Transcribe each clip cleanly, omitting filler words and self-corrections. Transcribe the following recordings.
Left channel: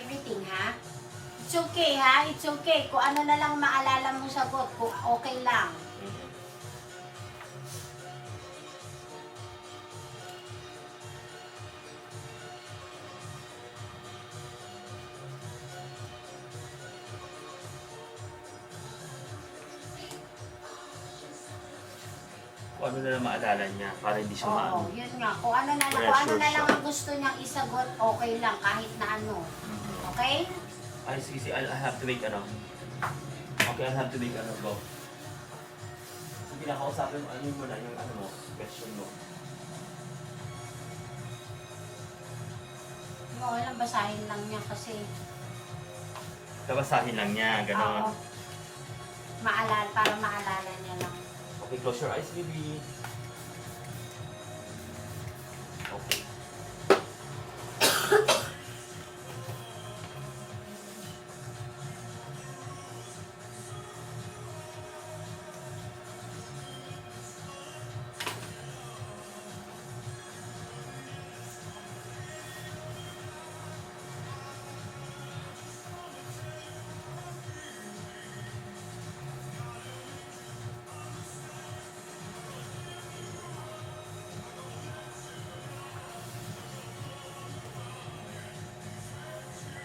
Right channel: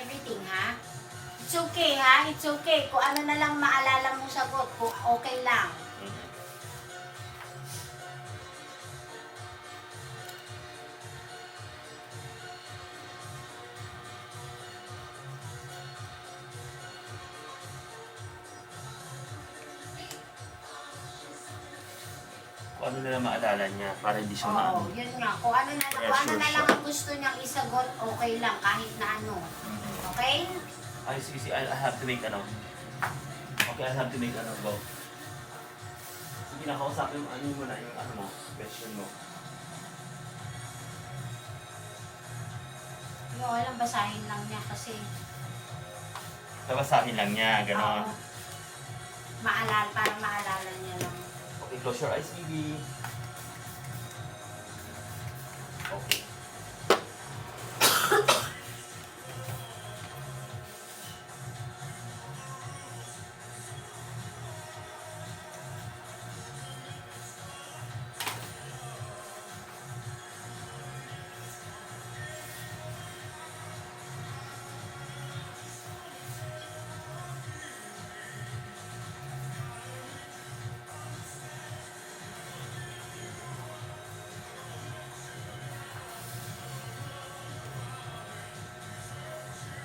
Everything, ha? It's okay, ha? It's okay. Kung ano na lang maalala mo sagot, kung okay lang. Kung ano na lang maalala niya para hindi siya maano. Oo, yun nga. Kung ano na lang ang gusto niyang isagot, okay lang, kahit na ano. Okay? Ay, sige, I have to make ano. Okay, I have to make ano, go. Sige, nakausapin ano mo na yung ano mo, question mo. Yung okay lang, basahin lang niya kasi. Kabasahin lang niya, gano'n. Oo. Para maalala niya lang. Okay, close your eyes, Bibi. Okay.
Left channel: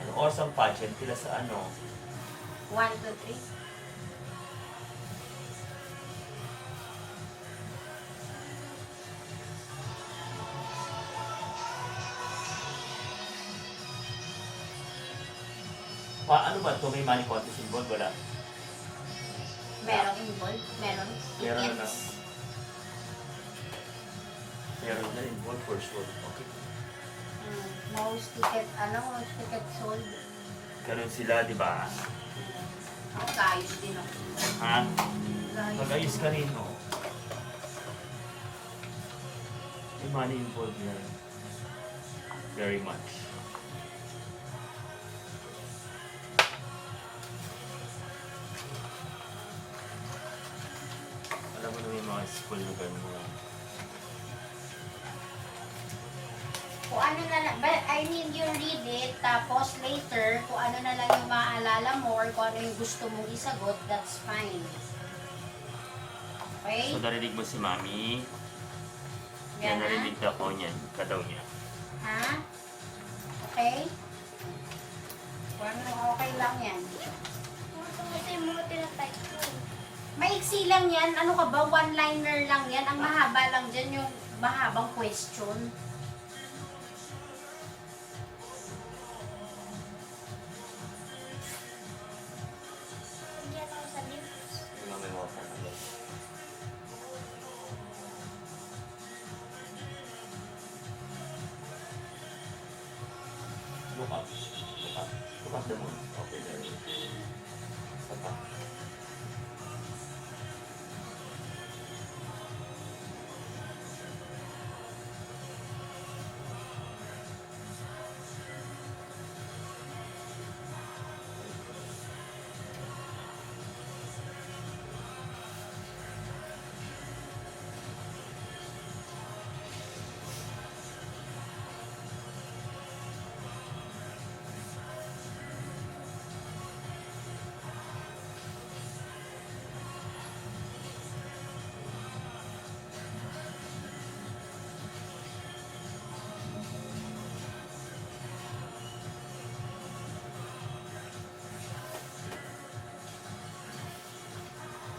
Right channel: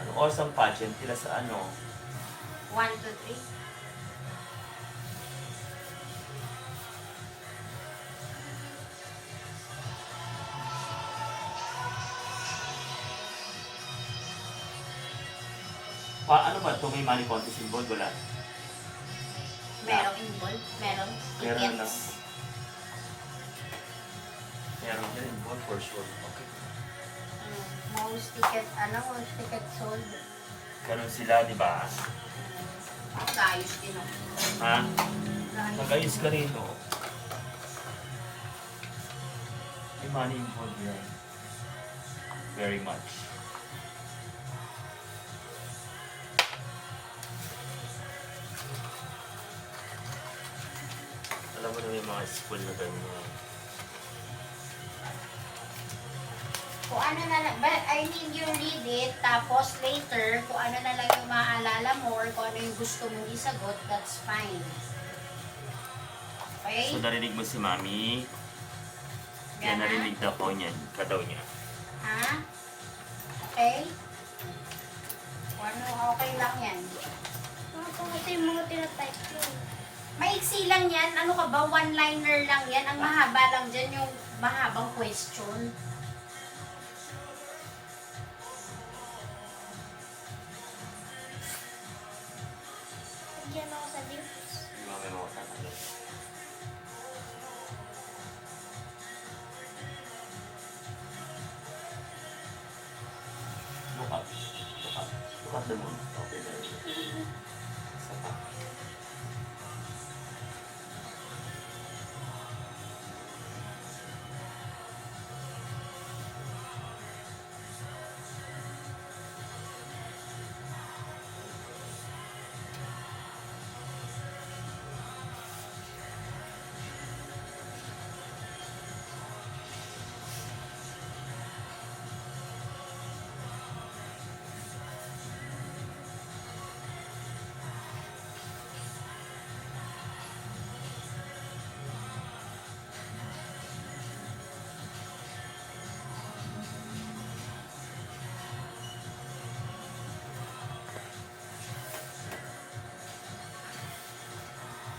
Anong oras ang pageant? Tila sa ano? 1, 2, 3. Ano ba ito? May money contest involved? Wala? Merong involved? Meron? Meron na. Tickets? Meron na involved for sure. Okay. Most ticket sold. Ganun sila, di ba? Ayos din ako. Ha? Ayos. Mag-ayos ka rin, no? May money involved yan. Very much. Alam mo na may mga school na ganyan. Kung ano na lang, but I mean, you read it, tapos later, kung ano na lang yung maaalala mo or kung ano yung gusto mong isagot, that's fine. Okay? So, narinig mo si Mami. Yan, Yan, narinig na ko niyan. Kadaw niya. ha? Okay? Kung ano, okay lang yan. Ito yung mga tinatype ko. Maiksi lang yan. Ano ka ba? One-liner lang yan. Ang mahaba lang dyan yung mahabang question. Nagyan ako sa lips. Yung mga may mga tatanggal. Look up. Look up. Look at the moon. Okay, there. Isa pa.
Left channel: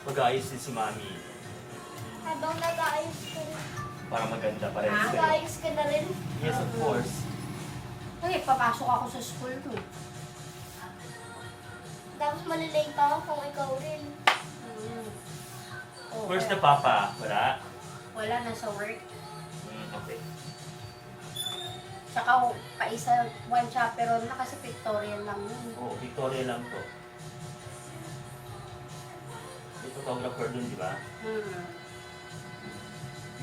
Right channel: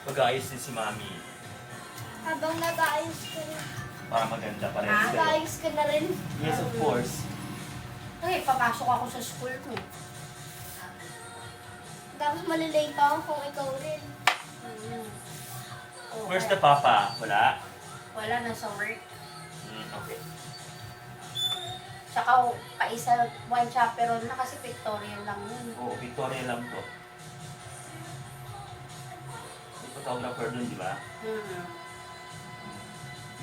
Mag-aayos din si Mami. Habang nag-aayos ka rin. Para maganda pa rin. Ah, Nag-aayos ka na rin. Yes, of course. Okay, papasok ako sa school ko eh. Tapos malilate pa ako kung ikaw rin. Oh, Where's the papa? Wala? Wala, nasa work. Okay. Tsaka pa-isa, one chaperone na kasi pictorial lang yun. Oo, Victoria lang to. May photographer dun, di ba?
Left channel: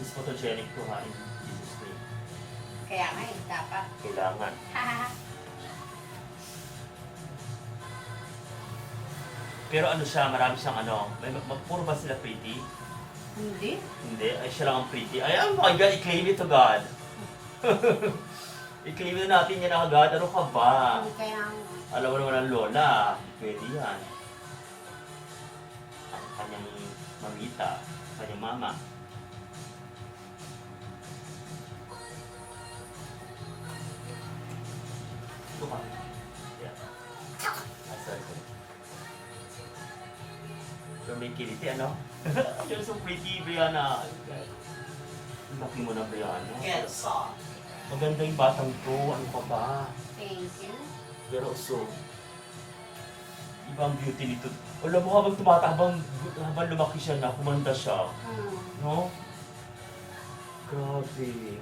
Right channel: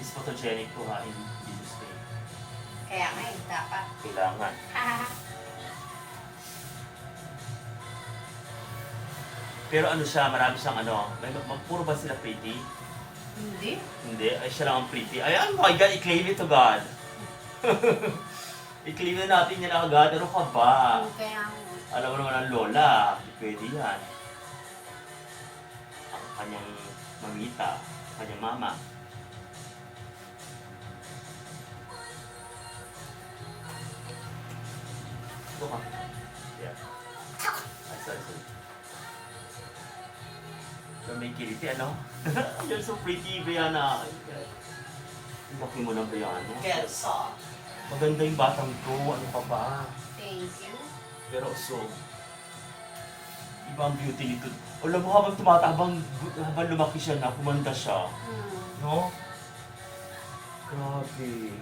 Is photogenic to ha in Jesus' name. Kaya nga eh, dapat. Kailangan. Pero ano siya, marami siyang ano, puro ba sila pretty? Hindi. Hindi, ay siya lang ang pretty. Ay, oh my God, i-claim it to God. I-claim na natin yan agad. Ano ka ba? Kaya Alam mo naman ang lola. Pwede yan. Ang kanyang mamita. Ang kanyang mama. Ito ka. Yeah. Ah, sorry. So may kiliti, ano? You're so pretty, Brianna. Ang laki mo na, Brianna. Maganda yung batang to. Ano ka ba? thank you. Pero so, iba ang beauty nito. Alam mo, habang tumatabang, habang lumaki siya na, kumanda siya. No? Grabe.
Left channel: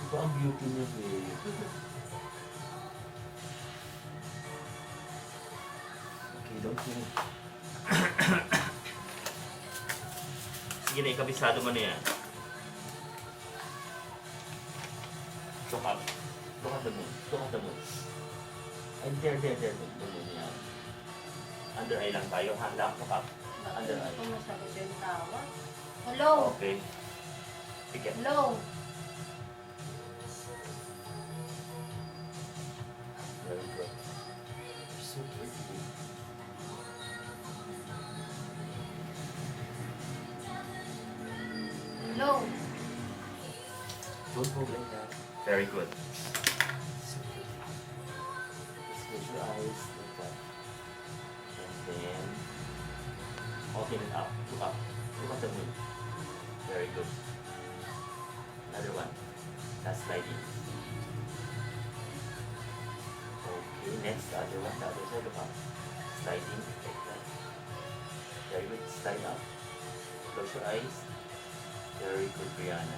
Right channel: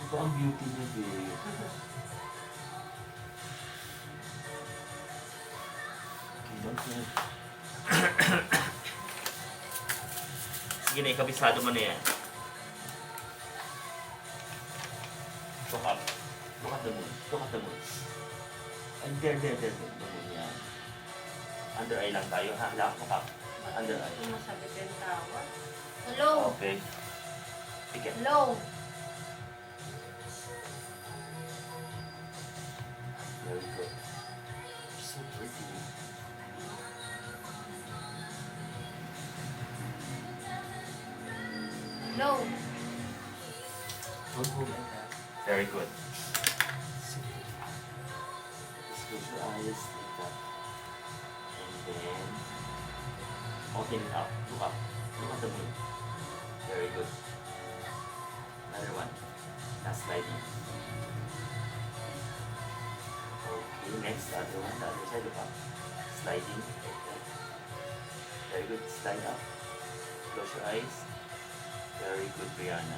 Iba ang beauty niya, babe. Okay, don't worry. Sige na, ikabisado mo na yan. Look up. Look at the moon. Look at the moon. And there. The moon yan. Under eye lang tayo, ha? Look up. Under eye. Ito masabit yung tawa. Hello? Okay. Pikit. Hello? Very good. You're so pretty. Hello? Don't move like that. Very good. Just close your eyes like that. And then open it up. Look up. Look at the moon. Very good. Another one. Last sliding. Okay, next other one. The other side. Look up. Sliding like that. Very good. Slide up. Close your eyes. Very good, Brianna.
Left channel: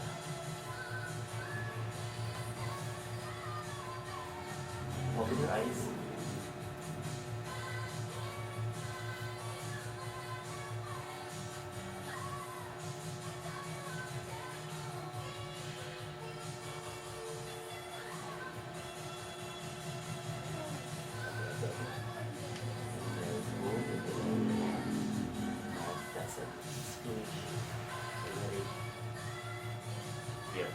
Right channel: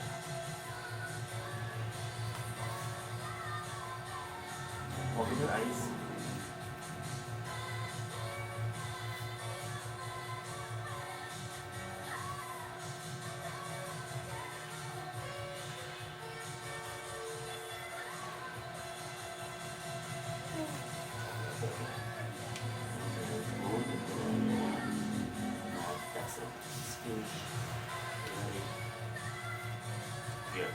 Open your eyes. That's it. It's finished. Ready? Here.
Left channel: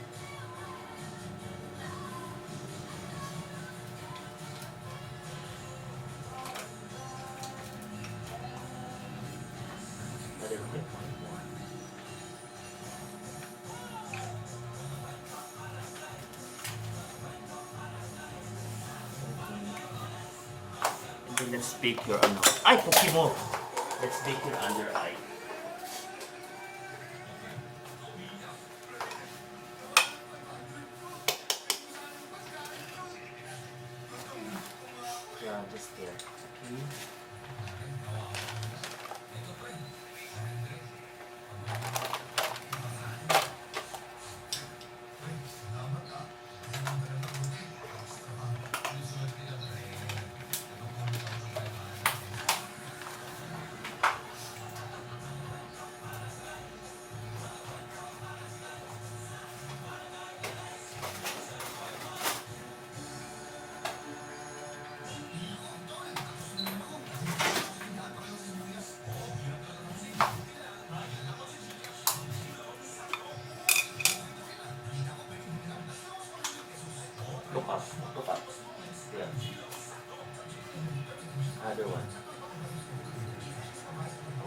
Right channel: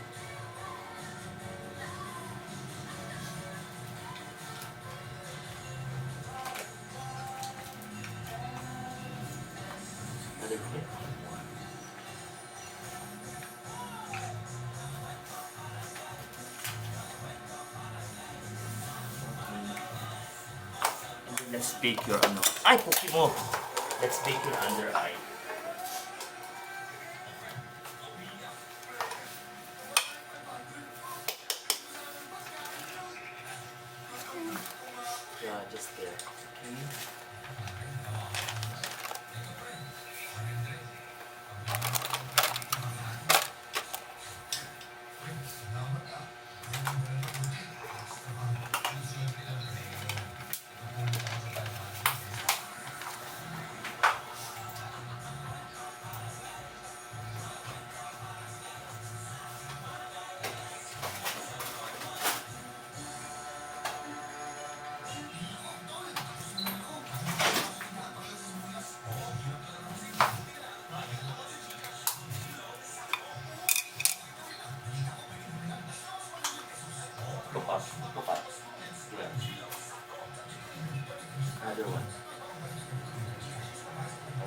Another clip. And then let's bake your ano. Ay, puki mo! Let's bake your under eye. Yeah, just there. Okay. Look up. Look up. Yeah. Another one.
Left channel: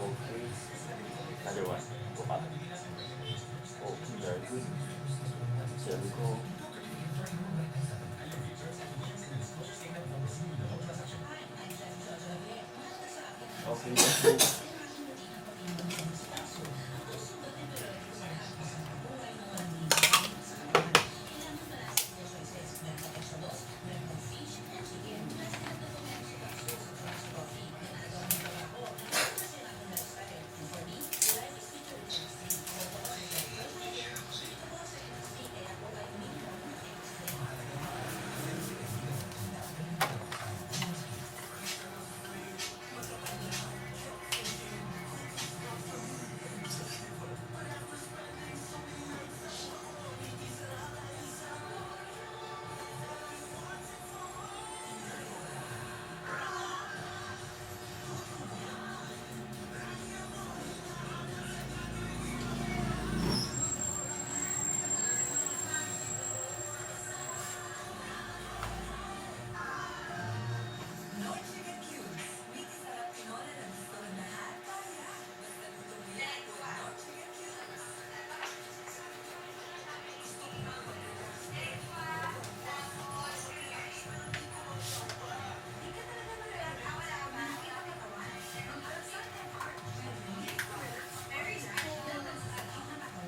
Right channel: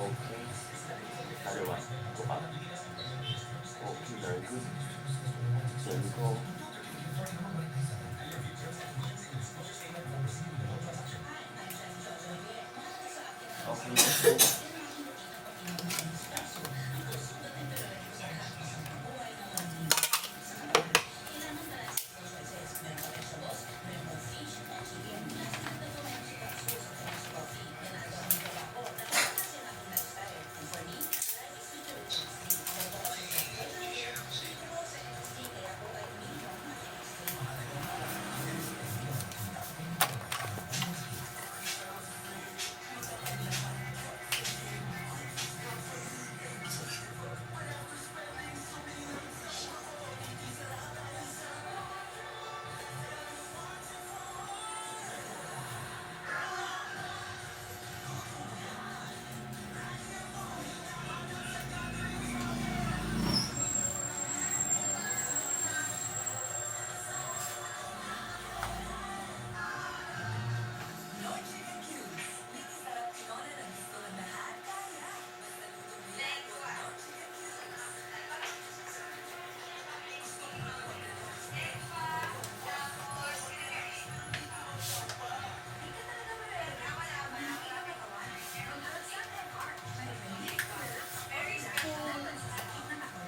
Okay. Another one. Look up. Okay, very good. There we go. Okay, let's go.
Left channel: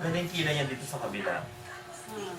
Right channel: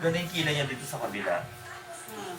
Ganda yung kilay niya dito sa kabila. Hmm.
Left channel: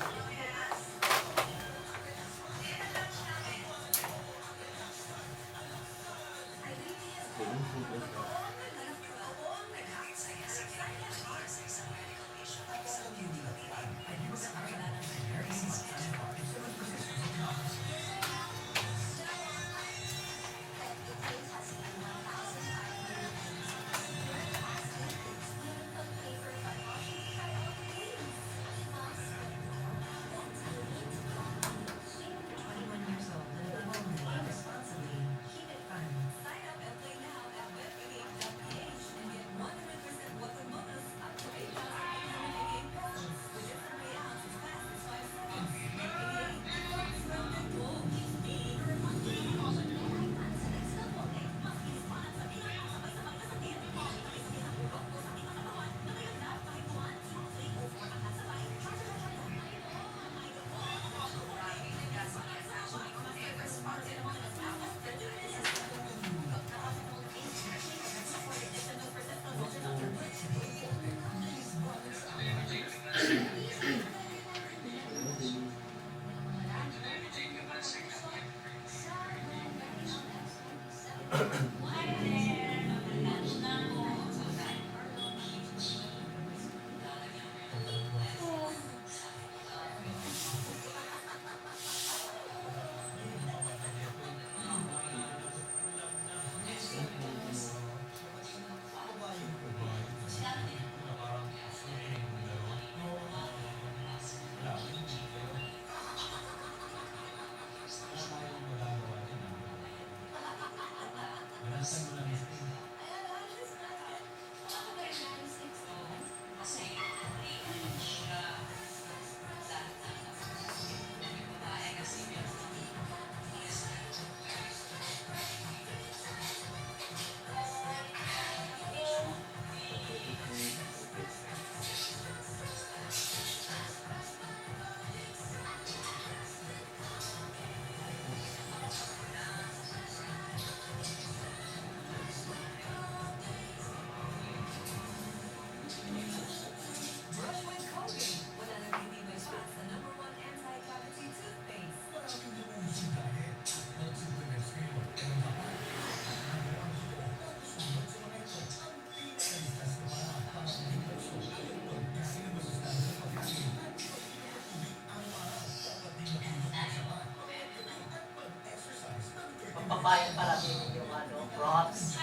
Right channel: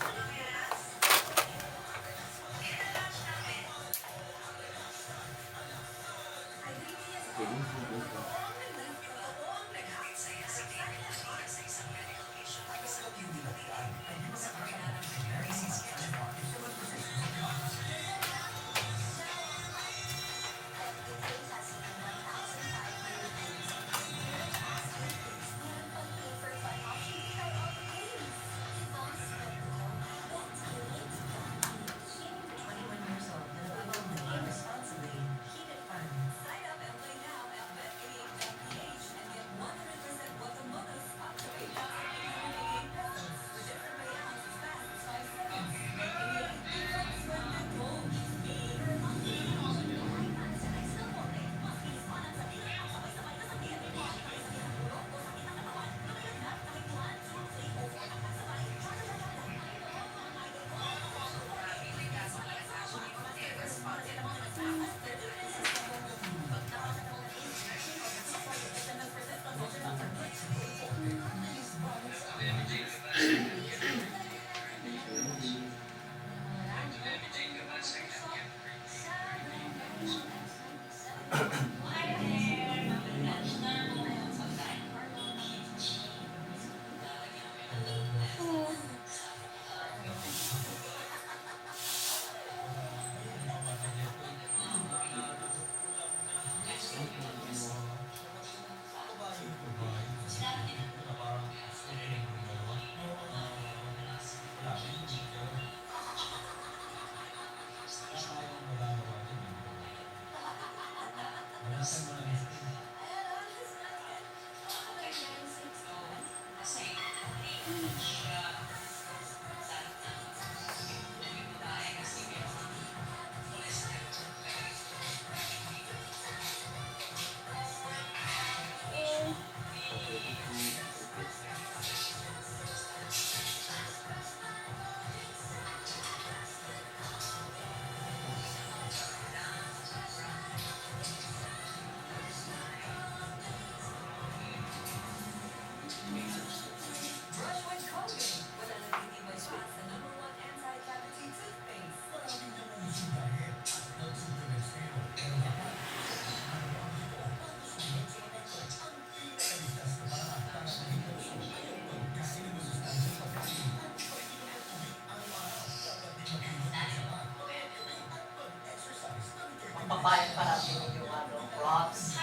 Papayag pa natin yung ano, props.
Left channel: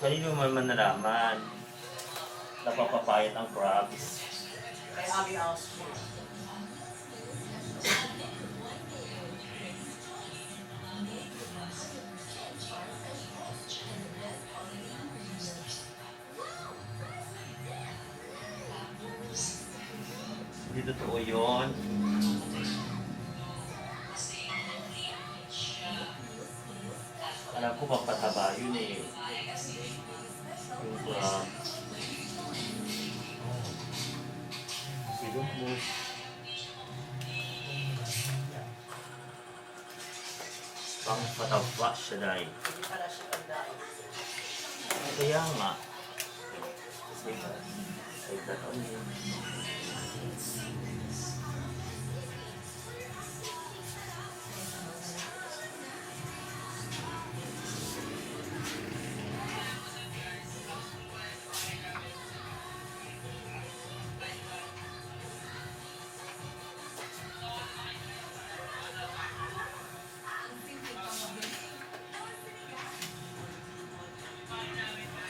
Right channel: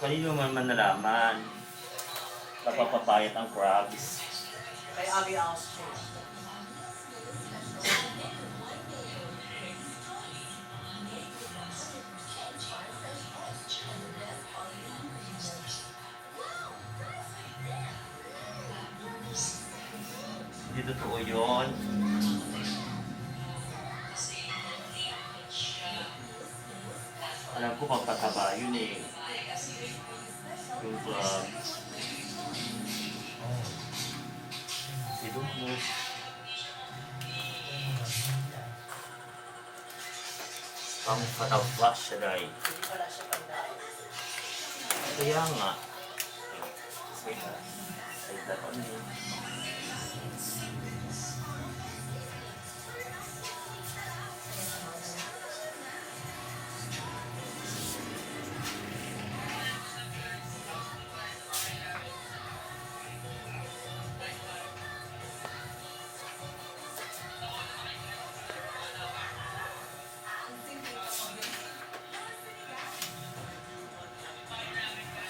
Kanino man nalaman, napapapayat ang crabs. Kay Abby Austin. Hindi totoo yun. Alam ko pagpataba yun eh. Yung crab. I don't know. Ang pataba siya dahil. Hindi pala siya pagdaan. Kaya nga. Like that on him.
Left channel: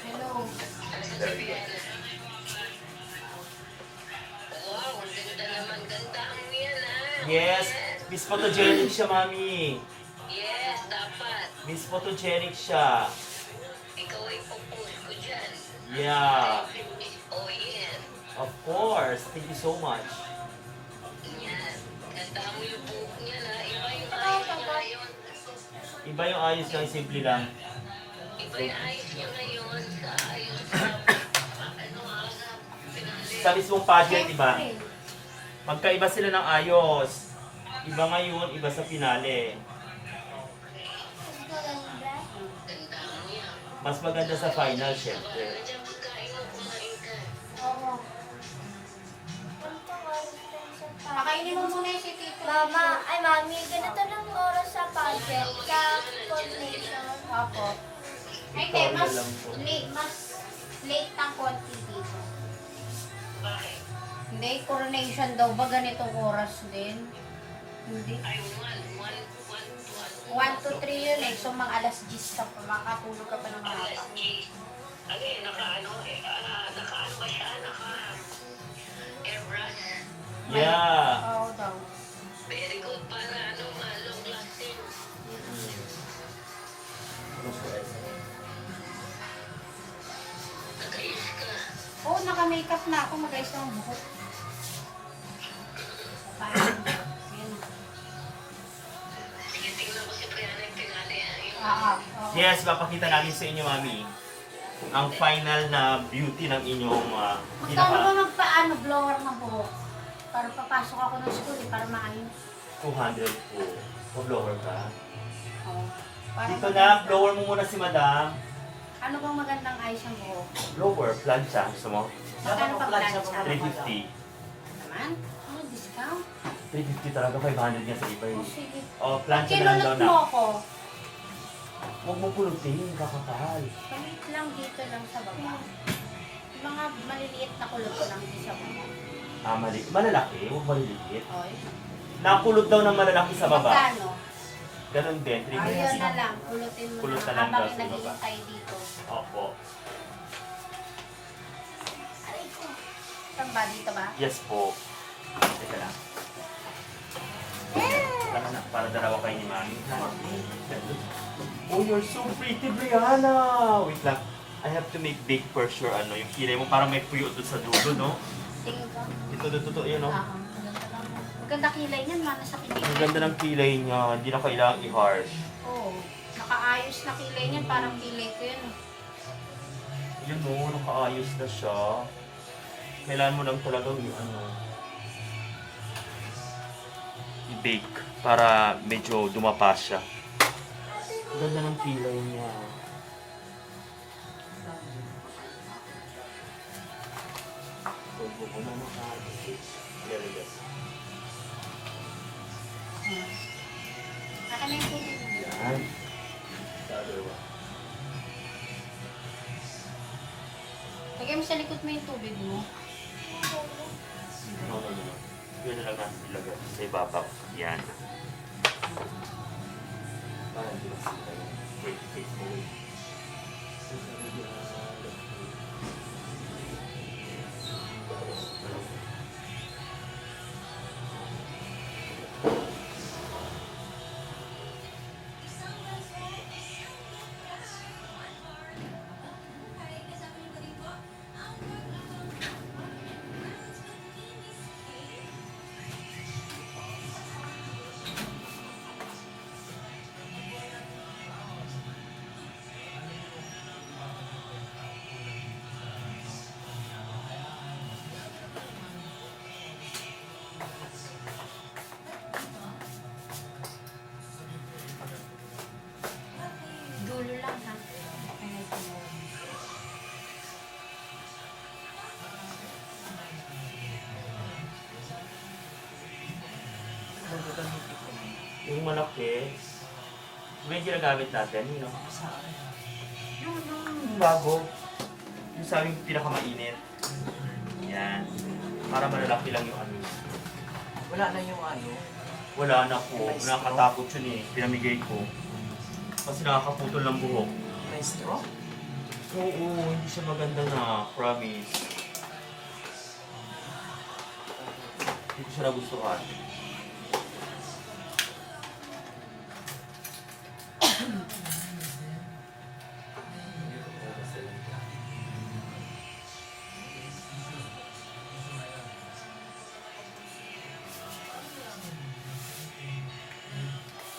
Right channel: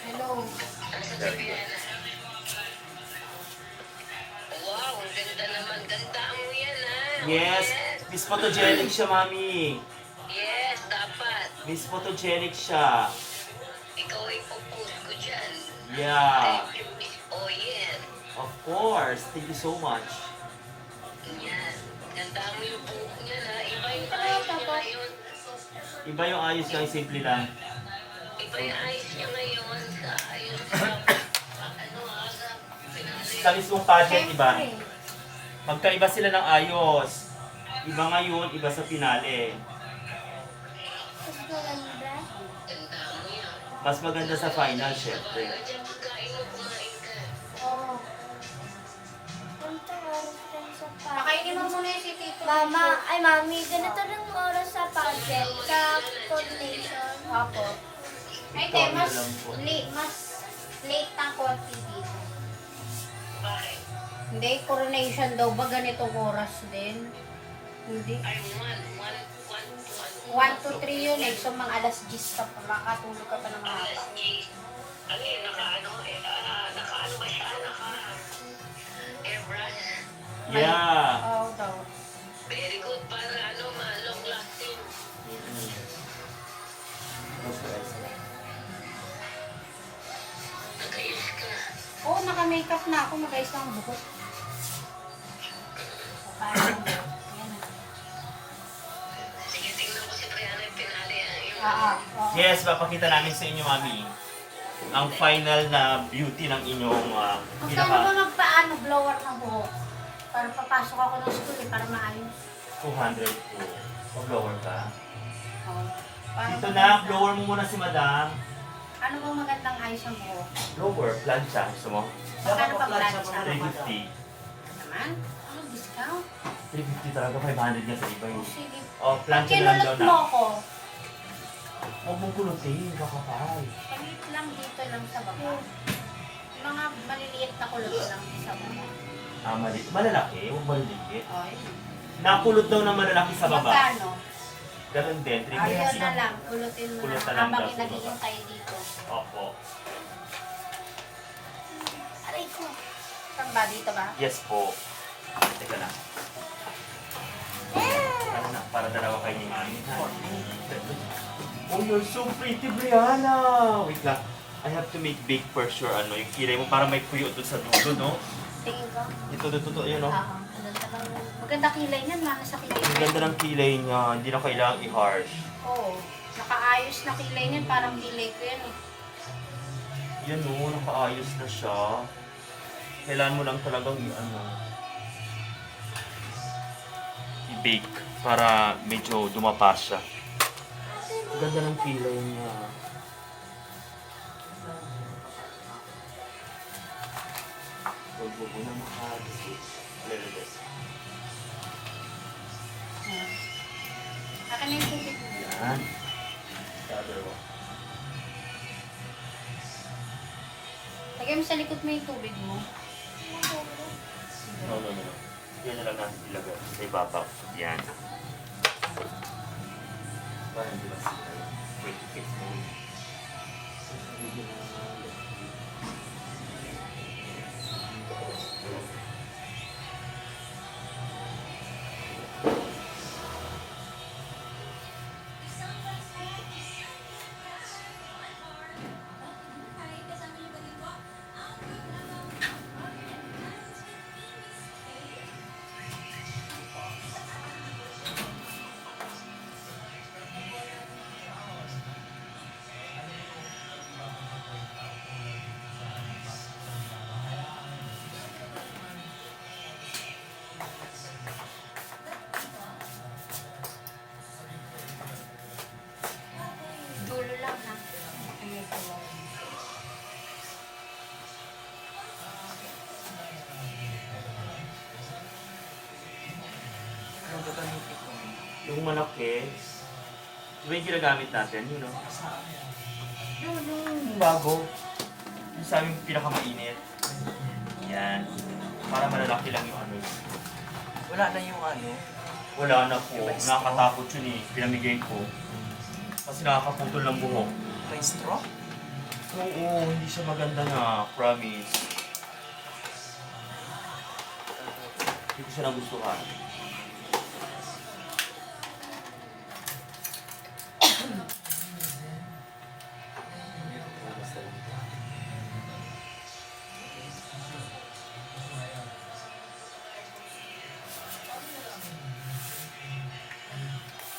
Hello. There you go. Wow, ang ganda naman. Ganda mo yan, ha? Yes! Miss Photogenic siya, mami. Yes, dapat. Miss Photogenic siya. Ikaw ay popost ko dyan. Yeah. Thank you, Miss Oyen. Of course. Thank you so much. Yan. Ganda mo yung buhok niya, ha? Iba yung ayos niya ngayon. Iba yung ayos lang, simple lang. Iba yung ayos niya ngayon sa ayos sa... ano, ha? Sa pinali. Sa mismong pageant, iba. Siyempre. Magkaiba sila ng ayos. Iba ngayon, iba sa finale. Mas maganda. Ganda niya. Mas maganda sa final, syempre. Nandiyan pagkain mo, kumain ka. Oo. Ganitong oras din sa pageant. Pakainin mo muna yung si Tito. Mami, ganito ng oras sa pageant, sa coordination. Opo. Ay, Ikaw hindi, mas na lang po. mas late ng konti dito. Bakit? Hindi, coronation daw ba ganitong oras din? Hindi. Ay, 1 to 3 yun eh. So, mga alas 10 ka pa, makakatulog ka pa ng alas mahaba. 10. Ano eh, naka-ano ba siya? Naka-airbrush. Yeah. Oo daw. Very good para long lasting. Nag-ayos ka. Oo, naka-makeup na ako. Mag-ayos na ang buhok. Paano? Ayan na. Sige, tingnan ko si Brianna yung pinali. Oo. Yes, papakita namin sa inyo, Mami. Ang final na beauty ng inyong Magkano ba magpaano blower ng buhok? Para papasok ako ng school eh, para maayos. 200 po. O blower ka. Oo. Para Dito maganda. na, blower mo muna si Madam. Ano bang magandang ayos ng buhok? Blower, plancha. Gusto mo? Magkano pa Dapat plan sa sa? 350. Naman? Ano discount? 350 talaga, 500 nga sa iba Oh, eh. sige. O, plancha na lang daw Kinulot na. mo ako. Huwag mong pulutin, kakapal. Palit lang dito lang sa baba. Mga maliliit na kulot ko lang dito sa baba. Malalaki, huwag maliliit. Oy. Nakulot daw ng malalaki sa baba. Magkano? Ganun din, 350. Ayun na lang. Kulutin mo Kulot na na. lang Habang daw sa baba. naghihintay dito. Opo. Aray ko. Saan ba? Dito ba? Yes po. Teka na. Ano na, para dalawa kayo ni Mami. Oh, you're so pretty, Brianna! Wait lang. I have to make big for sure, yung kilay mo para may puyo doon sa dulo, no? Tingin ko. Ito, yun, no? Oo. Maganda kilay niyan. Mana sa kilay. Ang ganda ng kilay niya, hindi na kailangang i-harsh. Oo. Nakaayos na kilay niyan. Parang kilay ko yan. eh. Yan, no, nakaayos na siya. Kailangan mo lang talagang i-bake para medyo dumapa siya. Ang ganda ng kilay niya. Huwag mo na makakasip. Lele. Akin na yung tubig mo. Yan. The other one. Lagay mo sa likod mo yung tubig mo. No. Yun na lang natin ilagay sa ibabaw. Yan. Parang hindi ba sila yung pretty face mo? Dulo lang ha. Ayan ito. Anong gagamitin ko? Yung malaki, diba yung ginagamit natin, yun, no? Yung bago. Yung sa aming pinakamainit. Yan. Para malalaki lang yung ano. Wala na yung Wala na po. Nakakatakot yun eh. Pinamigay ko. Kasi nakakaputol ng buhok. may straw. Oo, hindi siya maganda na. Promise. Hindi ko siya nagustuhan.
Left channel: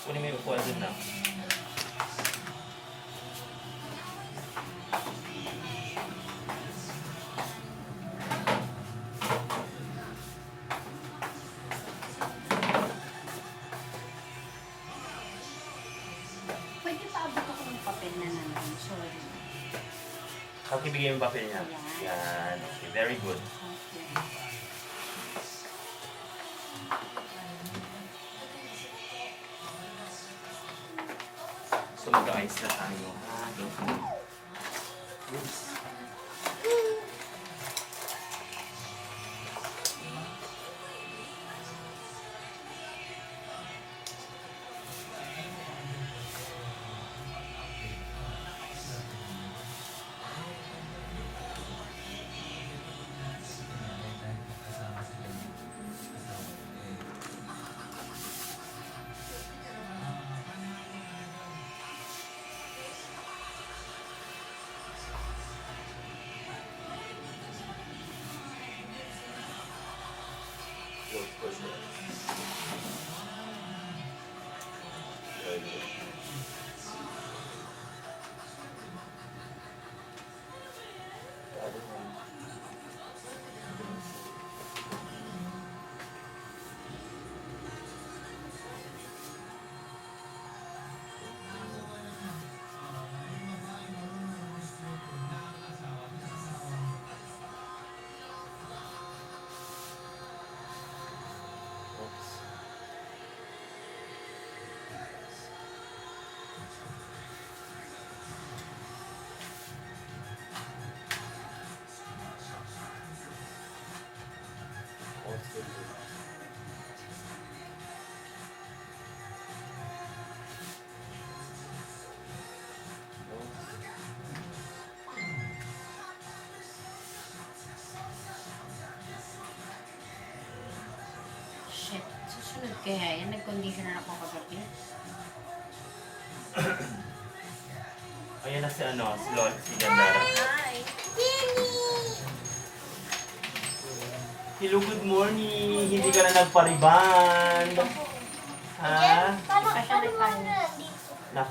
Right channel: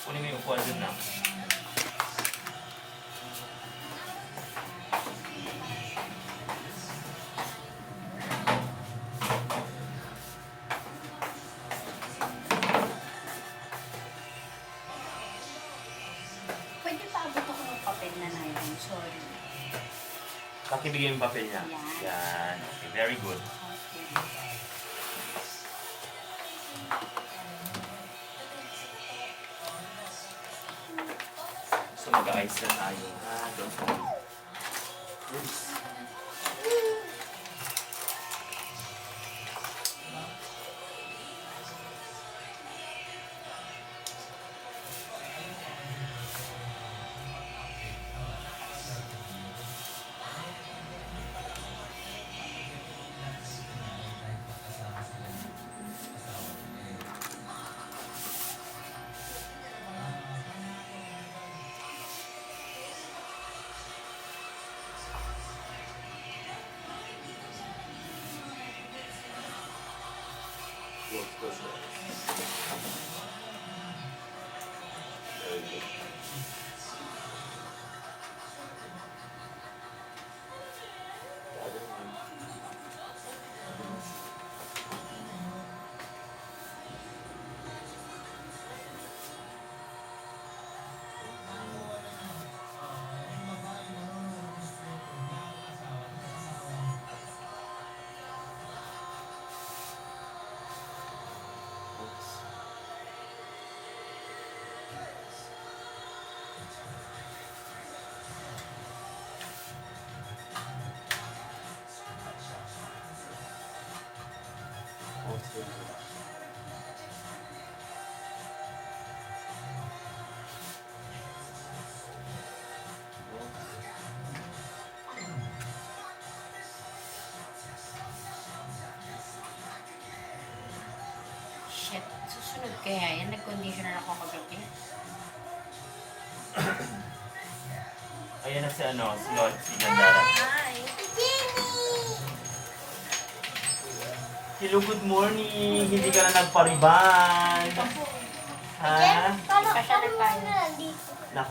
Kunin mo yung upuan dun na. Pakibigay yung papel niya. Yan. Yan. Okay, very good. Okay. So mag-ayos na tayo. Ha? Don't worry. Yes. Close your eyes. Very good. The other one. Oops. Okay. Shit. Susunod kaya yan. Nag-conditioner ako kagabi. Ayan na si ano, si Lord, si Gandara. Hi! Hello, good morning. Hindi ka na nagpariban. Ha? Paano Pa siya ano nagkain. na dito? Nak.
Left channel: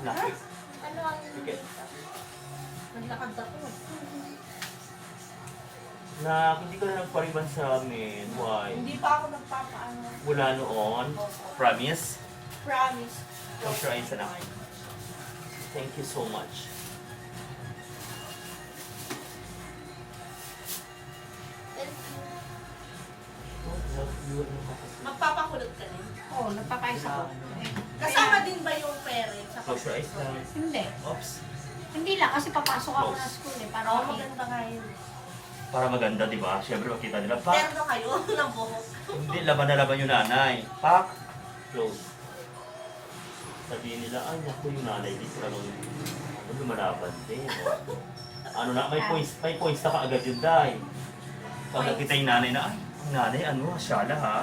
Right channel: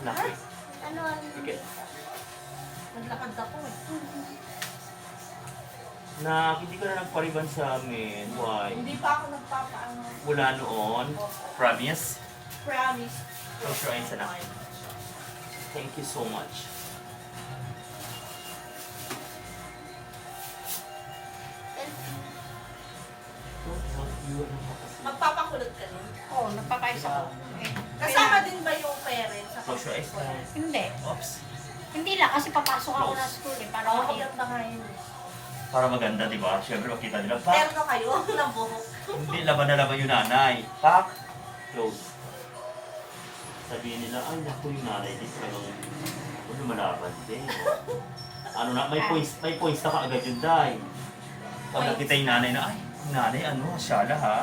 Ano ang Sige. dito? Naglakad ako eh. Nak, hindi ka na nagpariban sa amin. Why? Hindi pa ako nagpapaano. Wala noon. Promise? Promise. Close your eyes, anak. Thank you so much. Magpapakulot ka din. Oo, nagpapayos ako. Eh, Kasama din ba yung parents? Sa Close your eyes, guys. Hindi. Oops. Hindi lang kasi papasok ako ng school eh. Para Oo, makita. maganda nga yun. Para maganda, di ba? Siyempre, makita nila. Pak! Terno kayo ng buhok. Hindi, laban na laban yung nanay. Pak! Close. Sabihin nila, ay naku, yung nanay din talagang lumalaban din. Oh. Ano na, may points na kaagad yun, Day. Pag nakita yung nanay na, ay, ang nanay, ano, asyala ha.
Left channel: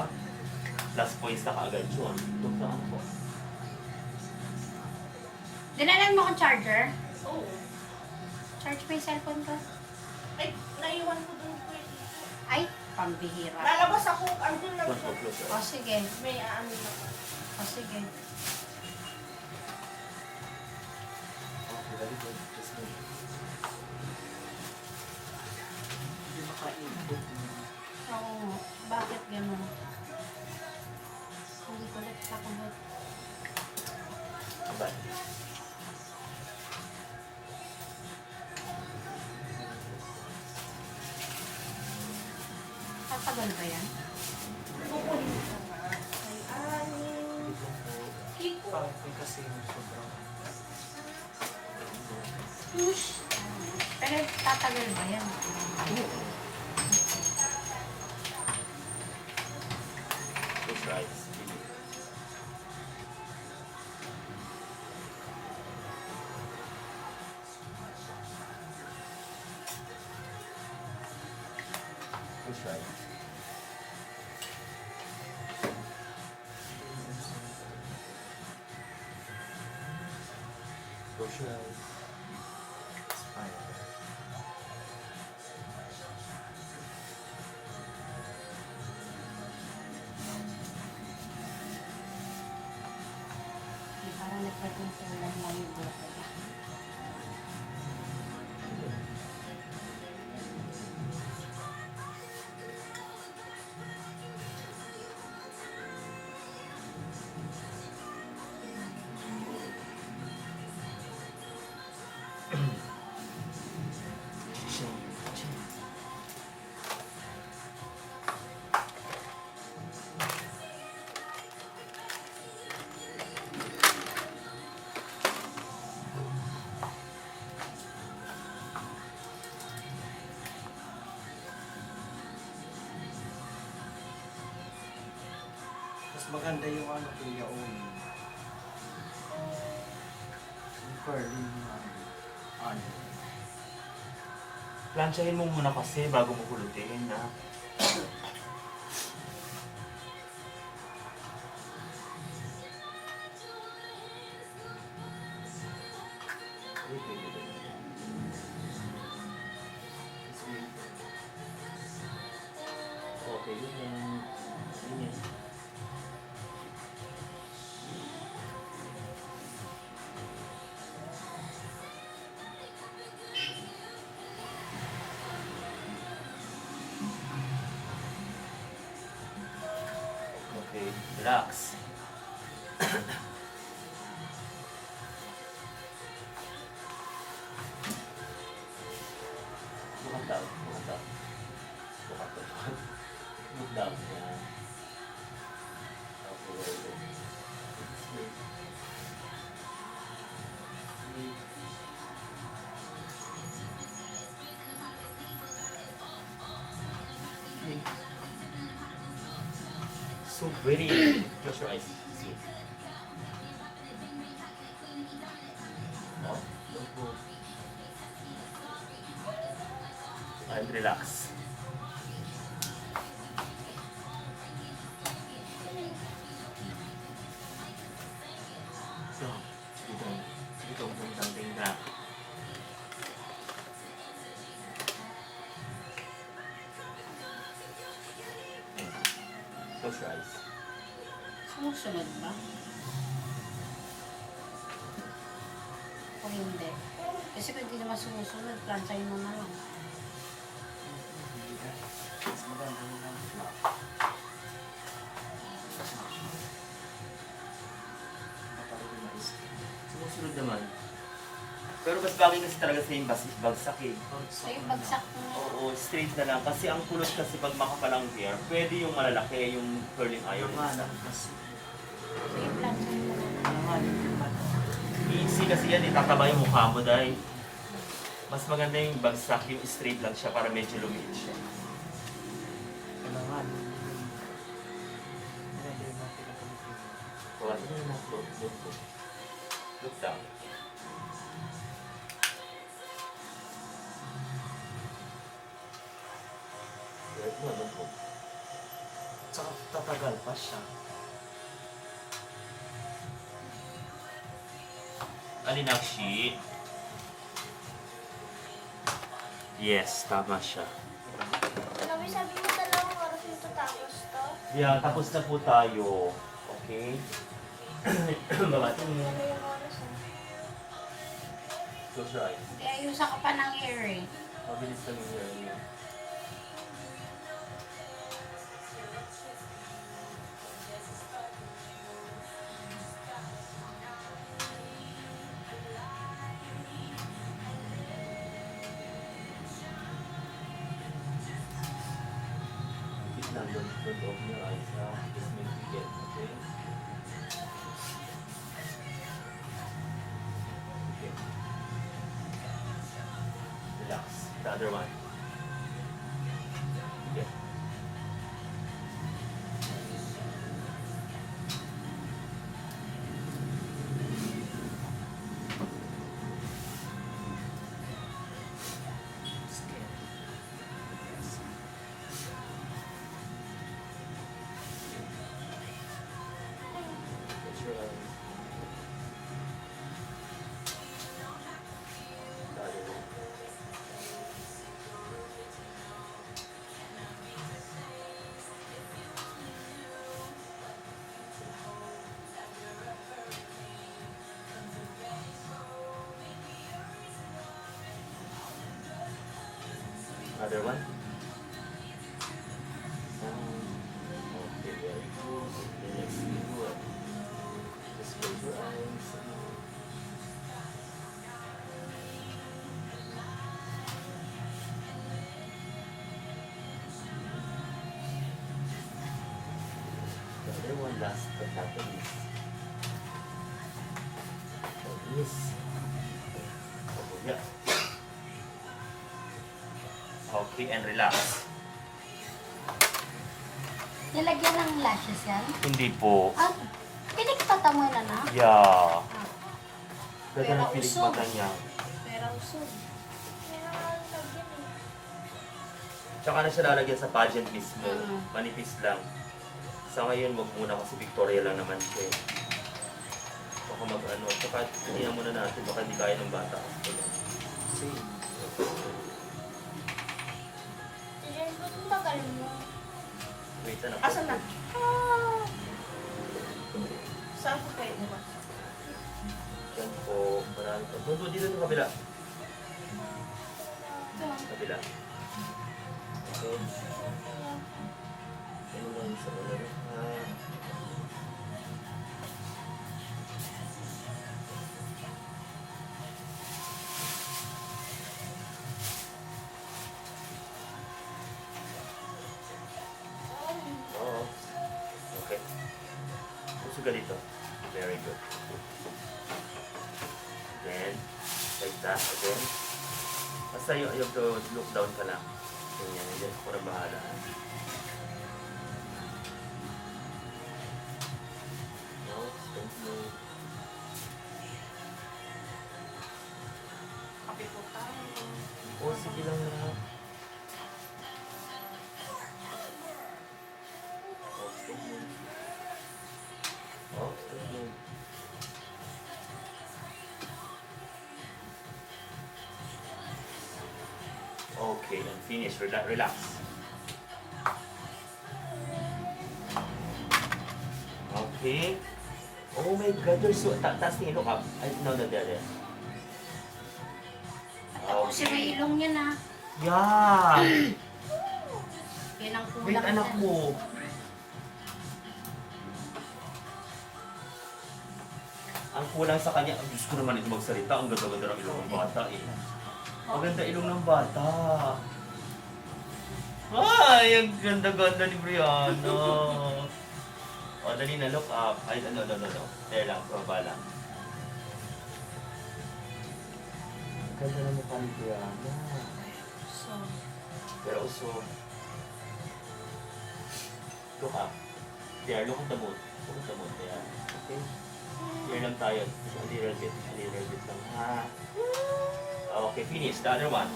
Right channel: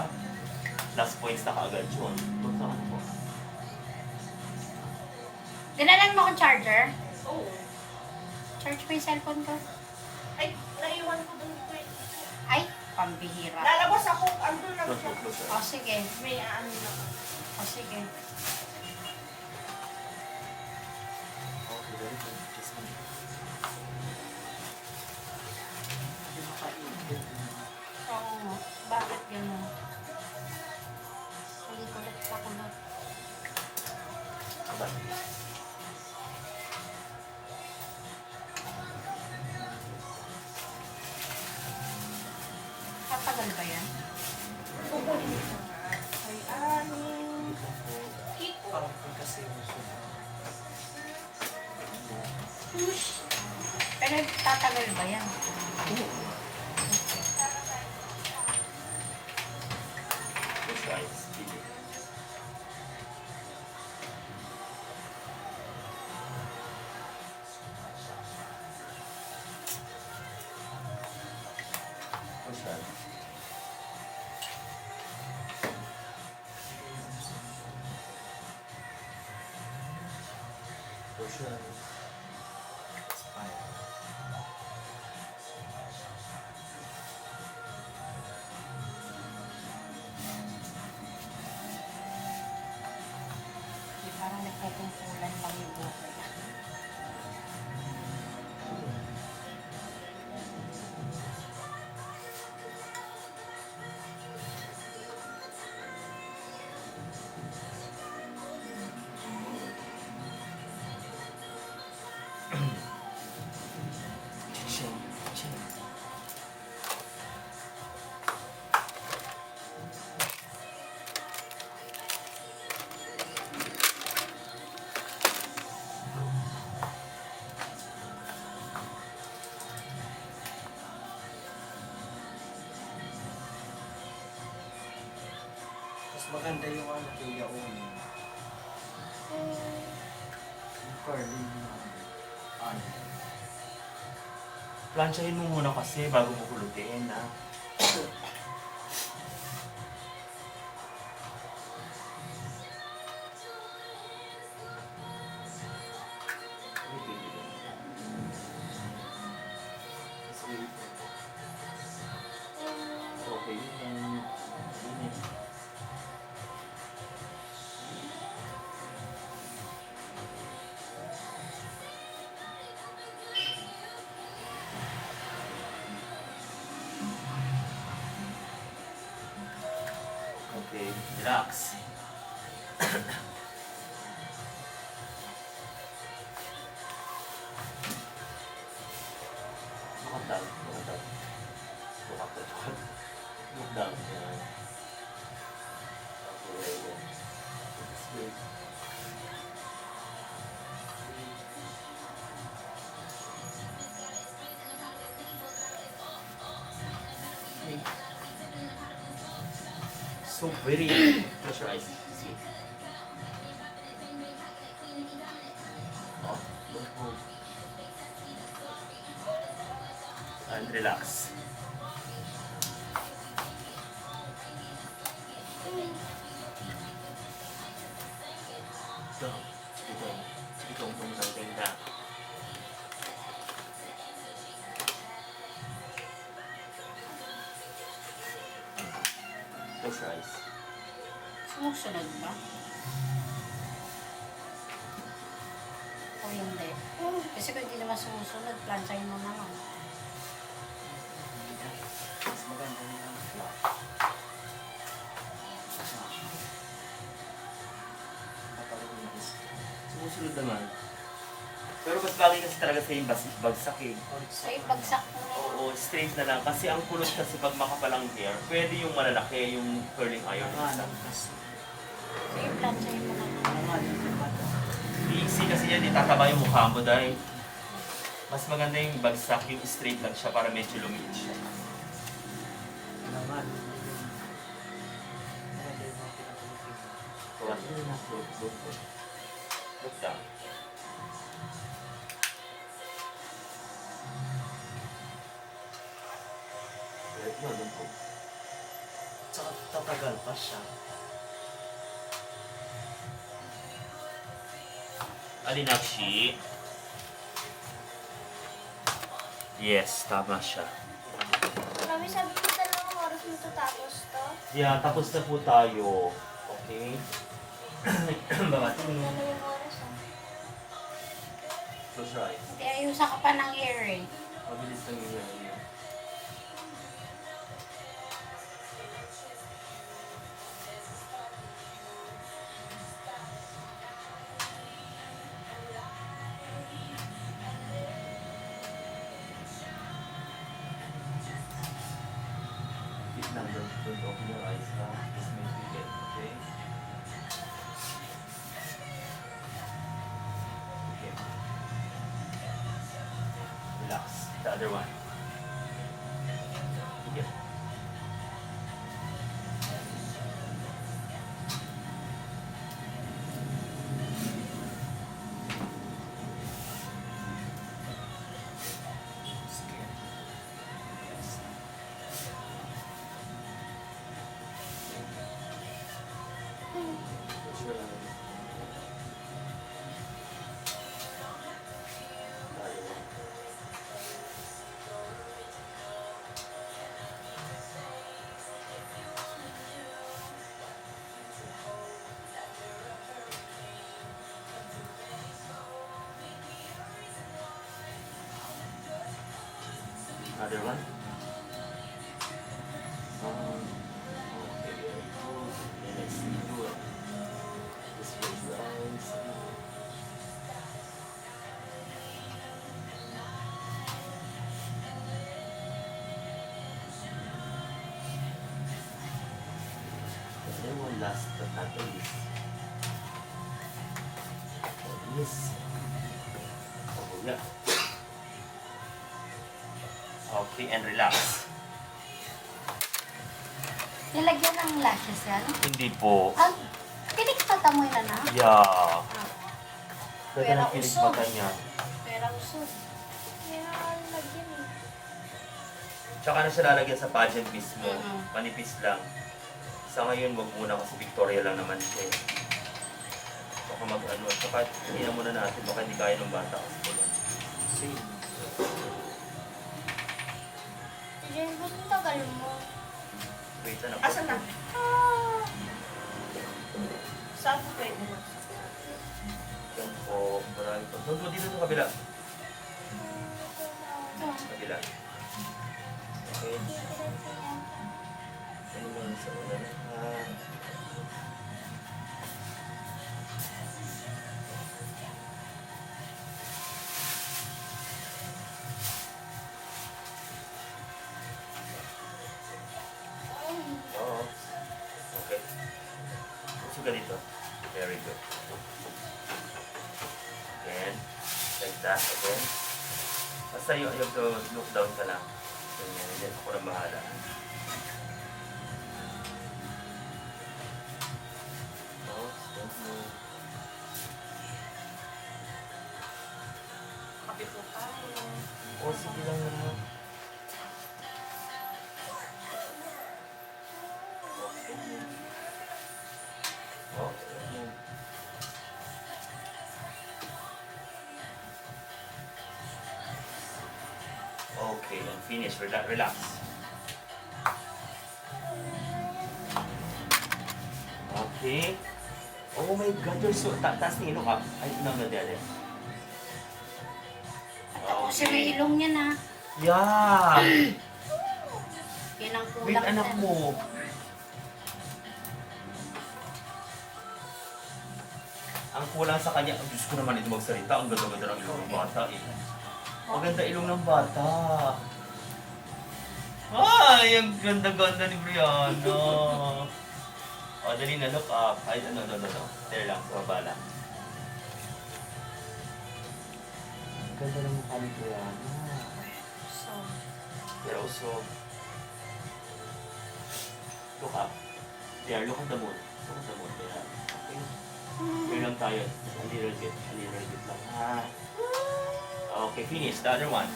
Plus points na kaagad yun. Huwag na ano po. Dinalan mo akong charger? Oo. Charge mo yung cellphone ko? Ay, naiwan ko doon. Ay, pambihira. Lalabas ako. Andun lang Close siya. po, close. O sige. May ano na. O sige. Okay, very good. Just a minute. Hindi makainit. Oo nga. Bakit gano'n? Hindi ko lang kakulot. Aba. Katagal ba yan? Kukunin ko nga. Ay, ano. Kiko. Parang kasi yung sobrang. Pero tatagal ba yan? Close your eyes. Sige. Close your eyes. Close your eyes. Di parang nagpapungkulan lang yung buhok ko. Mas maganda yung ano kuya Oni. Yung curly yung ano. Planchahin mo muna kasi bago mo hulutin, ha? Wait, wait, wait. Just wait. Okay, yun lang. Yun yan. Okay, relax. Look down, look down. Look up, look up. Look down. Yan. Okay, very good. Just wait. Wait. Okay. So very. Close your eyes. See. No, don't move. And relax. Go. Itong something back. Close your eyes. Sumusunod ba? O hindi? Kasi kung hindi naman sumusunod, planchahin mo na lang. Mas maganda rin ang flat. Kapag yung disc. Sumusunod naman. Pero mas bagay kasi talaga sa yung bagsak eh. So yung bagsak mo na. Oo, straight na lang. Kasi ang kulot kasi pag makapalang hair, pwede yung malalaki, yung curling iron. Yung ano kasi. So yung planchahin mo na lang. Yung ano yung ano. Easy kasi yan, itataba yung mukha mo dahil mas maganda yung bagsak, yung straight lang siya para medyo lumiit siya. Ano nga. Maganda yung mga pinapulutin mo. Kawat nyo na, look down. Right mo, don't move. Tsaka tatagal pa siya. Alinakshi. Yes, tama siya. Mami, sabi mo dalawang oras mo tatapos to? Yeah, tapos na po tayo. Okay? Babatin mo. Ano yung oras ah? Close your eyes. Hindi, ayusan ka pa ng hair eh. Mabilis lang yung hair niya. Keep lang, don't open your eyes, ha? Just make you get, okay? Okay. Relax. The other one. Okay. Close your eyes. The other one. Another one. Okay, very good. Then let's do it. Just close your eyes. The other one, last but not the least. Yes. Oh, yeah. Okay, and relax. Nilagyan ng lashes yan? Hindi po. Ah, pinagtatamoy na na? Yeah. Pwede Pero ng pilik usog. mata niya. Pero usog. Kaya lagyan eh. Tsaka na siya lalagyan sa pageant mismo. Mhm. Manipis lang. Sa ngayon, wag muna kasi Victoria lang naman siya. eh. Baka mag-ano. Tsaka hindi na muna natin. Baka hindi kaya ng bata. Same. Diyan ba't ang tagal mo? Wait, ano po? Asan na? Ah! Saan ko pwede ba? Yan po. Marami po. Doon, dito sa kabila. Kabila. Okay. Ano lang sa una na. Oo. Okay. Pusog ka dito. Very good. Again. Like that. Again. Basta you have to look down ka lang. Ganyan. Hindi ako na bahala. Oh, don't move. Kape po tayo. Oh, sige lang na. Oh, don't move. Okay, and finish. Relax. Okay. Oh my God, you're so... Taas tingin, look up. Ay, no, there. Tapusin mo yung ilong niya na. Yeah! Yan ang kulang. Wait, anak na. mo. Ang kulang sa kanya, ang Diyos ko naman ito magsalita. Ang ganda-ganda ng ilong ng bata eh. Ang ganda ilong ng bata. Ay, ang ganda-ganda ni Brianna. O, dali na, look up. Ay, no. There lang, baba lang. Ang ganda ng mukha ni Brianna. So, Pero also, look up. There, look at the moon. Look at the moon. There. Okay? Here lang tayo. Just a little bit lang. Ha? Okay, finish. The other one.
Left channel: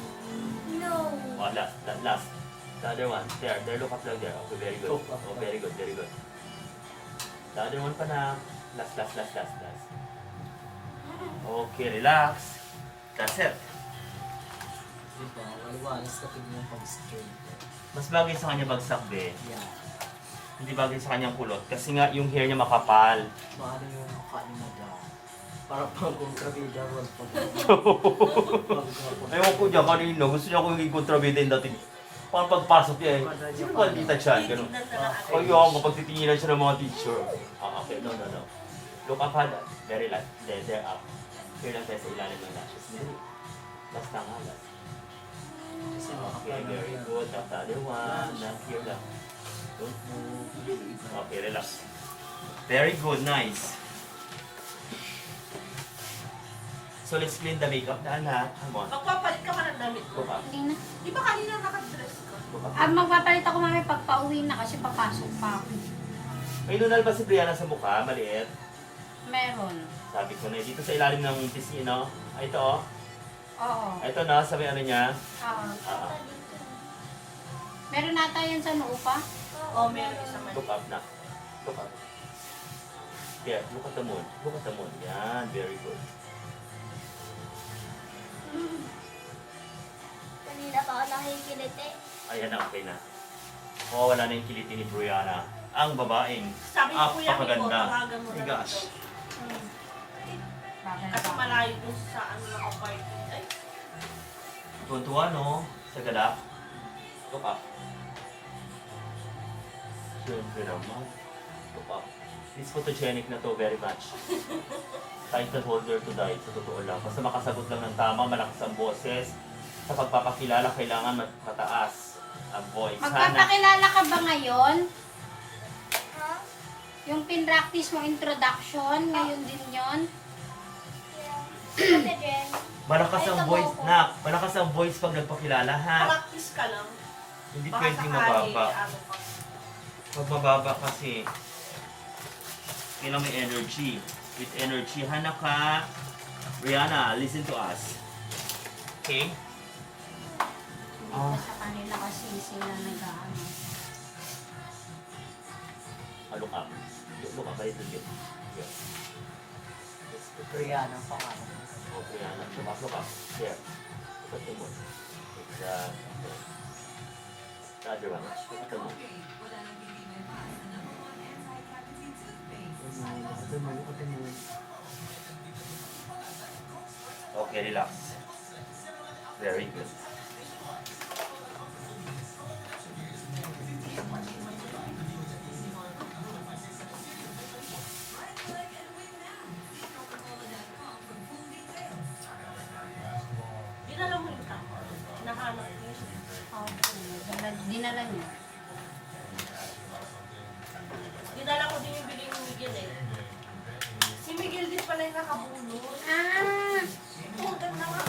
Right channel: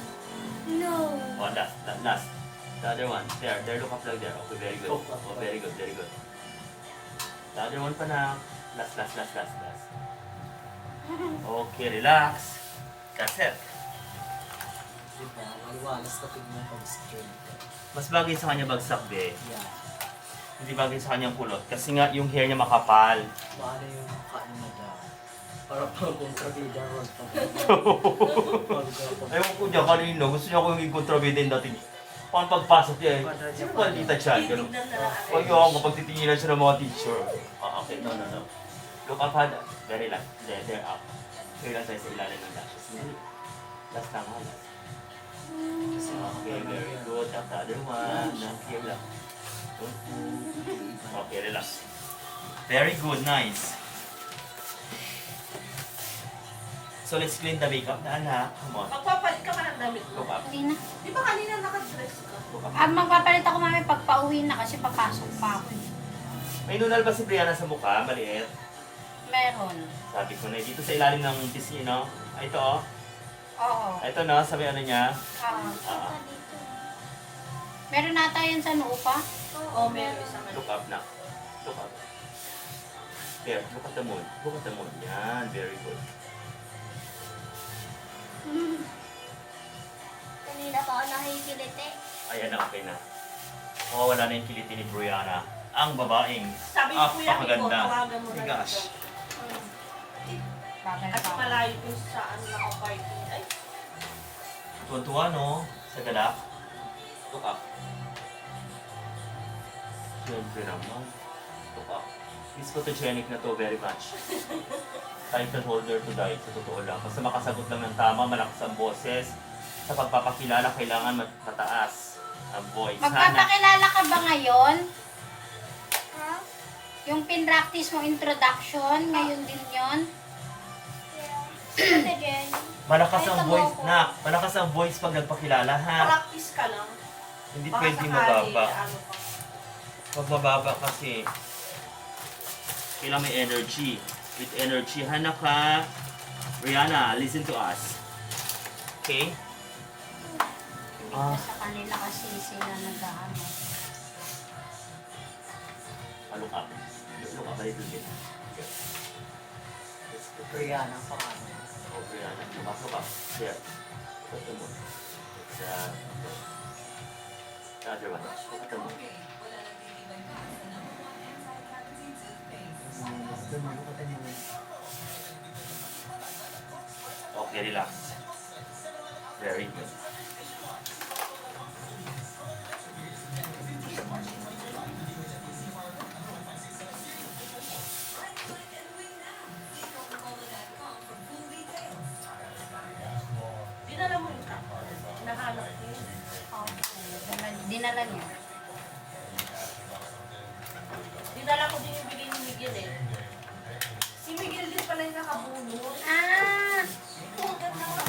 No. Oh, last. The other one. There, look up lang there. Okay, very good. Look up. Oh, very good. The other one pa na. Last. Okay, relax. That's it. Diba? Waliwalas na tingnan pag-skin. Mas bagay sa kanya bagsak, be. Yeah. Hindi bagay sa kanyang kulot. Kasi nga, yung hair niya makapal. Paano yung mukha ni Madam? Para pang kontrabida ron. Ewan ko niya kanina, gusto niya ako yung kontrabida yung dati. Pang pagpasok niya eh. Sino ba ang tita siya? Ganun. Titignan na lang. Kaya ako kapag titinginan siya ng mga teacher. Okay, no. Look up, ha. Very last. There up. Here lang tayo sa ilalim ng lashes. Hindi. Last lang, ha. Last. Kasi Okay, very good. At the other one. Here lang. Don't move. Okay, relax. Very good, nice. So let's clean the makeup na anak. Come on. Magpapalit ka ba ng damit Look mo? up. hindi na. Di ba kanina nakadress ka? Look up. Magpapalit ako mami pag pauwi na kasi papasok pa ako. May nunal ba si Brianna sa mukha? Maliit. Meron. Sabi ko na dito sa ilalim ng pisngi, no? Ay, ito, oh. Oo. Ito, no? Sabi ano niya? Punta dito. Meron nata yan sa noo pa. Oo, meron isa man. Look up na. Look up. Yeah, look at the moon. Look at the moon. Yan, very good. Kanina pa ako nakikiliti. Ayan na, okay na. Wala na yung kiliti ni Brianna. Ang babaeng Sabi ni Kuya Miko, apakaganda. tawagan mo My na gosh. dito. Bagal At pa. malayo dun sa ano naka-party. Ay, Tuntua, no? Sa galak. Look up. Siyempre naman. Look up. This photogenic na to very much. Title holder to die, sa totoo lang. Basta makasagot lang ng tama, malakas ang boses. Sa pagpapakilala, kailangan mataas ang voice. Magpapakilala ka ba ngayon? Ha? Yung pinractice mo introduction, ngayon din yon. Yeah. Punta dyan. Malakas Ay, ang tama voice, ko. nak. Malakas ang voice pag nagpakilala, ha? practice ka lang. Hindi Baka pwede sakali, mababa. ano pa. Pag mababa kasi, kailangan may energy. With energy, Hanaka, Rihanna, listen to us. Okay? Dito sa kanila kasi sila nag-ano. Look up. Look up a little bit. Yeah. That's good. Rihanna pa ka. Oh, Rihanna. Look up. There. Look at the moon. It's, okay. The other one. Look at the moon. Look at the moon. Okay, relax. Very good. Dinala mo yung kapo. Nahanap ko yun. Dinala niya. Dinala ko din yung bigay ni Miguel eh. Si Miguel din pala yung nakabunot. Ah! Oo, ganda nga.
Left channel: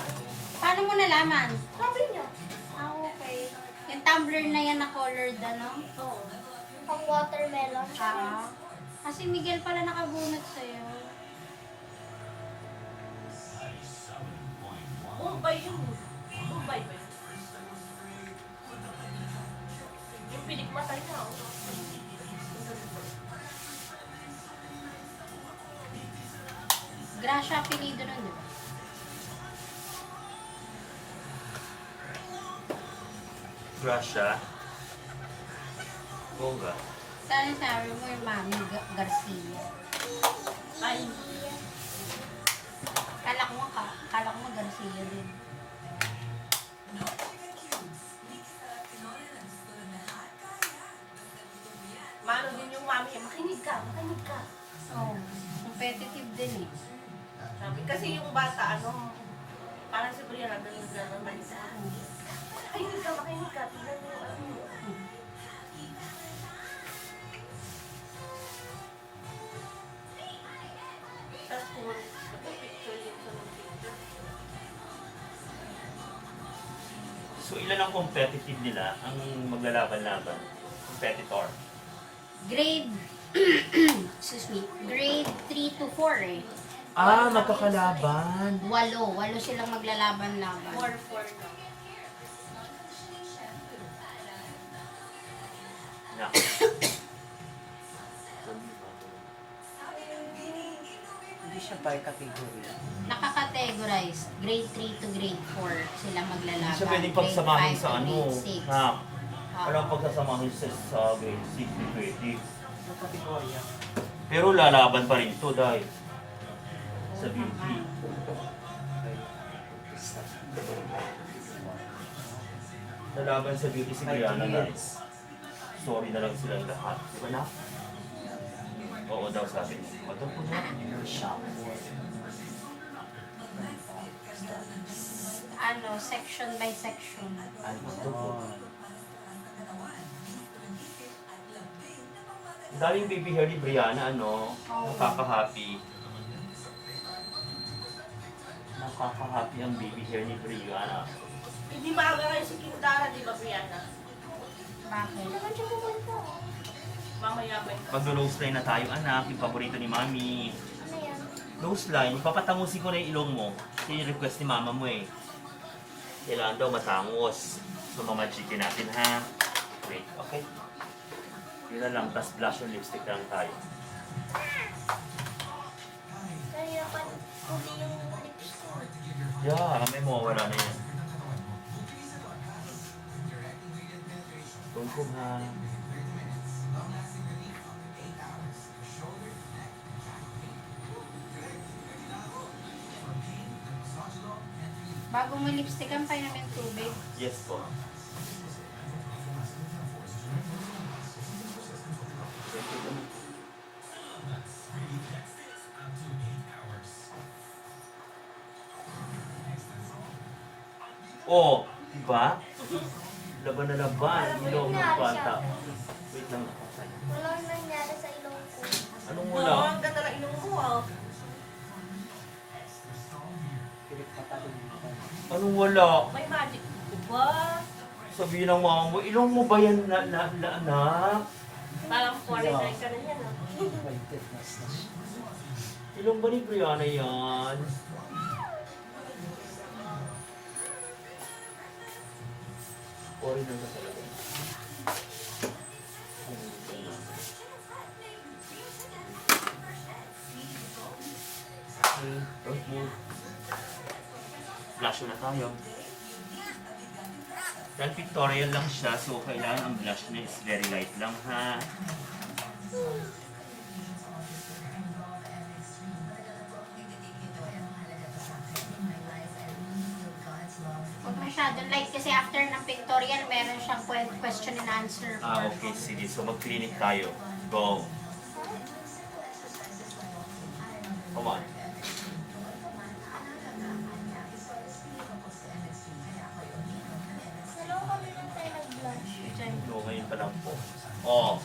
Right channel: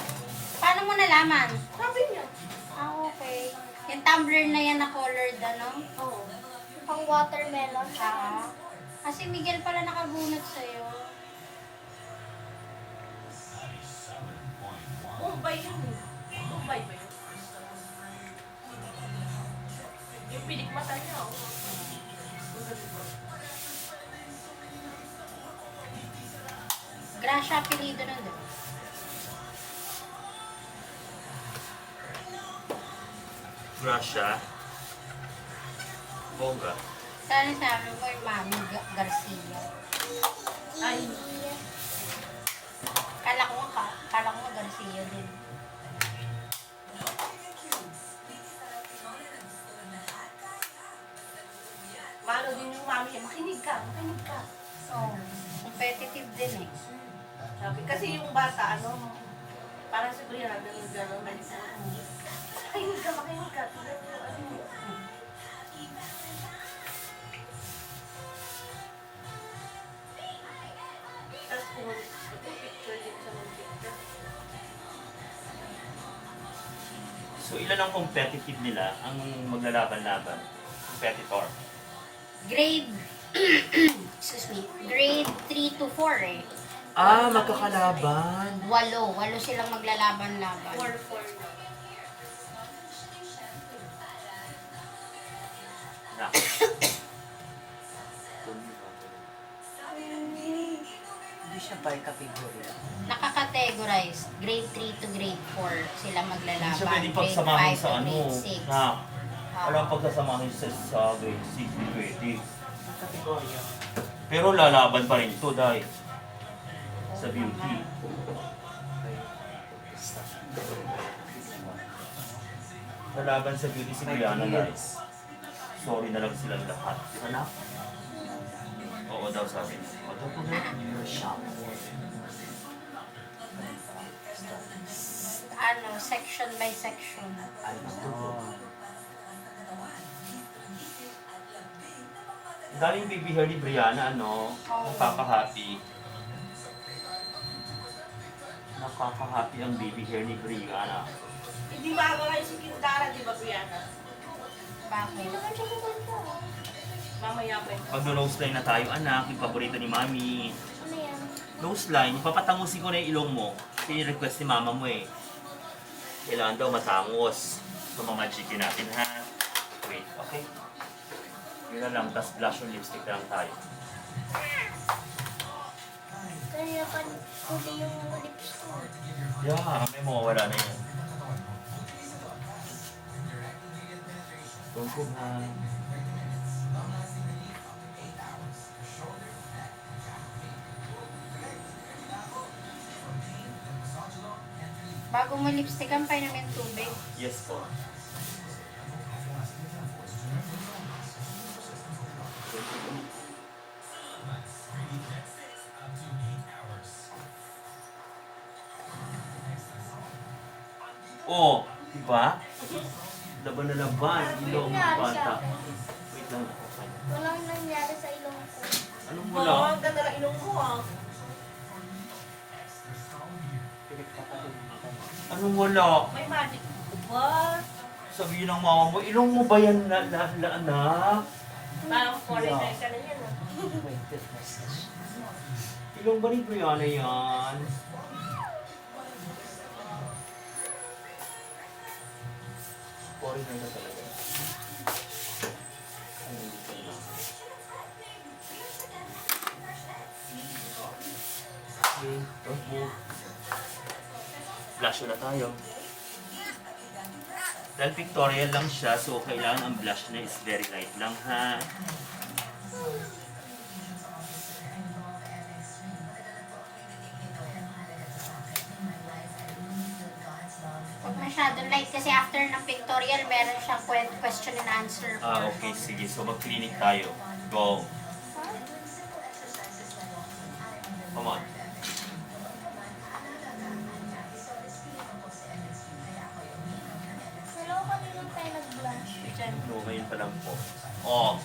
Paano mo nalaman? Sabi niya. Ah, okay. Yung tumbler na yan na colored, ano? Oo. Pang watermelon. Ah. Kasi Miguel pala nakabunot sa'yo. Bombay yun. Bombay ba yun? Yung pilik mata niya, oh. Ang ganda. Gracia apelido na doon. Gracia. Bongga. Sana sabi mo yung Mami Garcia. Ay, Kala ko Garcia din. mano din yung mami niya. Makinig ka, makinig ka. Oh, competitive din eh. Sabi, kasi yung bata, ano, parang si Brianna, ganun, malisa. Makinig ka, makinig ka. Tignan mo yung ano. Tapos kung picture din sa mga picture. So, ilan ang competitive nila ang maglalaban-laban? Competitor. Grade, excuse me, grade 3 to 4 eh. Ah, magkakalaban. 8 silang maglalaban-laban. 4-4 na. Na. Hindi siya by category. Nakakategorize, grade 3 to grade 4 sila maglalaban. Hindi siya pwede Grade pagsamahin 5 sa to ano. grade 6. Na. Ah. Walang pagsasamahin sa grade 6, pwede. Ang kategorya. Pero lalaban pa rin ito dahil sa beauty. Lalaban sa beauty si Brianna, guys. Sorry na lang silang lahat. Di ba na? Oo daw sabi niya. Matong ko na. Ano, section by section. Dahil yung baby hair ni Brianna, ano, nakaka-happy. Nakaka-happy ang baby hair ni Brianna. Hindi maaga kayo si Kindara, di ba, Brianna? Bakit? Saan siya pupunta? Mamaya ba yun? Mag-nose line na tayo, anak. Yung paborito ni Mami. Ano yan? Nose line, ipapatangusin ko na yung ilong mo. Kasi request ni mama mo eh. Kailangan daw matangos. So, mamagikin natin ha. Wait, okay? Yun na lang, tas blush yung lipstick na lang tayo. Kaya pa huli yung lips ko. Yeah, may mawawala na yan. Tungkong ha. Bago mo lipstickan, painumin tubig. Yes po. Oh, diba? Laban na laban, ilong ng bata. Wait lang, nakakay. Walang nangyari sa ilong ko. Anong Oo, wala? ang ganda ng ilong ko, ah. Pilik pa ka din. Anong wala? May magic. Diba? Sabihin ng mama mo, ilong mo ba yan na anak? Parang foreigner ka na yan, ah. Weighted massage. Ilong ba ni Brianna yan? Foreigner na talaga. Okay, don't move. Blush na tayo. Dahil pictorial lang siya, so kailangan ang blush niya is very light lang, ha? Huwag masyadong light kasi after ng pictorial, meron siyang question and answer. Ah, okay, sige. So mag-clinic tayo. Go. Come on. Hello, kanina tayo nag-blush. No, ngayon pa lang po. Oh.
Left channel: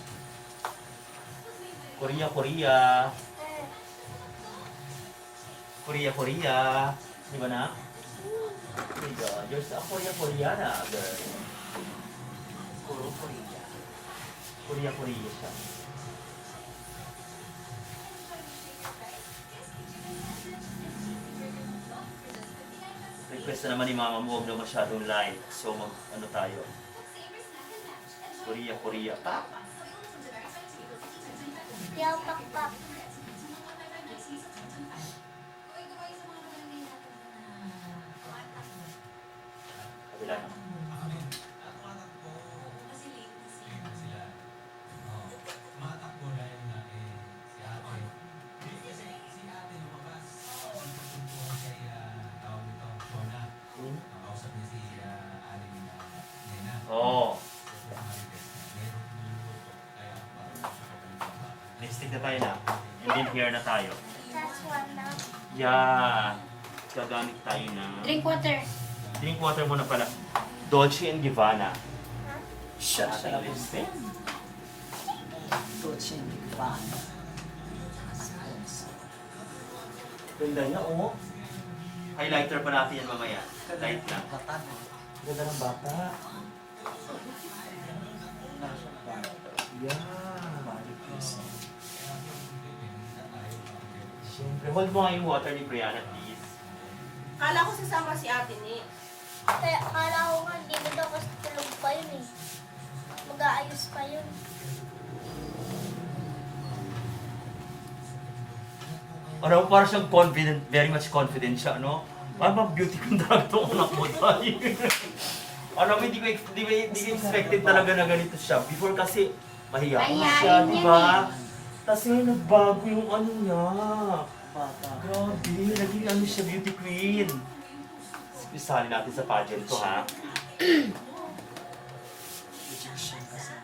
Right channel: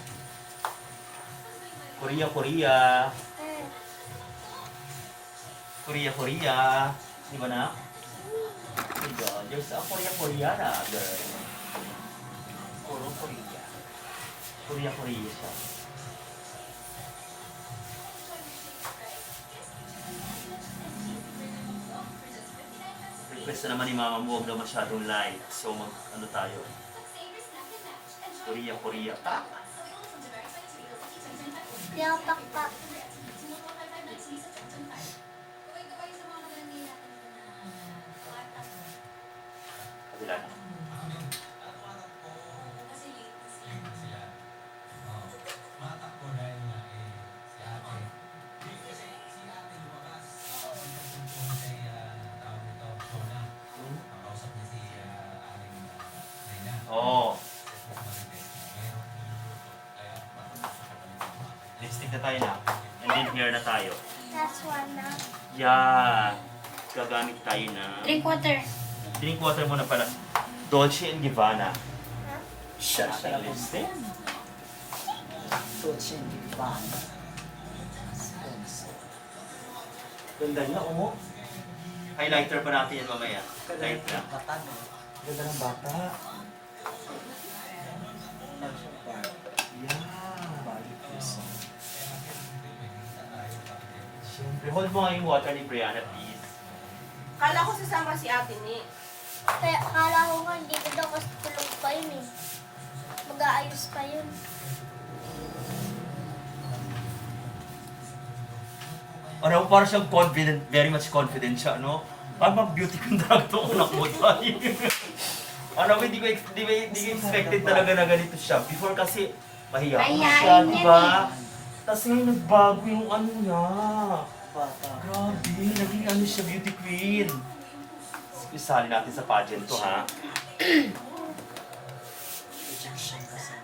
Korea, Korea. Eh, Korea, Korea. Di ba na? Oh my God, you're a Korea, Koreana, girl. Puro Korea. Korea, Korea siya. Request na naman ni Mama mo, huwag na masyadong light. So ano tayo? Korea, Korea. Tak! di ako pakpak. Kabila na. Oo. Lipstick na tayo na. And then hair na tayo. Last one na. Yan. Gagamit tayo na. Drink water. Drink water muna pala. Dolce and Gabbana. Ha? Siya ang lipstick. Dolce & Gabbana. Sponsor. Ganda niya, oh. Highlighter pa natin yan mamaya. Light na. Bata na. Ganda ng bata. Nasa bar. Yeah. Body person. Siyempre, hold mo nga yung water ni Brianna, please. Kala ko sasama si ate ni. Kaya akala ko nga, hindi na daw kasi tulog pa yun eh. Mag-aayos pa yun. Ano, parang siyang confident, very much confident siya, no? Parang bang beauty contractor ko nakuha tayo. Ano, hindi ko expected talaga na ganito siya. Before kasi, mahiyain Mahiyain siya, yan di ba? Tapos ngayon nagbago yung ano niya. Bata. Grabe, naging ano siya, beauty queen. Isali natin sa pageant to, ha? Egyptian kasi.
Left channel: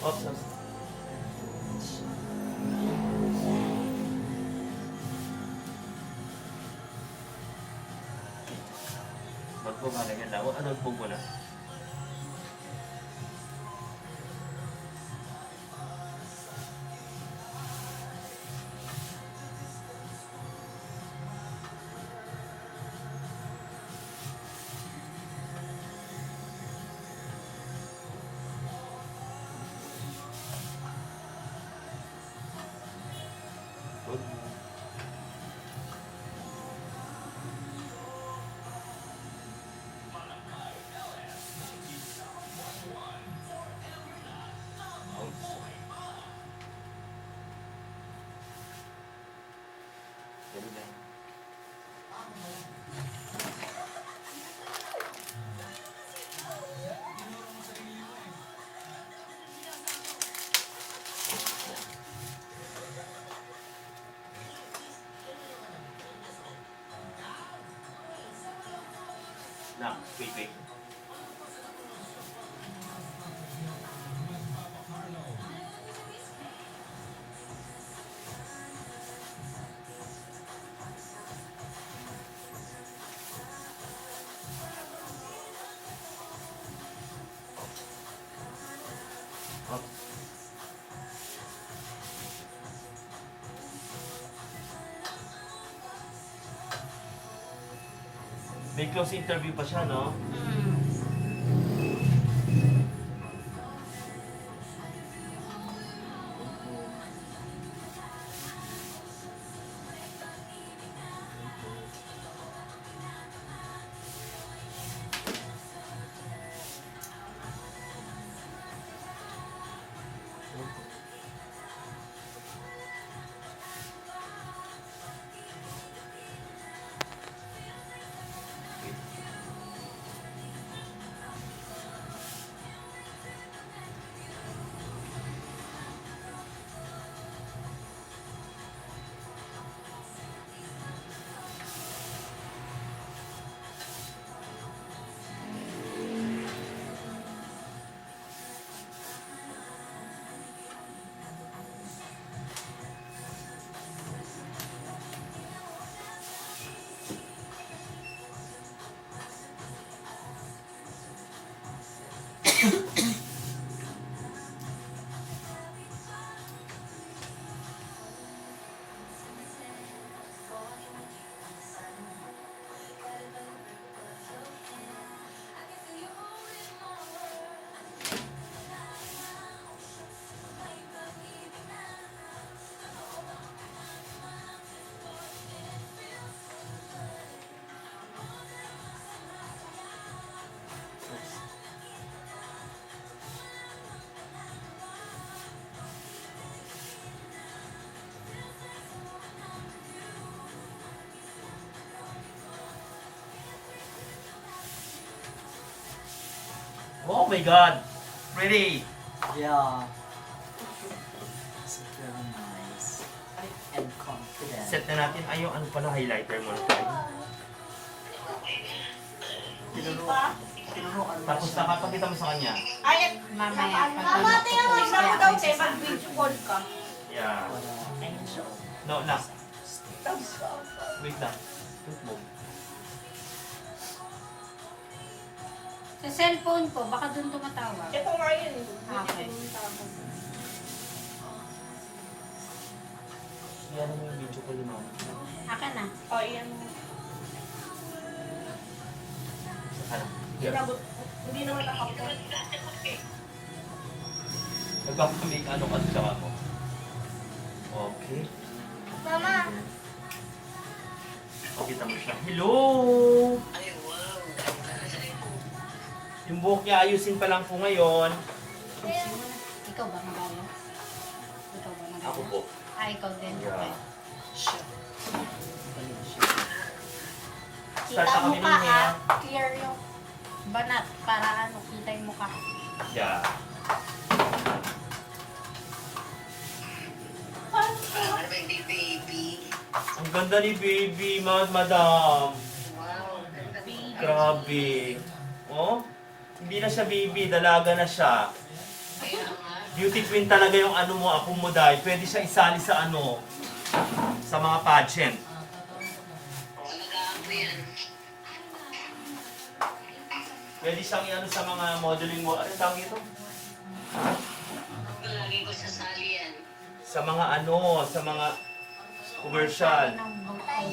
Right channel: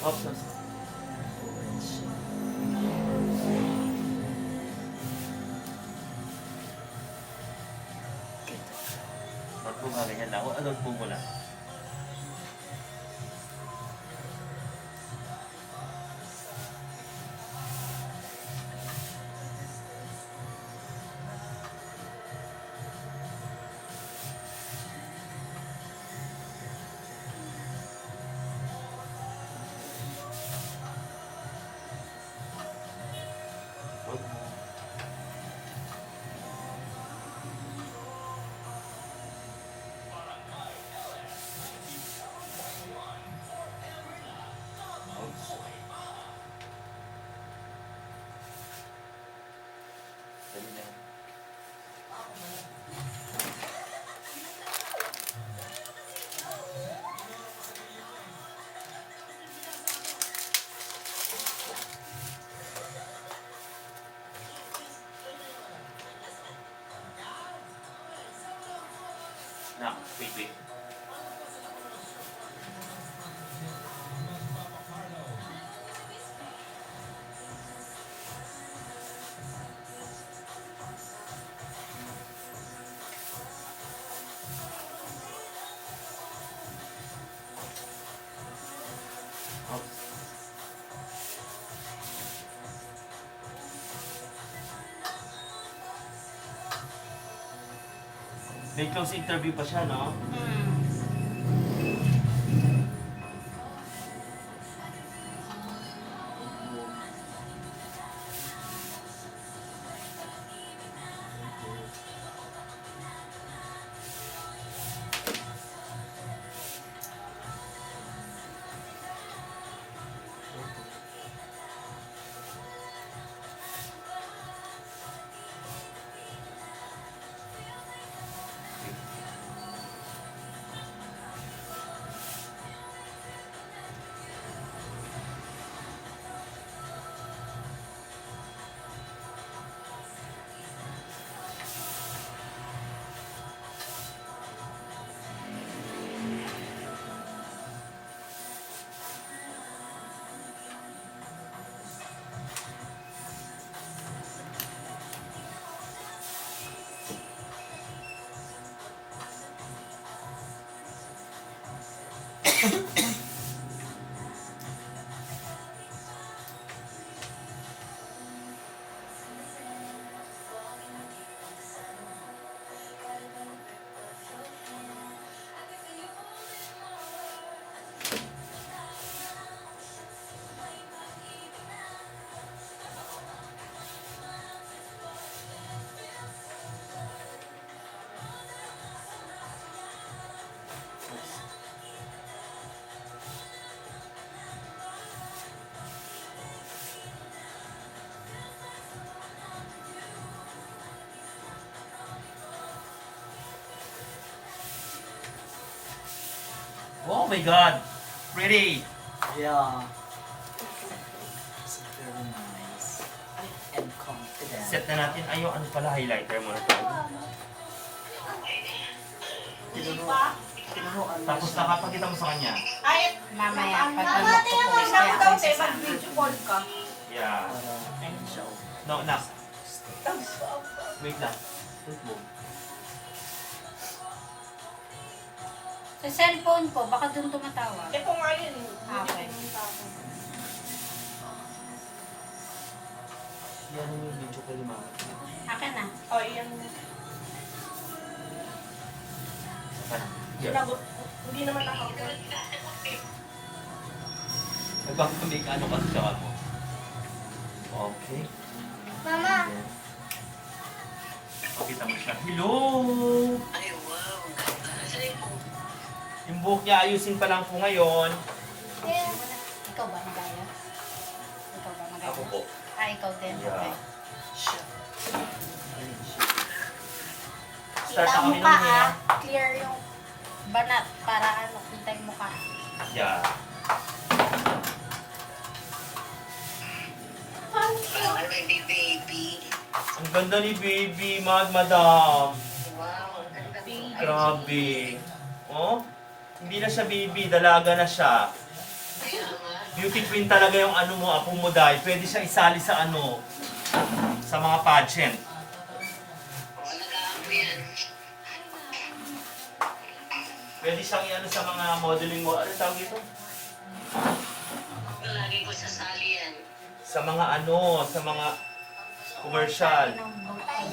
Oops, oops. Magbunga ganyan lang. Ano, bung mo lang. Dali na. Na, wait, wait. Oops. May close interview pa siya, no? Oh my God! Pretty! Yeah. It's very nice. And confident. Set na natin. Ay, yung ano pala, highlighter muna tayo. Tinuruan mo Tapos siya. nakapakita mo sa kanya. Ay, Mamaya, pag Mama, ano, tingnan mo, tutuloy sabi kaya daw, ako te, sasama. mag-video call ka. Yeah. Para ano siya. No, na. Wait lang. Wait mo. Sa cellphone ko, baka doon tumatawag. Ito nga yun. Okay. Yan mo yung video ko ni mama. Akin na. O, yan. Ano? Yes. Sinabot. Hindi naman nakapot. Nagpapamake ano ka sa mo. Okay. Mama, Pakita mo siya. Hello! Ay, wow. Ganda. Ay, po. Yung buhok niya ayusin pa lang po ngayon. Ikaw ba magaya? Ikaw ba magaya? Ako po. Ah, ikaw din. Yeah. Okay. Siya. Galing siya. Start Kita na kami mo ka nun eh. clear yung banat para ano, kita yung mukha. Yeah. Parang may baby. Ang ganda ni baby, madam. Wow, ang ganda po. Grabe. Oh? Hindi na siya baby, dalaga na siya. Kaya nga. Beauty queen talaga yung ano mo, apo mo dahil. Pwede siya isali sa ano, sa mga pageant. Alagaan ko yan. Pwede siyang iano sa mga modeling mo. Ano tawag ito? Lagi ko sasali yan. Sa mga ano, sa mga commercial. Ng bangkay.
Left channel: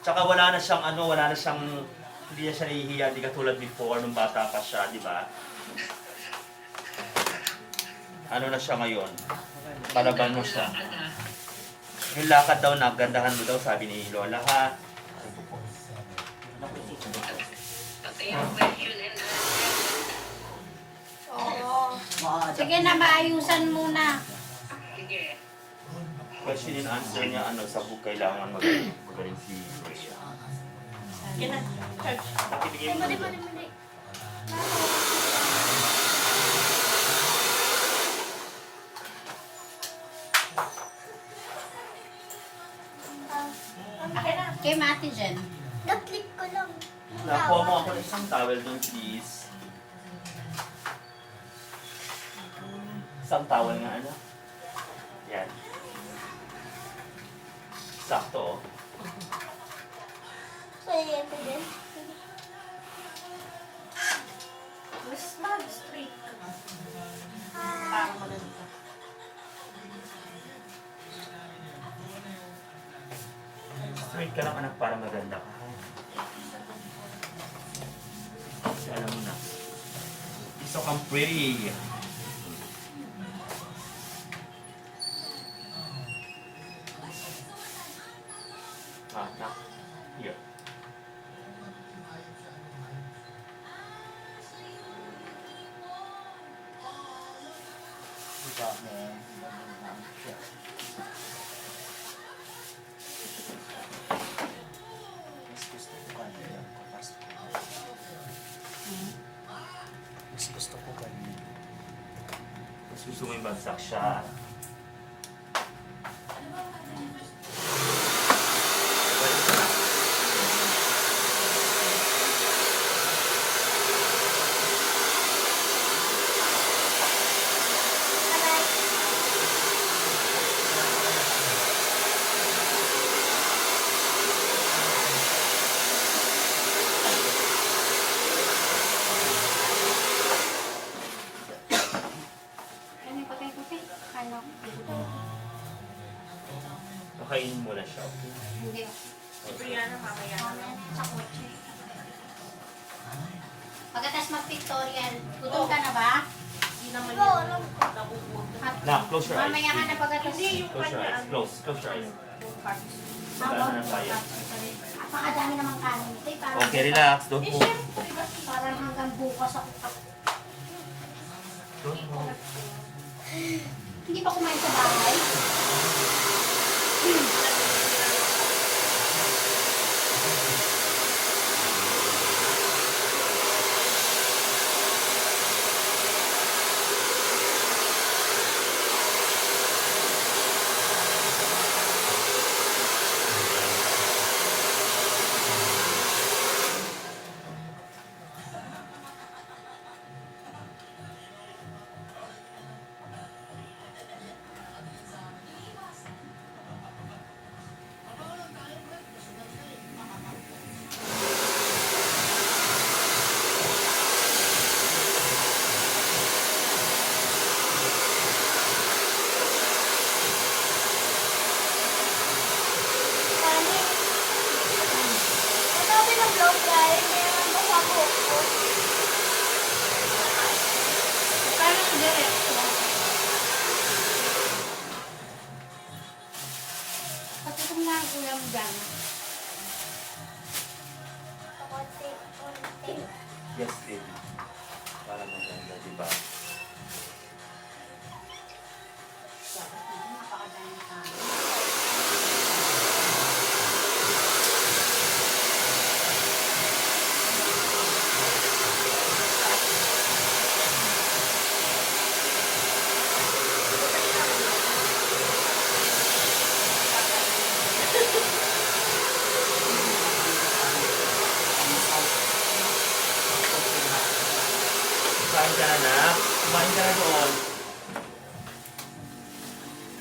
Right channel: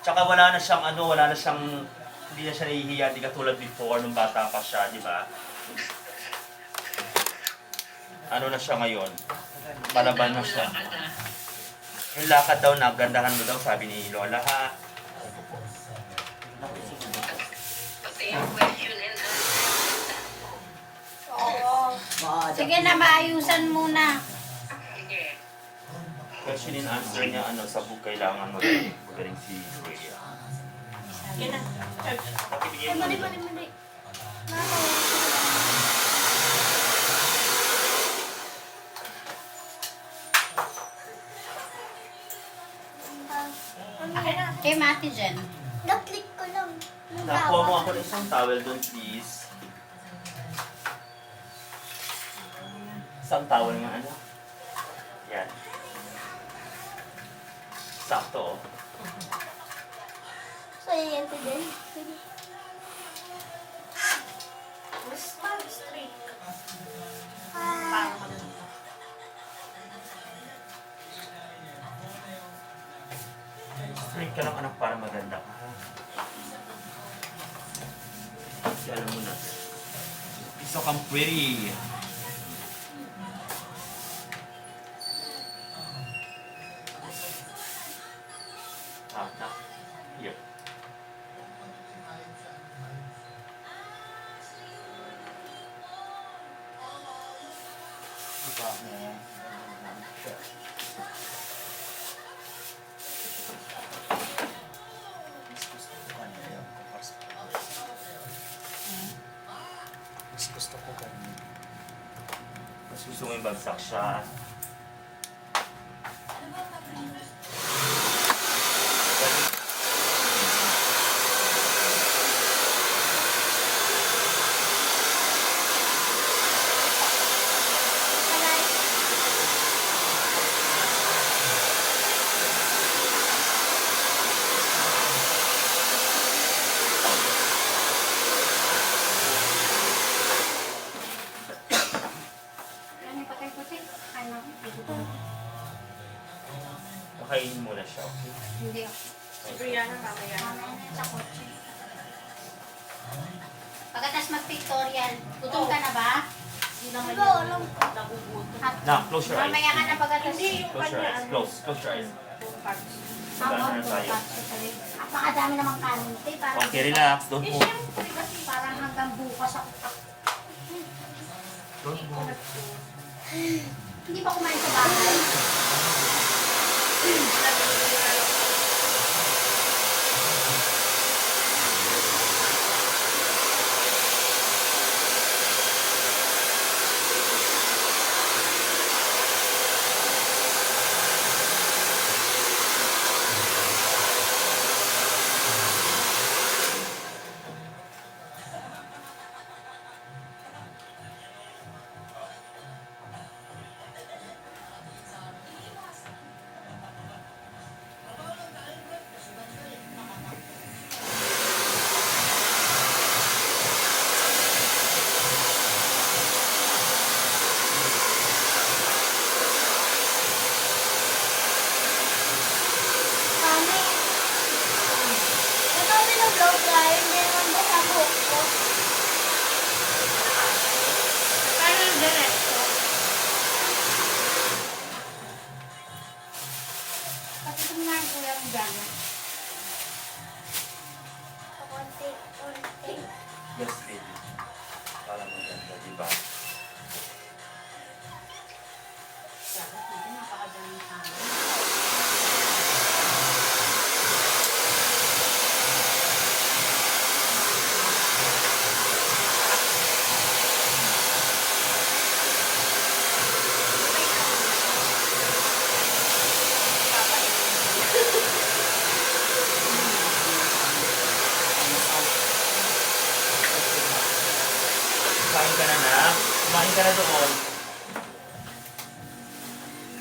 Tsaka wala na siyang ano, wala na siyang, hindi na siya nahihiya, di katulad before, nung bata pa siya, di ba? Ano na siya ngayon? Palaban na siya. Yung lakad daw, nagandahan mo daw, sabi ni Lola, ha? Pati yung question and Oo. Ma-adapt Sige na, maayusan muna. sige. Question and answer niya, ano, sa book, kailangan magaling si Rhea. Kina. Nakibigay mo. mali. Akin na. Kay Mati Jen. Na-click ko lang. Nakuha mo ako ng isang towel doon, please. Isang towel nga, ano? Yan. Sakto, oh. So, yan ko din. Mas mag-straight ka. Ah, Parang malulog ka. Straight Mag-meditate ka lang anak para maganda ka. Kasi alam mo na. It's so come pretty. Nak. Here. Diba mo? Siya. Mas gusto ko kanina kumpara sa mas gusto ko kanina. Mas gusto mo yung bagsak siya. Aray. Ano yung puti-puti? Ano? Pakainin mo na siya, okay? Hindi. Si Brianna, mamaya na. Mamaya na sa kotse. Pagkatapos mag-pictorial, gutom ka na ba? Hindi naman Diba, yun. alam ko. Nagugutom. Nak, close your eyes. Mamaya ka na pagkatapos. Hindi, yung Close your kanya, eyes. ano, Close your eyes. Habang na tayo. napakadami namang kanin. Parang, Okay, relax. Don't Eh, move. syempre, kasi Parang hanggang bukas ako. Don't move. Hindi pa kumain sa bahay. Mami. Natabi ng blow dryer, hindi naman ba sa buhok ko? Paano yung diretso? Patutok na ang kuya mo dyan. Konti. Yes, baby. Para maganda, di ba? Napakadaming kanin. Kumain ka na, nak. Kumain ka na doon.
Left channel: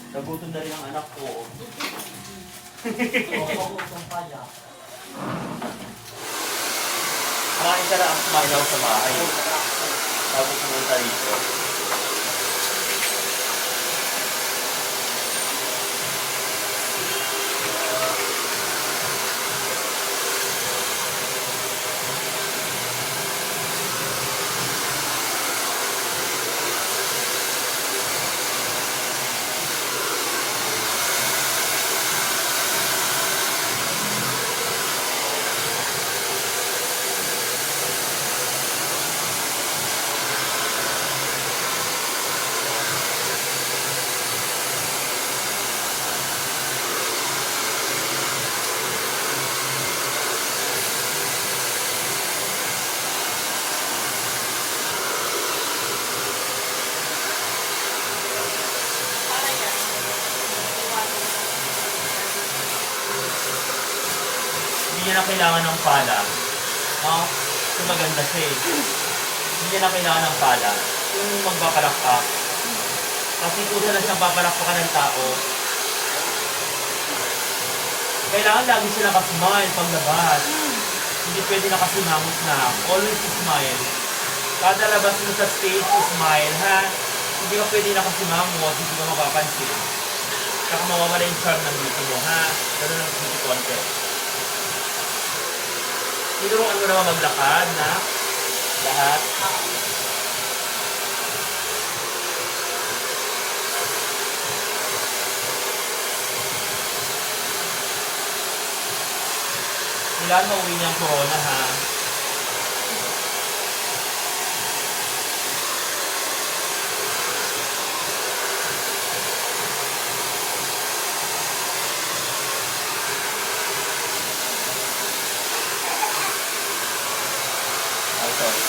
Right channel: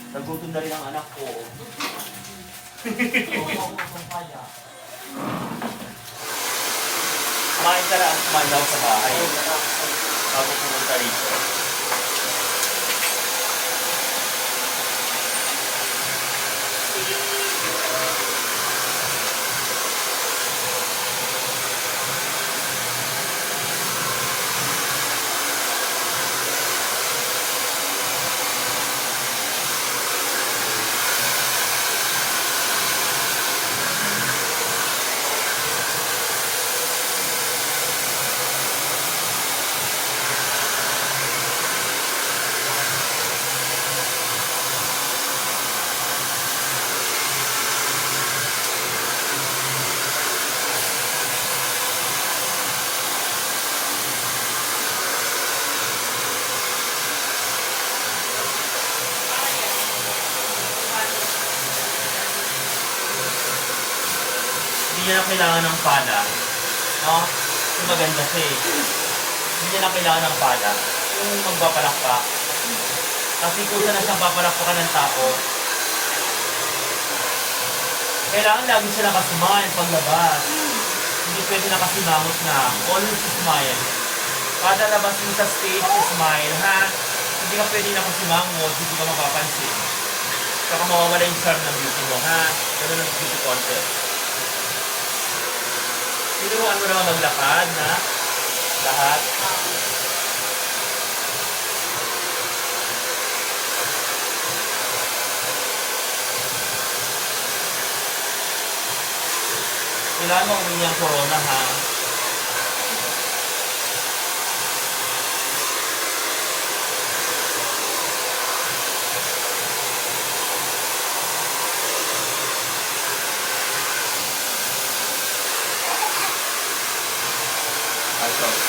Nagutom na rin ang anak ko. Kung kaya. Kumain ka na. Kumain ako sa bahay. Tapos pumunta rito. para yan. Hindi niya na kailangan ng pala. No? Ito maganda siya eh. Hindi niya na kailangan ng pala. Kung magpapalak ka. Kasi kusa na siyang papalakpakan ng tao. Kailangan lagi siya nakasmile paglabas. Hindi pwede nakasimangot na. Always smile. Kada labas mo sa stage, smile ha. Hindi ka pwede nakasimangot, hindi ka mapapansin. Saka mawawala yung charm ng beauty mo ha. Ganun ang beauty contest. Tinuruan mo naman maglakad na lahat. Kailangan mauwi niyang corona ha. Ay, sorry.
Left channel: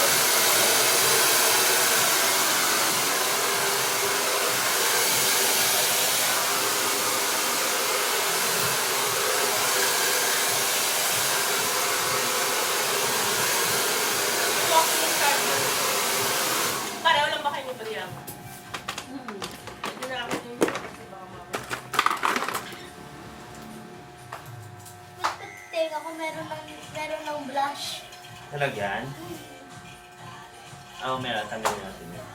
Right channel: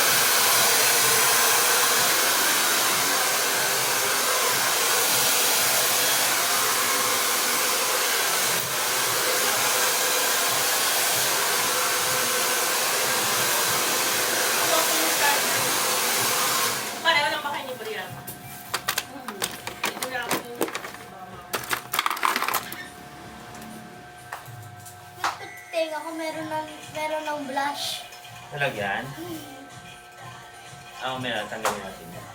Pareho lang ba kayo ni Brian? Hmm. Hindi na ako yung Tenga ko meron ng blush. Talagyan? Ah, meron. Tanggalin natin yun.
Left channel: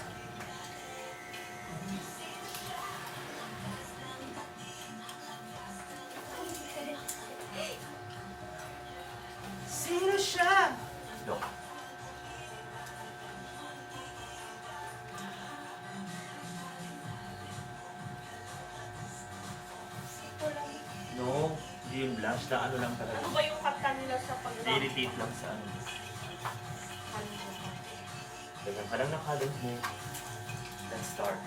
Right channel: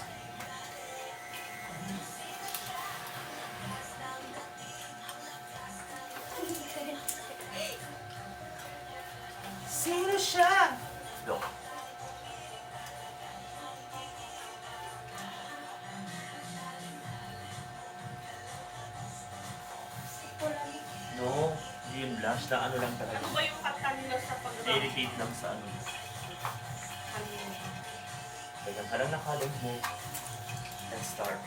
Sino siya? Look. No, hindi yung blush. Na ano lang talaga. Ano ba yung kanta nila sa pag-rap? I-repeat lang sa ano. Ganyan ka lang nakalag mo. Let's start.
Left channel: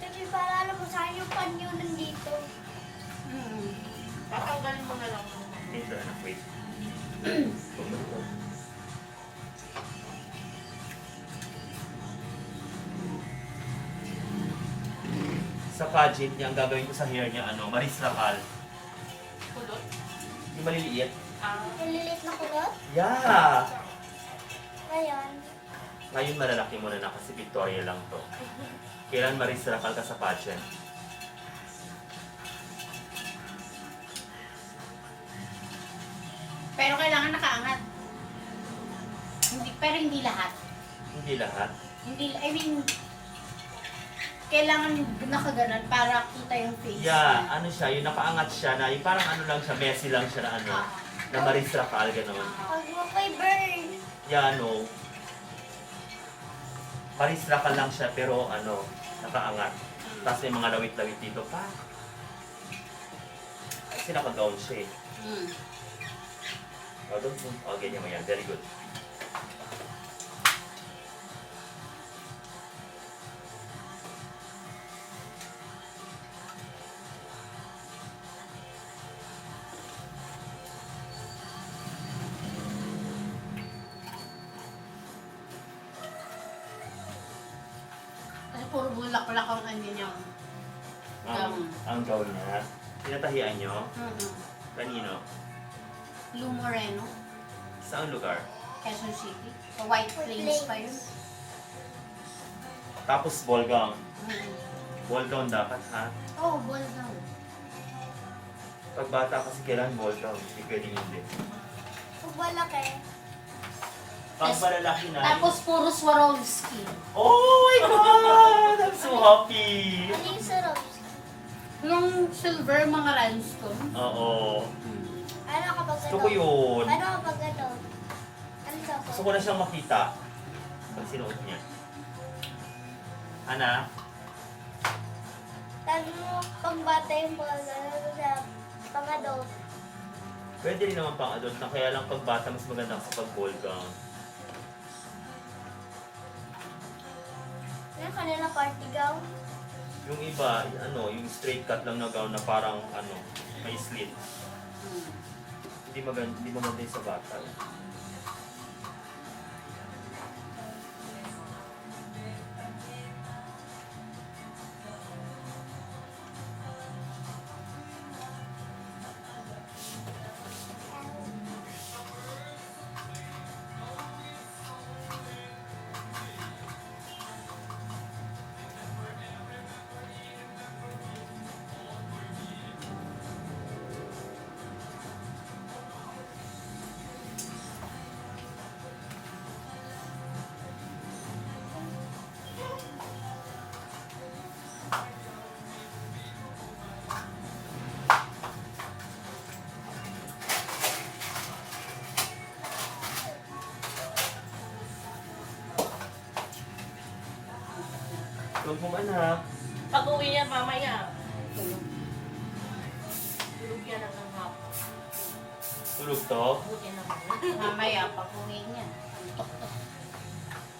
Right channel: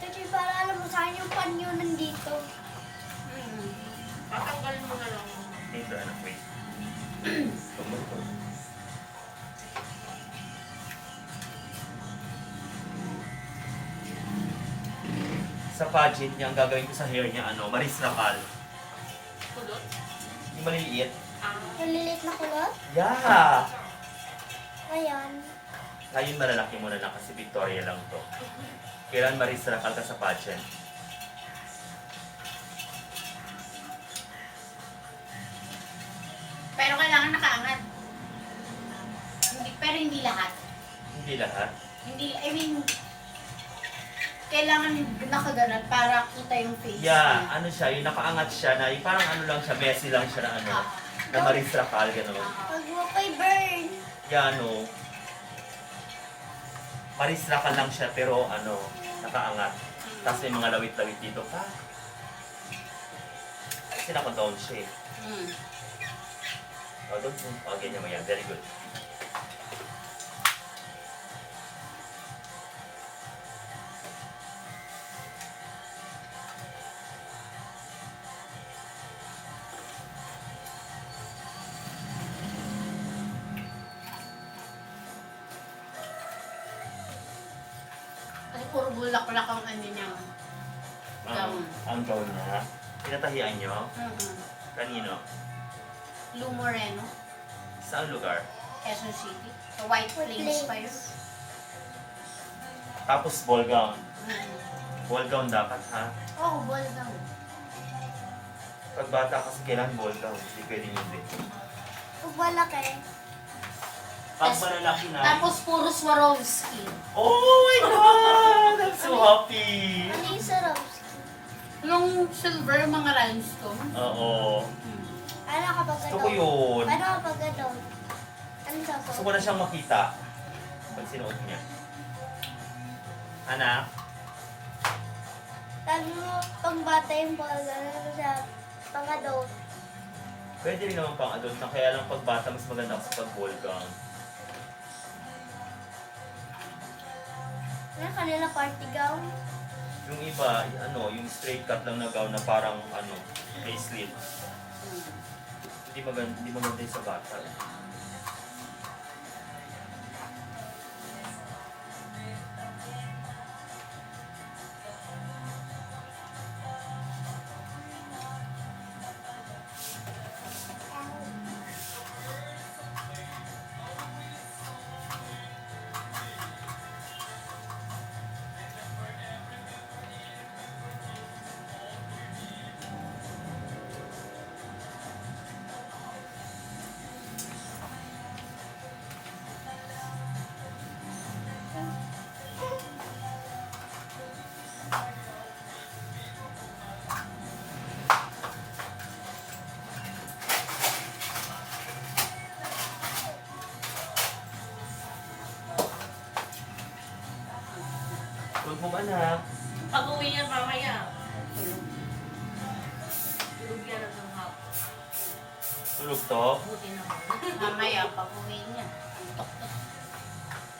Kasi para alam mo saan yung panyo nandito. Hmm. Patanggalin mo na lang. Dito, anak, wait. Pumulpul. Sa pageant niya, ang gagawin ko sa hair niya, ano, Maris Racal. Kulot? Yung maliliit. Malilit na kulot. Yeah! Ngayon. Ngayon malalaki mo na lang kasi Victoria lang to. Kailan Maris Racal ka sa pageant? Pero kailangan nakaangat. Hindi, pero hindi lahat. Hindi lahat. Hindi, I mean, kailangan nakaganan para kita yung face Yeah, niya. ano siya, yung nakaangat siya na, yung parang ano lang siya, messy lang siya na ano, na Maris Racal, gano'n. Pag mo kay burn. Yeah, ano, Maris Racal lang siya, pero ano, nakaangat. Tapos may mga lawit-lawit dito pa. Kasi naka-gown siya eh. Hmm. Oh, don't move. Oh, ganyan mo yan. Very good. Kasi puro bulaklak ang ano niya. Ang gown niya. Tinatahian nyo? Mm-mm. Kanino? Lou Moreno, Saan lugar? Quezon City. Sa White Flames pa yun. Tapos ball gown. Mm. Ball gown dapat ha. Oh, ball gown. Pag bata kasi kailangan ball gown. Hindi pwedeng hindi. Pag malaki. Pag malalaki na. Tapos puro Swarovski. Oh my God! I'm so happy! Ano yung Swarovski? Yung silver mga rhinestone. Oo. Ano kapag Gusto ko yun. Ano kapag ano? Ano sa Gusto ko na siyang makita. Pag sinuot niya. Anak, Tag mo, pang bata yung ball, ano sa pang adult. pwede rin naman pang adult na kaya lang pag bata mas maganda sa pag ball gown. Ano kanila party gown? Yung iba, ano, yung straight cut lang na gown na parang ano, may slit. Hindi maganda yung sa bata. Tulog mo anak. Pag uwi niya mamaya, tulog. Tulog yan hanggang hapon. Tulog to. Buti naman. Mamaya, pag uwi niya.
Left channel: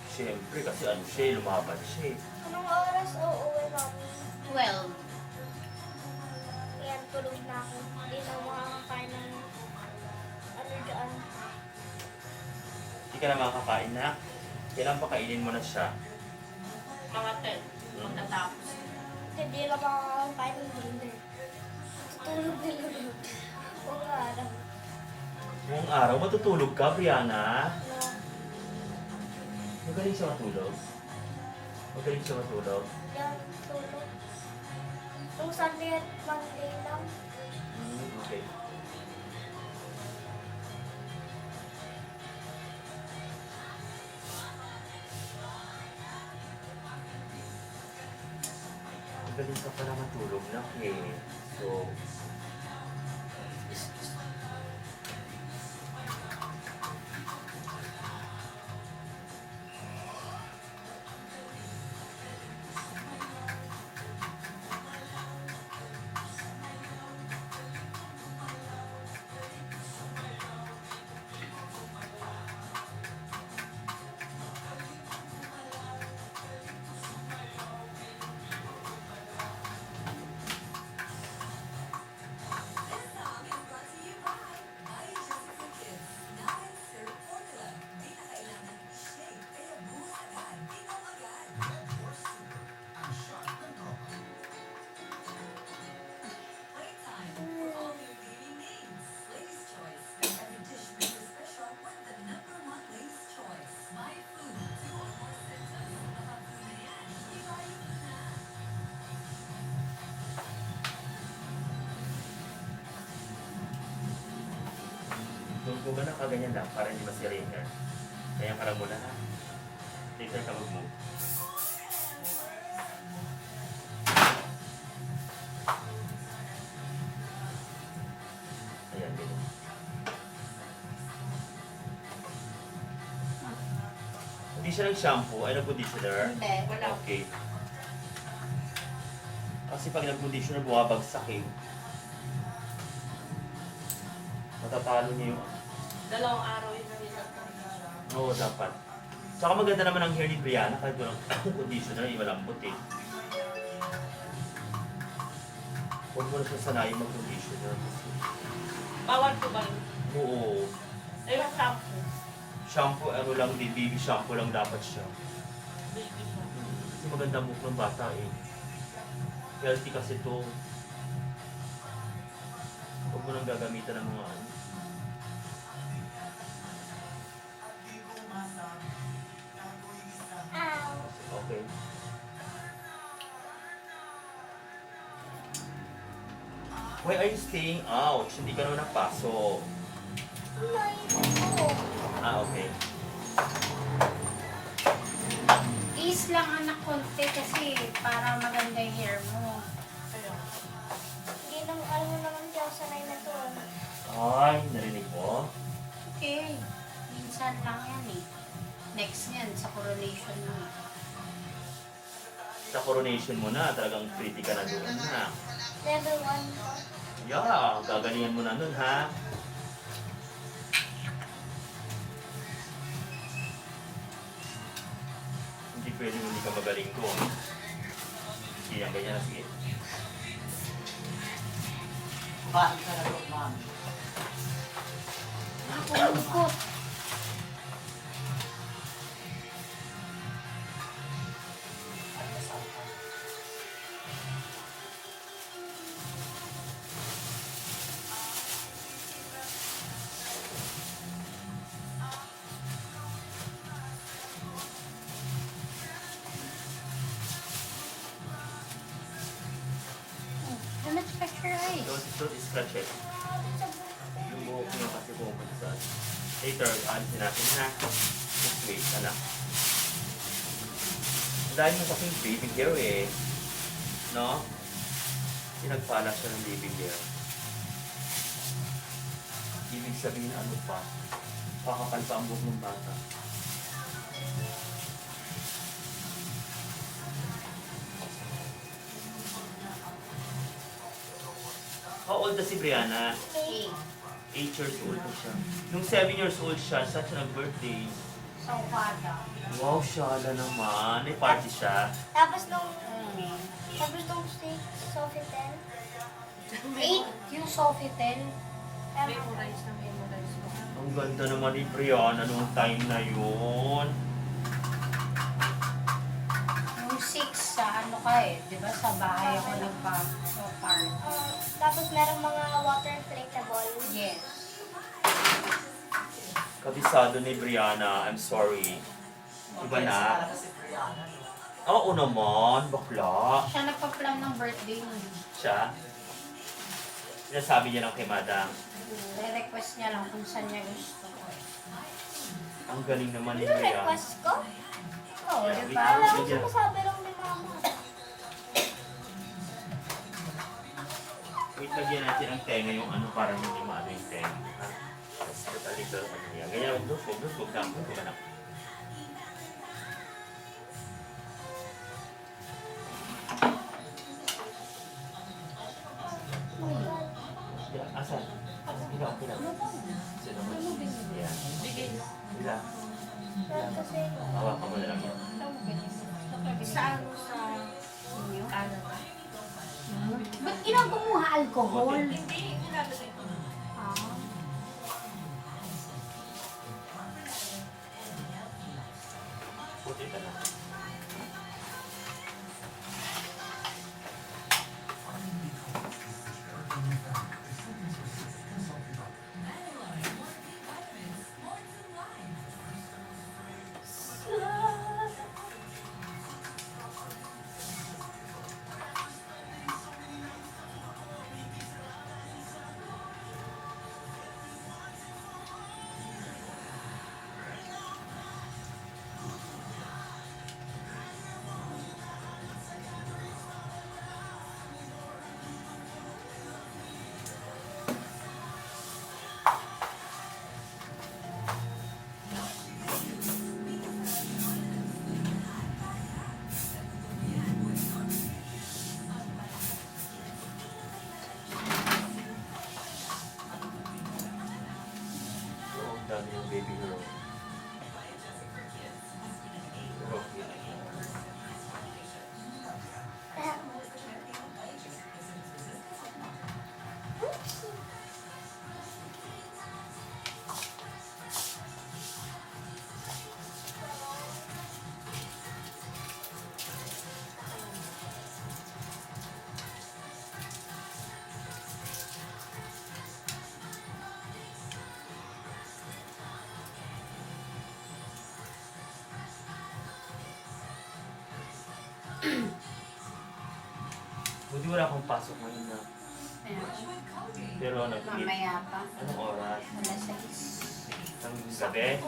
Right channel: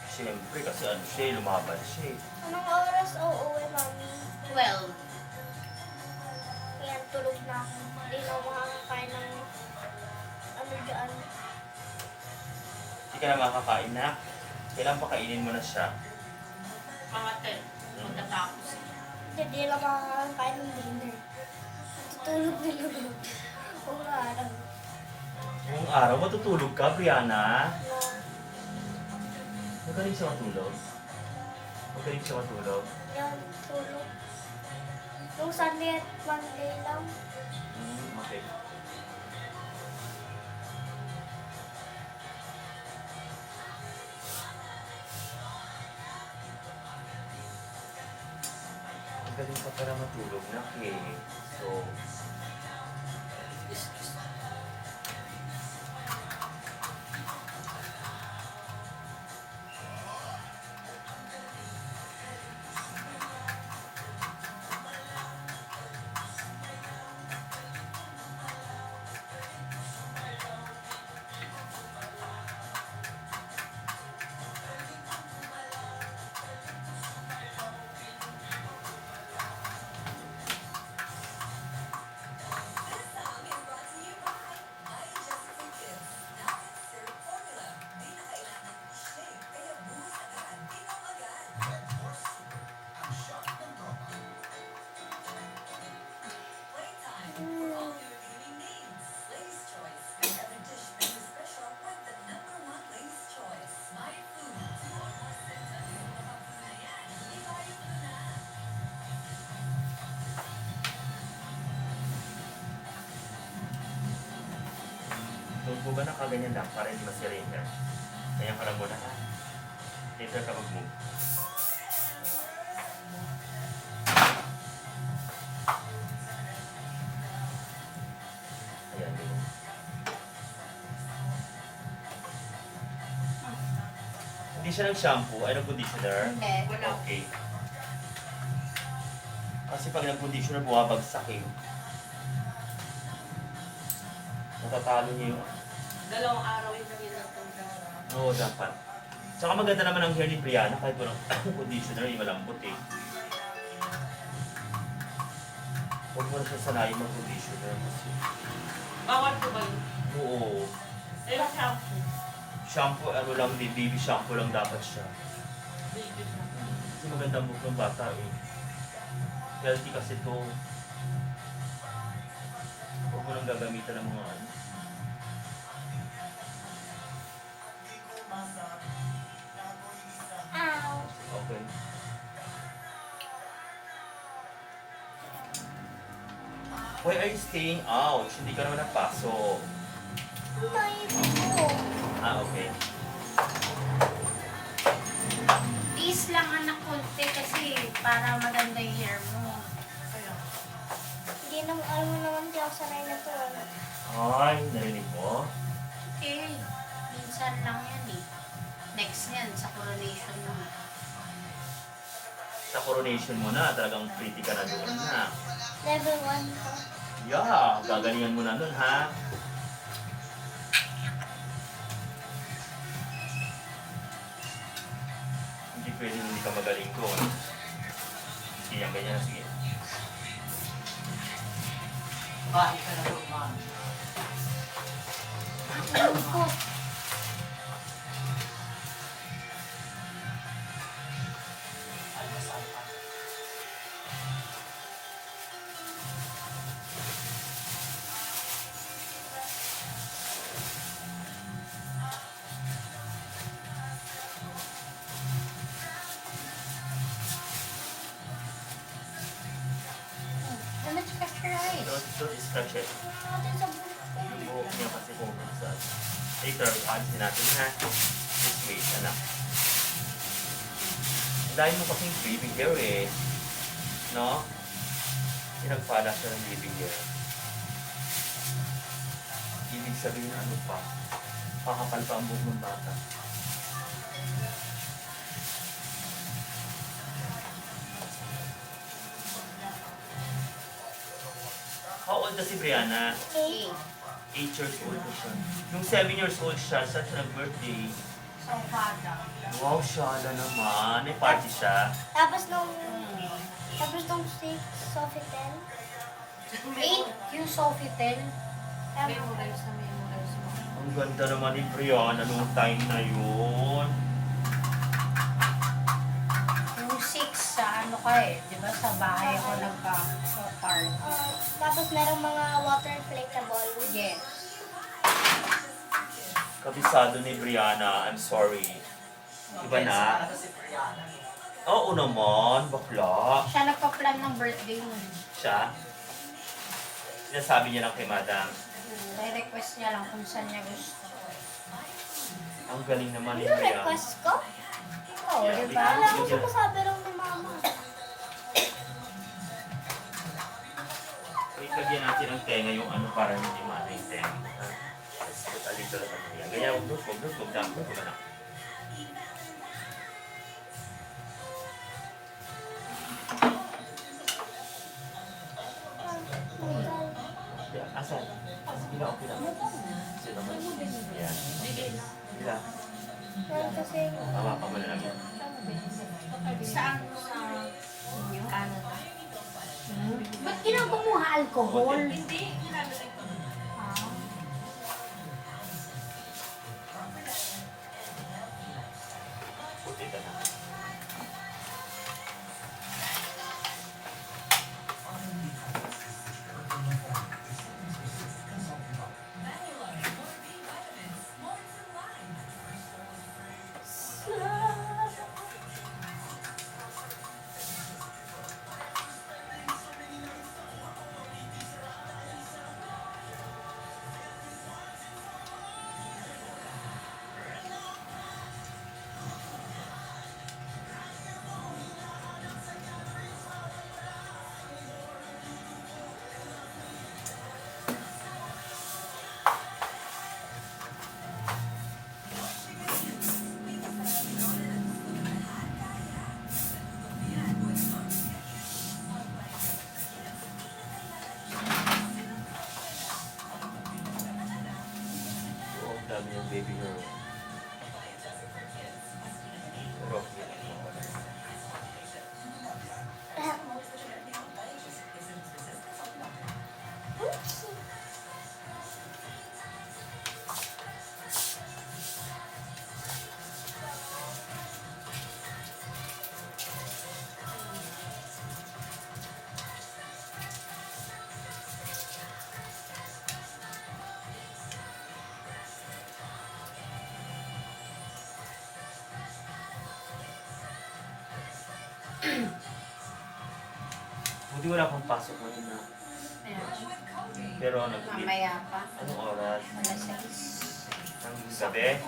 Siyempre kasi ano siya, lumaban siya. Anong oras uuwi, mami? 12. Yan, tulog na ako. Hindi na ako makakakain ng ano dyan. Hindi ka na makakain na. Kailan pa kainin mo na siya? Mga 10. Pagkatapos. Hindi na makakakain ng dinner. Tutulog din ako. Kung araw. Buong araw, matutulog ka, Brianna. No. Magaling siya matulog. Magaling siya matulog. Yan, tulog. Nung Sunday at Monday lang. Okay. Magaling ka pala matulog na So, tulog mo ba na kaganyan lang para hindi masira yung hair? Kaya ka lang muna ha. Later ka mag-move. Ayan, ganyan. Hindi siya nag-shampoo, ay nag-conditioner? Hindi. Wala. Okay. Kasi pag nag-conditioner, buwabagsak eh. Matatalo niyo yung... Dalawang araw yung nalilatang na. Oo, dapat. Tsaka maganda naman ang hair ni Brianna kahit walang conditioner, yung malambot eh. Huwag mo na siya sanayin mag-conditioner. Bawal ko ba yun? Oo. Eh, yung shampoo. Shampoo, ano lang, baby shampoo lang dapat siya. Baby shampoo. Kasi maganda ang buhok ng bata eh. Healthy kasi to. Huwag mo nang gagamitan ng mga ano. Ow. Okay. Why are you staying out? Hindi ka naman napasok. Naisip ko. Okay. Tease lang anak konti kasi para maganda yung hair mo. Kaya. Hindi naman, alam mo naman di ako sanay na to. Ano? Ay, narinig mo? Okay. Minsan lang yan eh. Next yan, sa coronation mo. Sa coronation mo na, talagang pretty ka na doon na. Level 1 to. Yeah, gagalingan mo na doon ha. Hindi pwedeng hindi ka magaling doon. Sige, yan, ganyan na, sige. Bakit ka na doon, ma'am? Ako, ko. Don't scratch your eyes. Don't scratch it. Natin sa buhok ko. Yung buhok niya kasi pumupunta sa atin. Later, alisin natin ha. Just wait, anak. Ang dahil mo kasing baby hair eh. No? Pinagpala siya ng baby hair. Ibig sabihin ano pa? Kakapal pa ang buhok ng bata. How old na si Brianna? 8. 8 years old na siya. Nung 7 years old siya, saan siya nag-birthday? Sa Okada. Wow, siya na naman. May party siya. Tapos nung 6, Sofitel. 8 yung Sofitel. Memorize na memorize mo. Ang ganda naman ni Brianna nung time na yun. Yung 6 sa ano ka eh. Di ba sa bahay ako nagpa-party. Tapos merong mga water inflatable. Yes. Kabisado ni Brianna, I'm sorry. Iba na? Sana si Brianna. Oo naman, bakla. Siya nagpa-plan ng birthday mo. Siya. Sinasabi niya lang kay Madam. Request niya lang kung saan niya gusto. Ang galing naman ni Ano Brianna. request ko? Oo, Yeah, di Wala ba? akong sinasabi lang ni mama. Wait, lagyan natin ang tenga yung ano para hindi maano yung tenga. Ha? Let's put a little ano yan. Ganyan, huwag doon, huwag na. Yeah, asan? Ikaw, okay lang. Sino naman? Yeah. Ila. Kasi Hawakan mo na lang yan. Saan? Sa inyo? Canada. Ba't ginagawa mo alcohol? Hindi, ginagawa ko. Ah. Puti ka na. Oo, ang dami yung baby girl. Pero, buti wala akong pasok ngayon na. Ayan. Pero ano, Mamaya pa. anong oras? Alas 6. Ang gabi?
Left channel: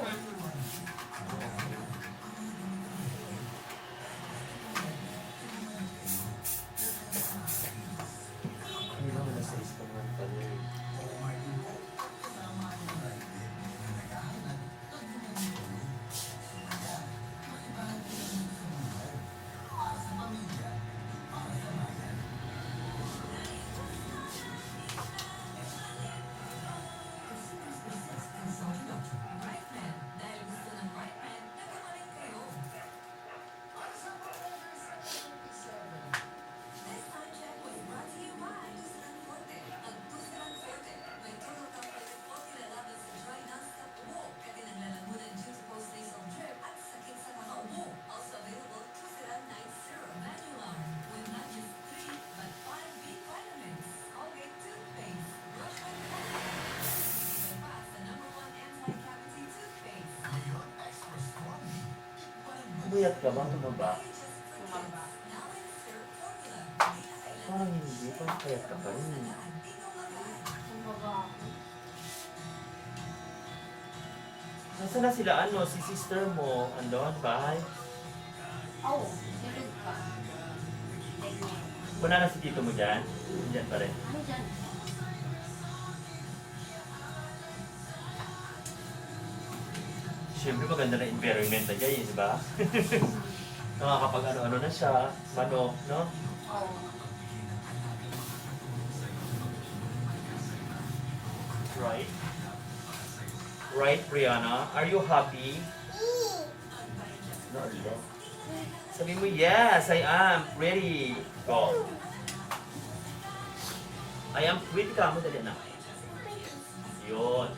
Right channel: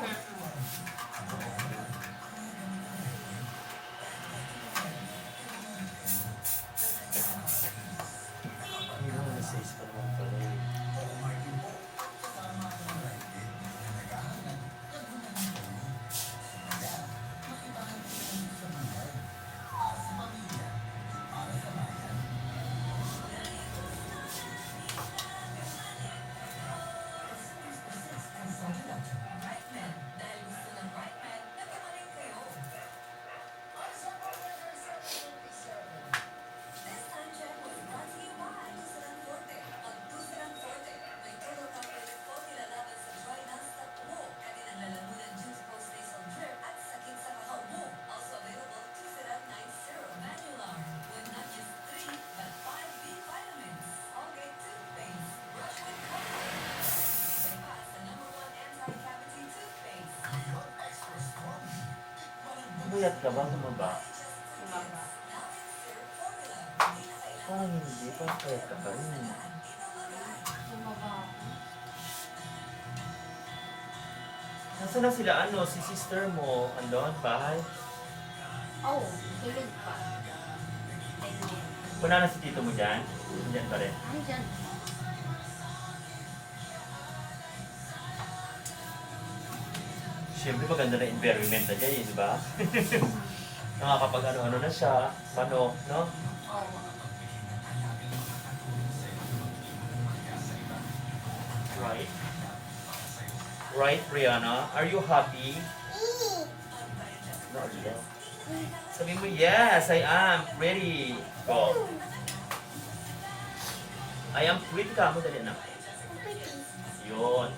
Hindi naman, alas 6 pa naman pala yun. Buyat ka ba? Tumaba? Parang hindi. Parang payat ka pa rin. Nasaan na sila? Ano? Si sister mo? Andon? Bahay? Oh, tulog pa. Ganyan. Wala na si tito mo dyan? Dyan pa rin. Andyan. Siyempre maganda na environment na dyan, di ba? Nakakapag ano-ano na siya. Manok, no? Oo. Right, Brianna? Are you happy? No, no. Sabi mo, yes, I am. Ready. Go. I am pretty ka mo. Dali na. Yun.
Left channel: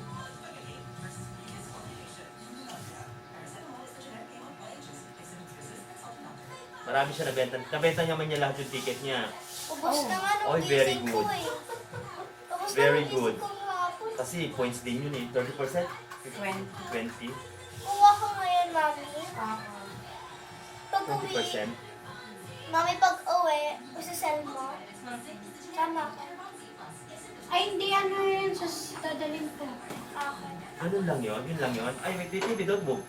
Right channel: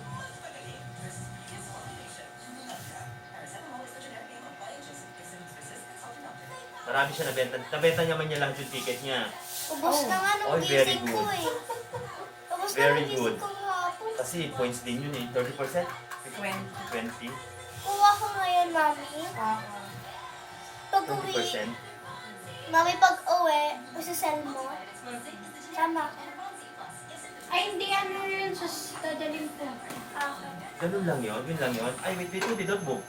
Marami siya nabenta. Nabenta niya man niya lahat yung ticket niya. Ubus na nga nung Oh, very gising ko good. eh. Ubus na Very nung good. gising ko kahapon. Kasi points din yun eh. 30%? 20. 20? Kuha ko ngayon, mami. Oo. Pag uwi, 20%? mami, pag uwi, masasell mo. Sama ka. Ay, hindi ano yun. Dadalhin ko. Okay. Ganun lang yun. Yun lang yun. Ay, wait, hindi. Don't move.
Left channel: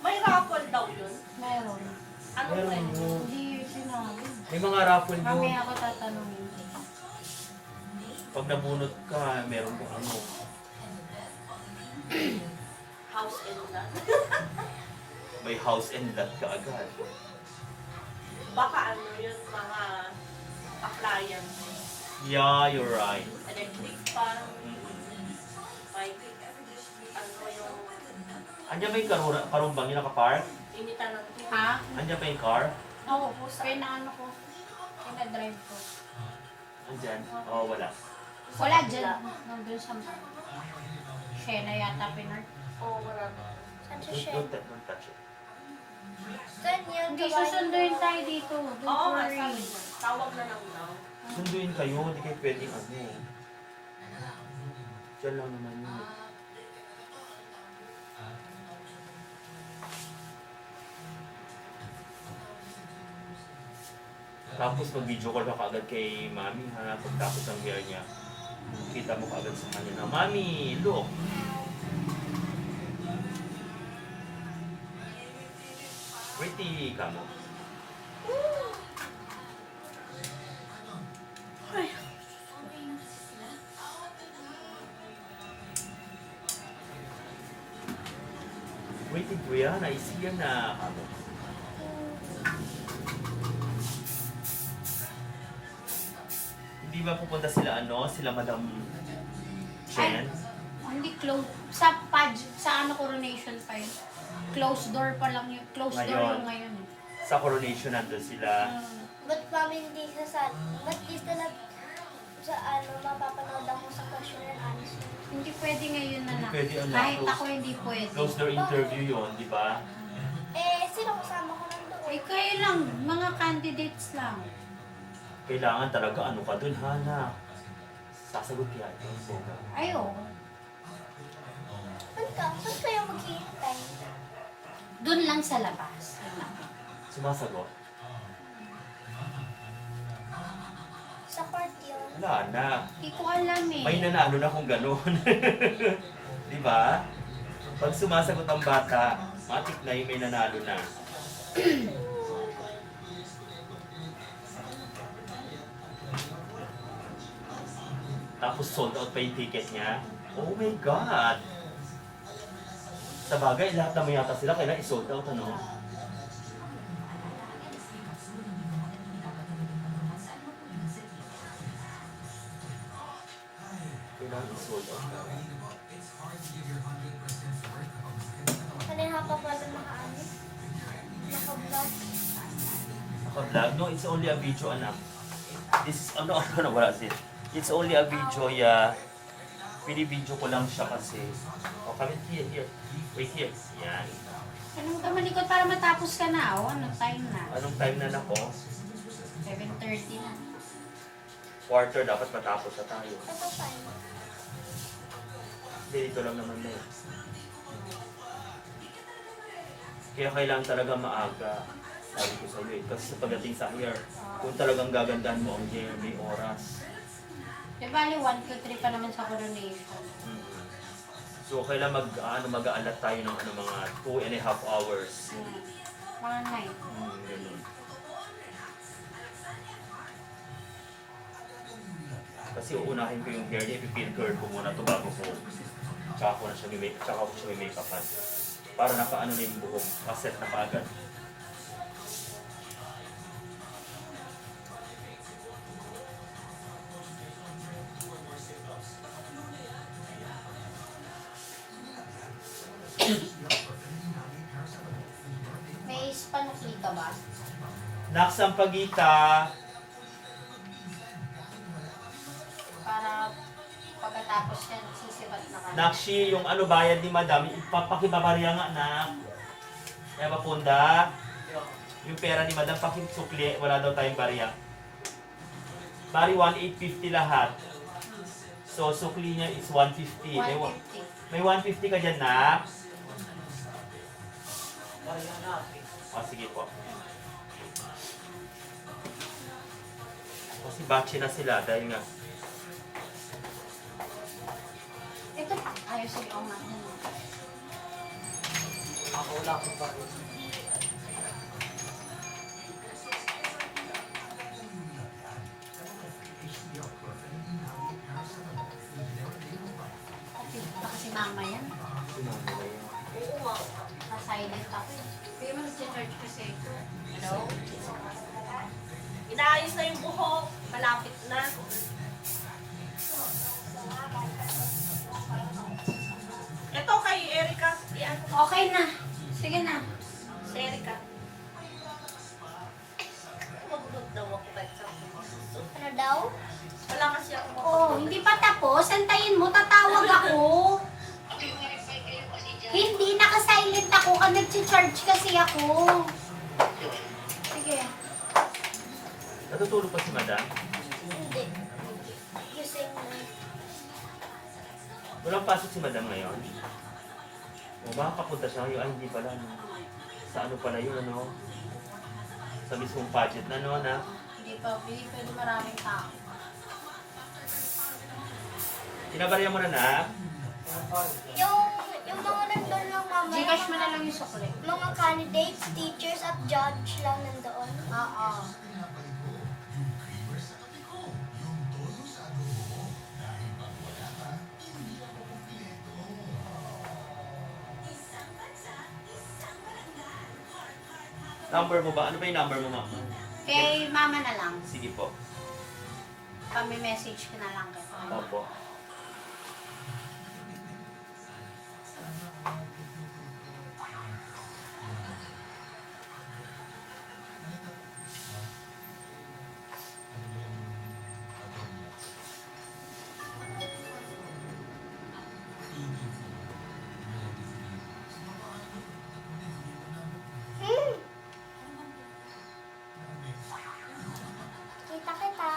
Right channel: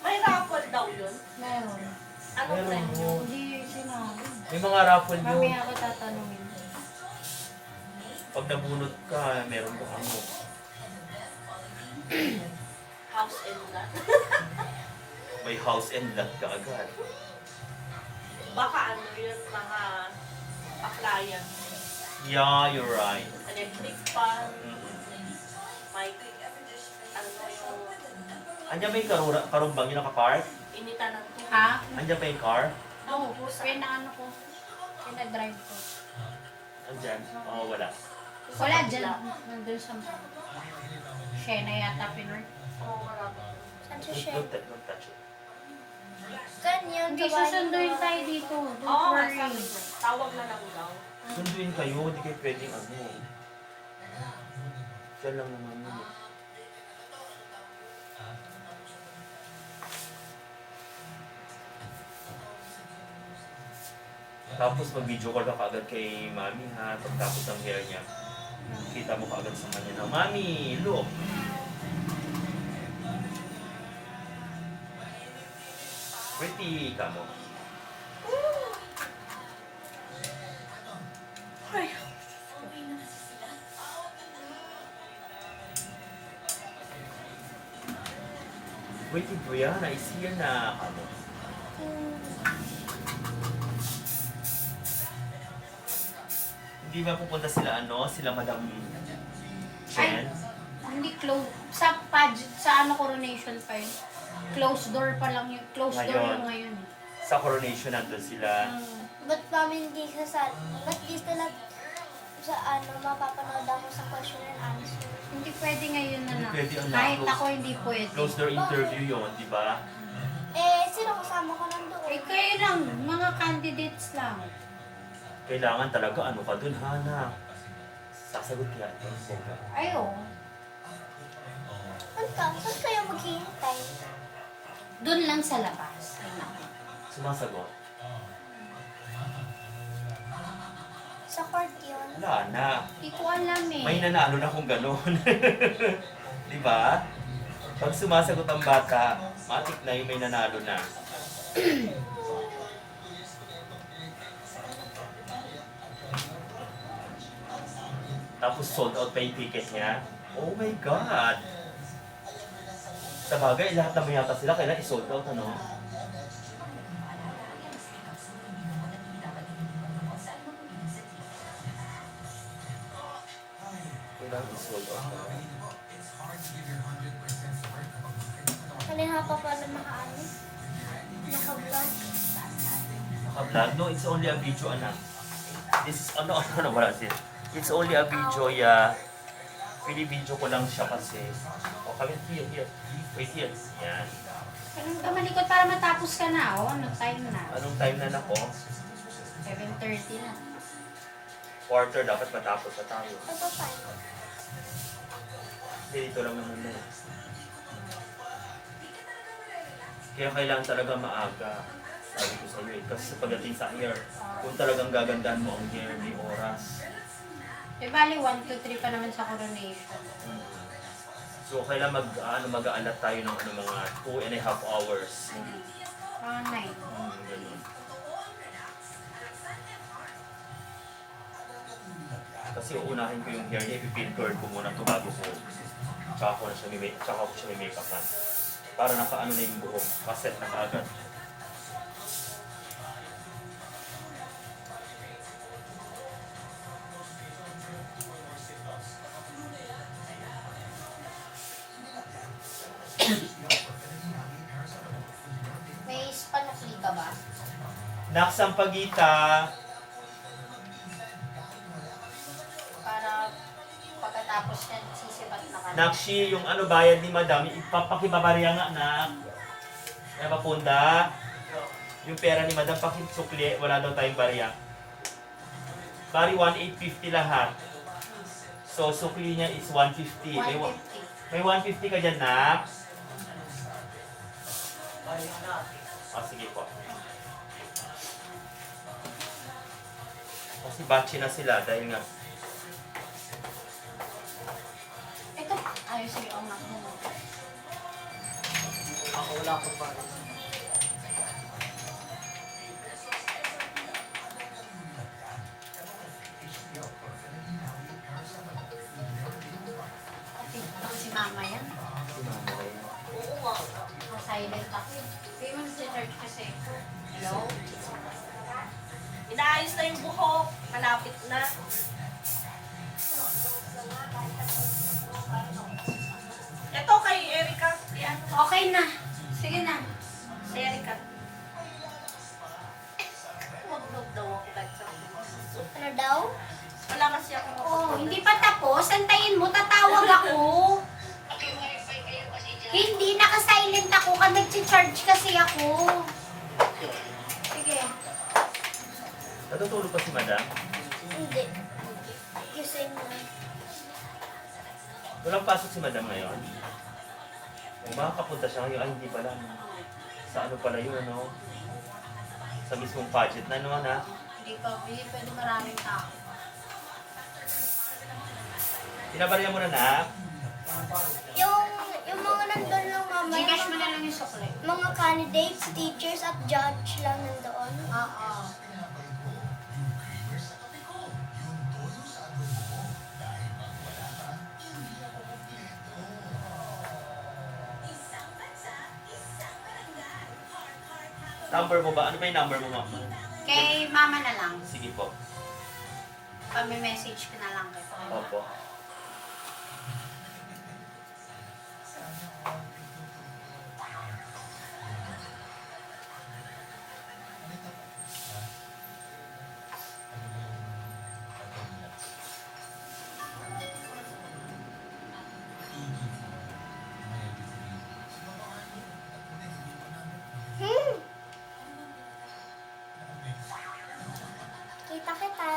May raffle daw yun. Meron. Anong Meron premyo? mo. Hindi sinabi. May mga raffle yun. Mamaya ako tatanungin. Pag nabunot ka, meron ka ano. House and lot. May house and lot ka agad. Baka ano yun, mga appliance. Yeah, you're right. Electric fan, Mm-mm. may ano yung Andiyan ba yung karumbang yung nakapark? initan ng tubig. Ha? Andiyan ba yung car? Oo. Pinaano ko. Pinag-drive ko. Andyan? Oo, wala. Wala dyan. Nandun sa Shena yata pinor. Oo, marami. Saan siya siya? Don't touch it. Ganyan. Hindi, gawain susunduin mo. tayo dito. Don't Oo, worry. sabi niya. Tawag na lang daw. Sunduin kayo, hindi kayo pwedeng ano. Diyan lang naman yun. eh. Tapos mag-video call ka kaagad kay mami ha, pagtapos ng hair niya. Kita mo kaagad sa kanya na, Mami, look! Pretty ka mo. Pretty Brianna, is here na kamo. Hindi ba pupunta sila ano, sila Madam Chen? Hindi close. Sa sa ano coronation pa yun. Closed door pa lang yun. Closed door Ngayon. yung ngayon eh. Sa coronation nandun sila. Ba't mami hindi ka sa... Ba't di sila sa ano, mapapanood ako sa question and answer? Hindi pwede ngayon na Hindi na. pwede, anak. Kahit Close- ako hindi pwede. Close door interview yon, di ba? Eh, sino kasama ko nandoon? Eh kayo lang, mga candidates lang. Kailangan talaga ano ka dun, Hana. Sasagot yan. Boga. Ayo. Saan kayo maghihintay? Doon lang sa labas. Ayun. Sumasagot. Sa court yun. Wala na. Hindi ko alam eh. May nanalo na kung gano'n. Di ba? Pag sumasagot ang bata, matik na yung may nanalo na. Tapos sold out pa yung ticket niya. Oh my God! Sa bagay, lahat naman yata sila kailangan i-sold out, ano? Kailangan i-sold out na. Kanina pa pala naka-ano? Naka-vlog. Naka-vlog? No, it's only a video, anak. This is, wala siya. It's only a video, yeah. Video ko lang siya kasi. Oh, come here. Wait here. Yan. Anong ka malikot para matapos ka na? Oh, anong time na? Anong time na nako? 7:30 na. Quarter, dapat matapos na tayo. Ito time. Hindi, dito lang naman na eh. Kaya kailangan talaga maaga. Sabi ko sa iyo eh. Kasi sa pagdating sa hair, kung talagang gagandahan mo ang hair, may oras. Eh, bali 1, 2, 3 pa naman sa coronation. So, kailangan mag-aalat tayo ng mga 2.5 hours. Mga 9. Ganun. Kasi uunahin ko yung hair niya, ipipin curl ko muna ito bago ko. Tsaka ko siya may make-upan. Para nakaano na yung buhok, kaset na kaagad. Naksampagita. Para pagkatapos yan, sisipat na ka. Nakshi, yung ano bayad ni madam, ipapakibabarya nga na. Kaya papunda. Yung pera ni madam, pakisukli, wala daw tayong barya. Bari 1,850 lahat. So, sukli niya is 150. 150. May 150 ka dyan na. Kaya natin. Sige po. Kasi batch na sila dahil nga. Ito, ayos sige, oh nga. Ako wala akong pa. Kasi mama yan. Oo nga. Na-silent ako. Hindi mo nag-charge kasi. Hello? Inaayos na yung buhok. Malapit na. Ito kay Erica. Yan. Okay na. Sige na. Si Erica. Huwag daw ako kahit sa Ano daw? Wala kasi ako Oh, hindi pa tapos. Antayin mo, tatawag ako. Hindi, naka-silent ako. Nag-charge kasi ako. Sige. Natutulog pa si madam? Hindi. Gising na. Walang pasok si madam ngayon. O baka kapunta siya ngayon. Ay, hindi pala. No? Sa ano pala yun, ano? Sa mismong budget na, no, na? Hindi pa, hindi pwede maraming tao. Pinabarya mo na, na? Yung mga nandun lang mamaya. Gcash mo na lang yung sukli. Mga candidates, teachers, at judge lang nandoon. Oo. Number mo ba? Ano ba yung number mo, mama? Kay mama na lang. Sige po. Pag-message ka na lang. Opo. Kita kita.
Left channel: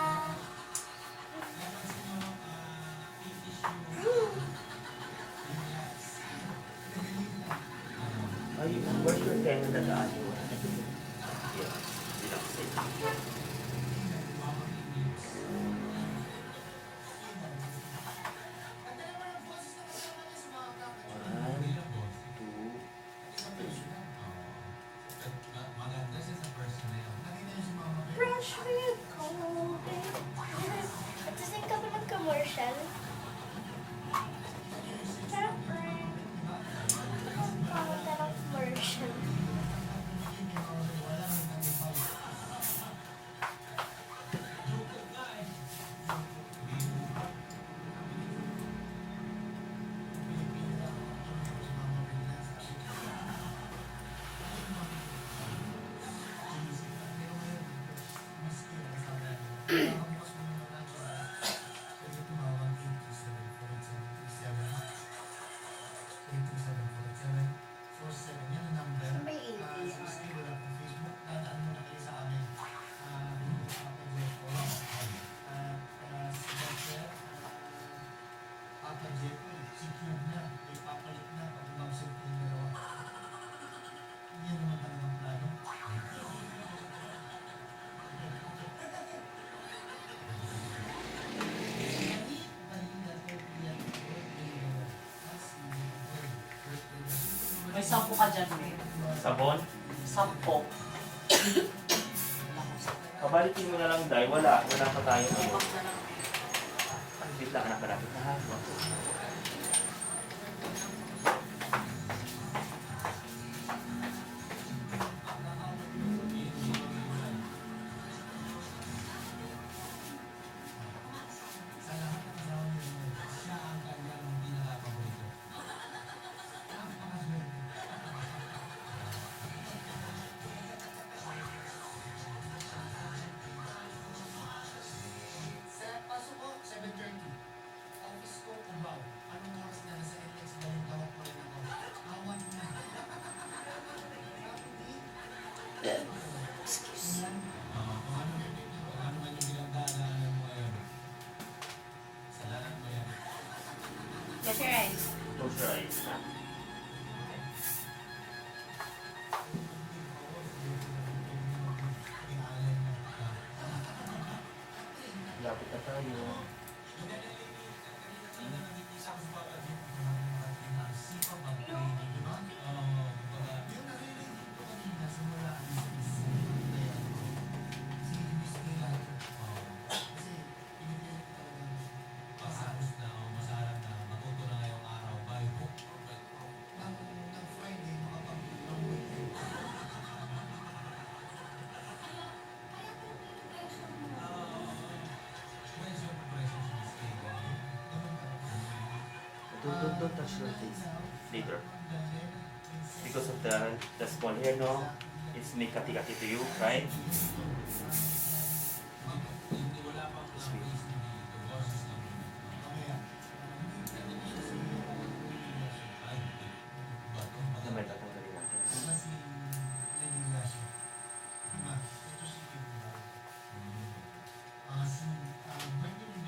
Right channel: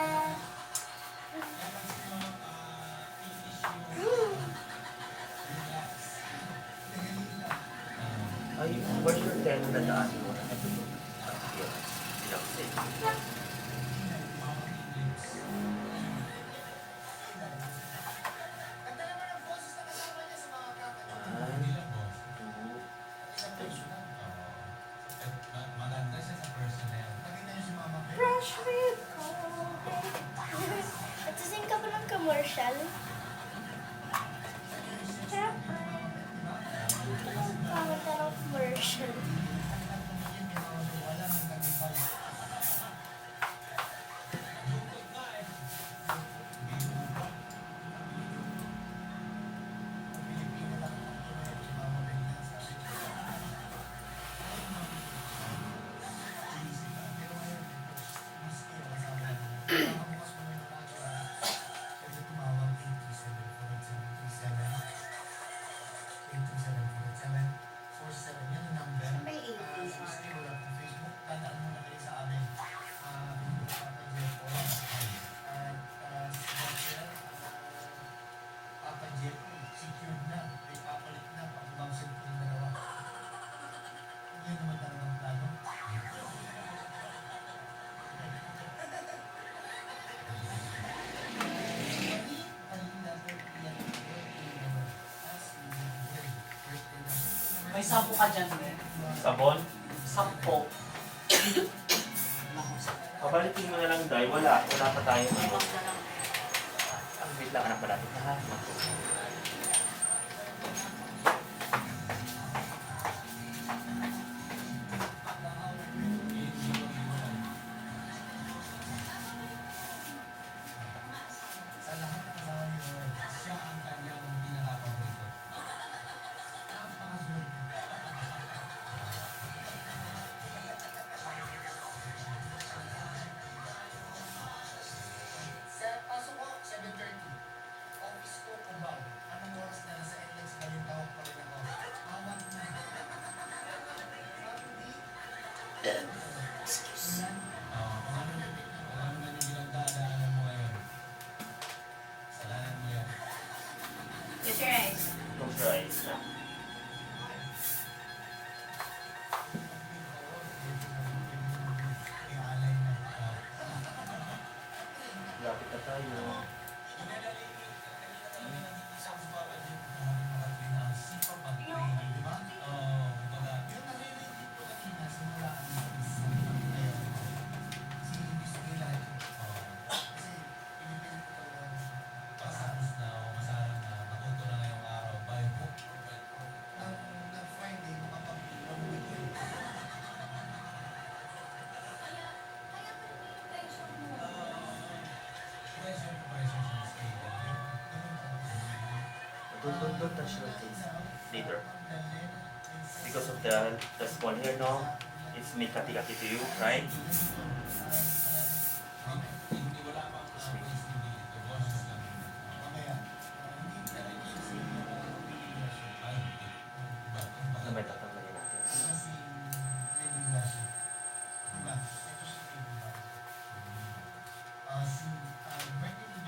Ay, where's your tenant na daan mo? Here. Relaxation. One, two, three. Fresh with Nagsising ka ba ng commercial? Siyempre. Pangit ng commercial. Ano ba yung APR? May 10 ka dyan, eh. Sabon? 10. Kabalikin mo na lang, Day. Wala. Wala pa tayo. Ang wait lang, anak, malapit na ha. Close your eyes. Close your eyes na. Lapit na tayo. Don't touch your face later. Because of the small hair, no? It's make kati-kati to you, right? Just wait. Naman tatanggalin natin.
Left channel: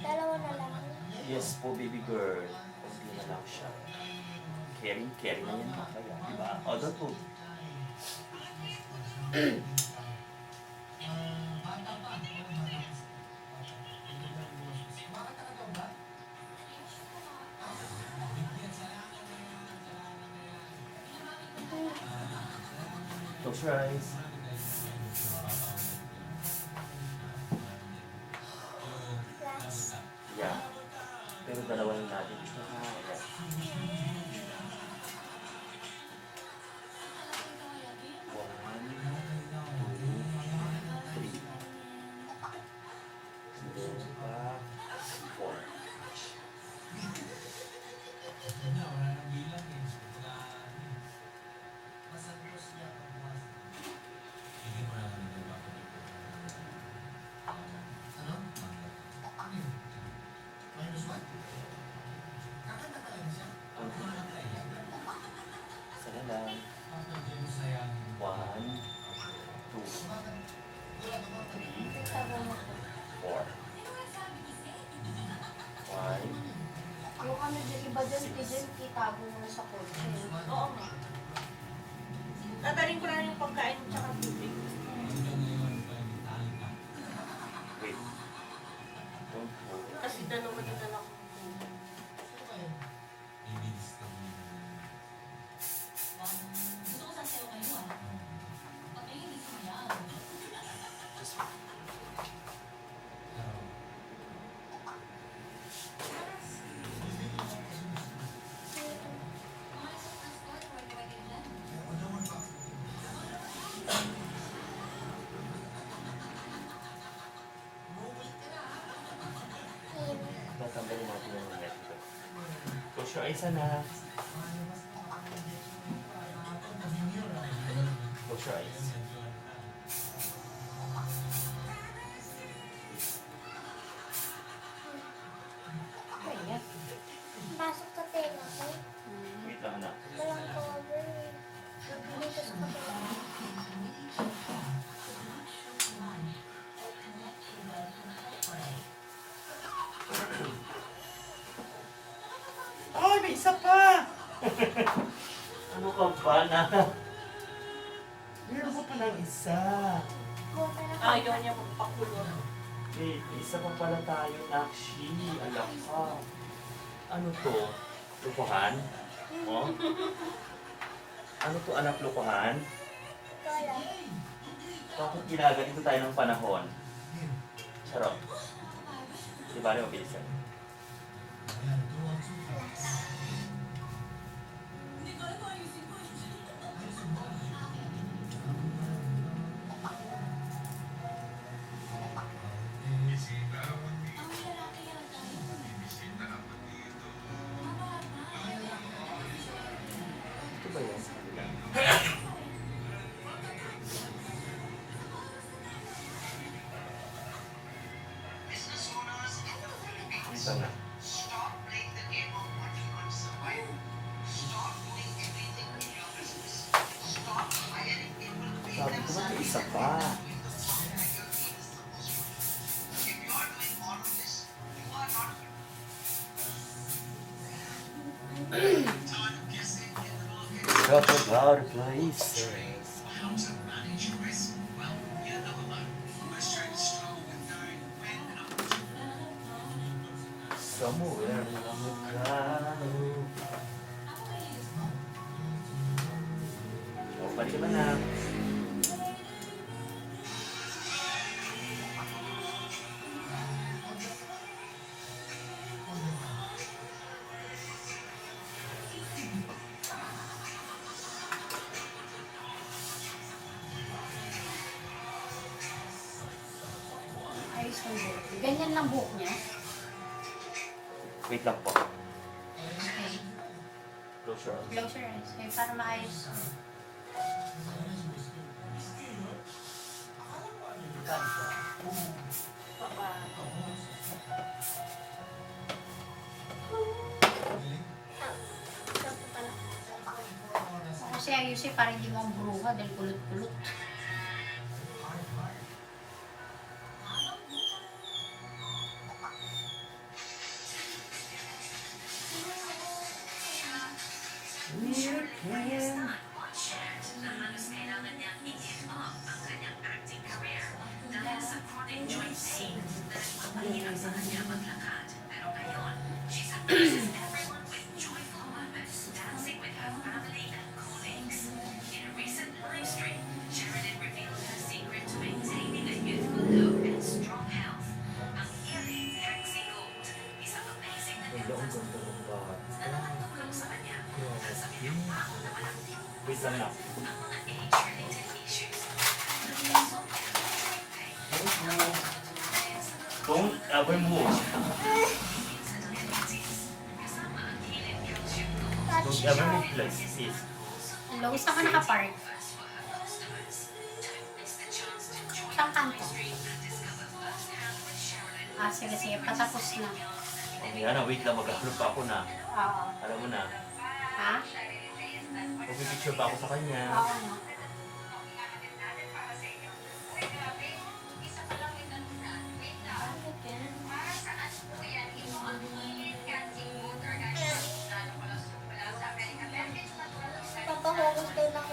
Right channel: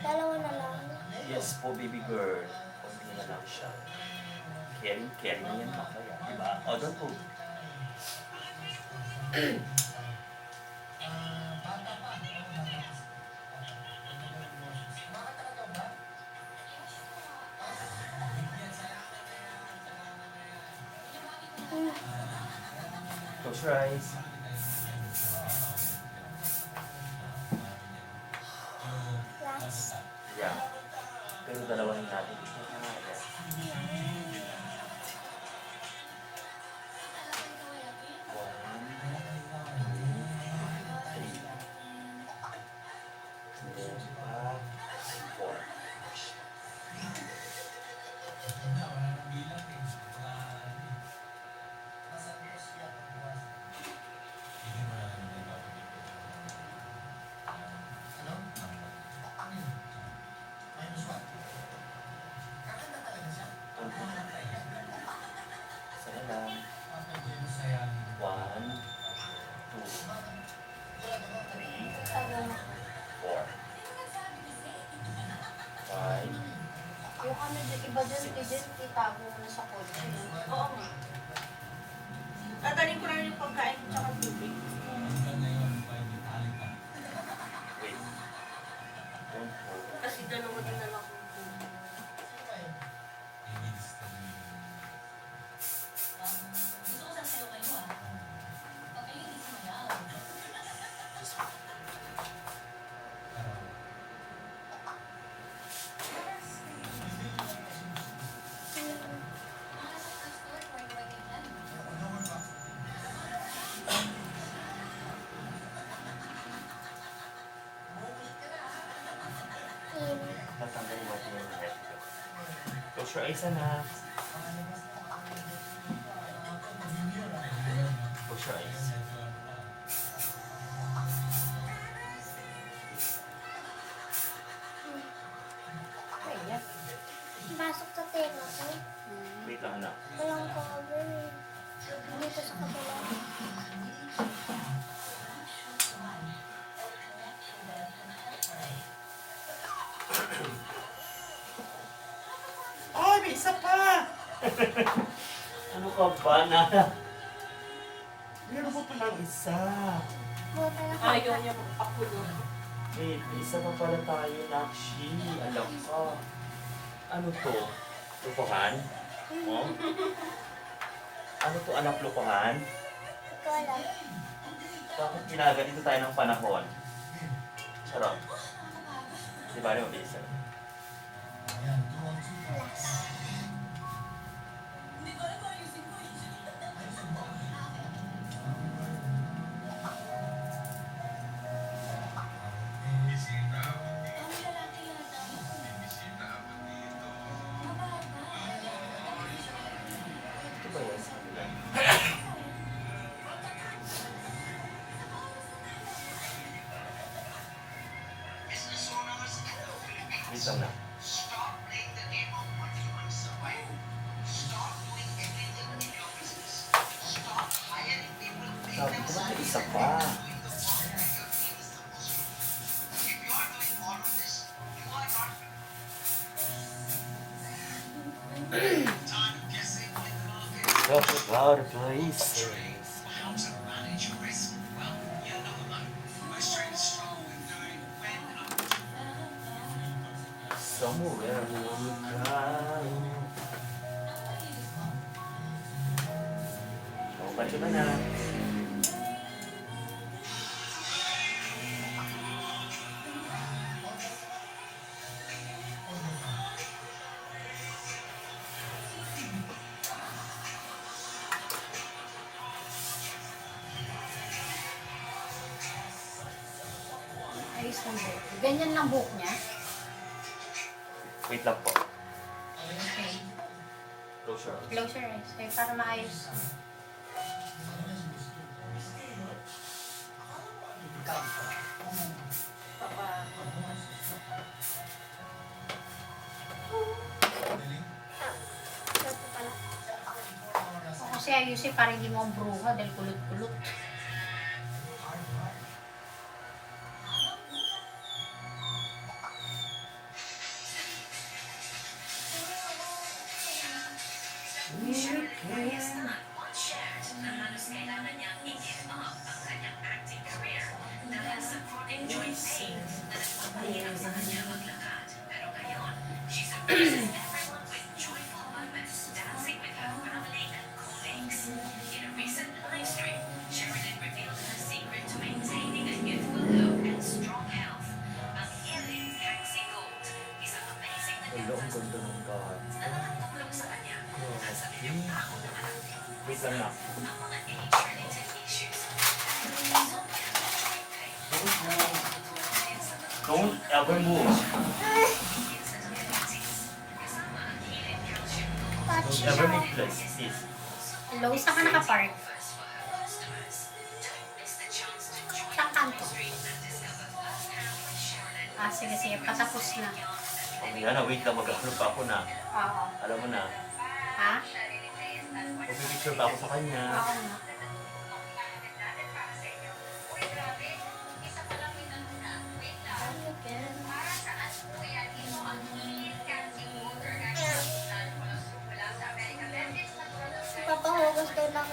Dalawa na lang. Yes po, baby girl. Kunti na lang siya. Carry na yan mamaya, diba? O, don't move. Close your eyes. Last. Yeah. Pero dalawahin natin siya. Yeah. One, two, three. And then back, four. Sana lang. One, two, three, four, five, Yung ano dyan, iba dyan, itago mo na sa kotse. Oo nga. Tatarin ko na yung pagkain tsaka tubig. wait. Don't hold it. Kasi dalawa na lang akong tubig. Just wait. Tatanggalin natin yung head ko. Close your eyes na. Close your eyes. Kaya. Pasok sa tenga ko. Wait lang anak. Walang cover eh. Dito sa kabila. Ay, may isa pa! Ano ka ba na? Meron mo pa ng isa. Buta na Ayaw niya magpakulo. Wait, may isa pa pala tayo, Nakshi. Alam ka. Ano to? Lukuhan? Oh? Ano to, anak, lukuhan? Ikaw alam. Bakit ginaganito tayo ng panahon? Sarap. Di ba, mabilis yan? Ito ba yan sa kanila? Dito na. Sabi ko ba, isa pa. Talk about places. Somewhere along the ground. Oh, balik ka ba na? Ayos ng buhok. Ganyan lang buhok niya. Wait lang po. Okay. Close your eyes. Close your eyes. Okay, para maayos. Ito po pala. O, kasi ayusin para hindi mo ang bruha dahil kulot-kulot. Wala, ang ganda ng bata. Wait lang na. Don't ever move. Touch Don't ever siya. move, please. Hello, saan ka nakapark? Saan kanto? Ah, sige, sige. Patapos na. Mamaya na, wait lang. Magkakaroon pa ako na. Oo. Alam mo na. Ha? Pag-picture pa ako sa kanya. Oo nga. Papahugas daw ng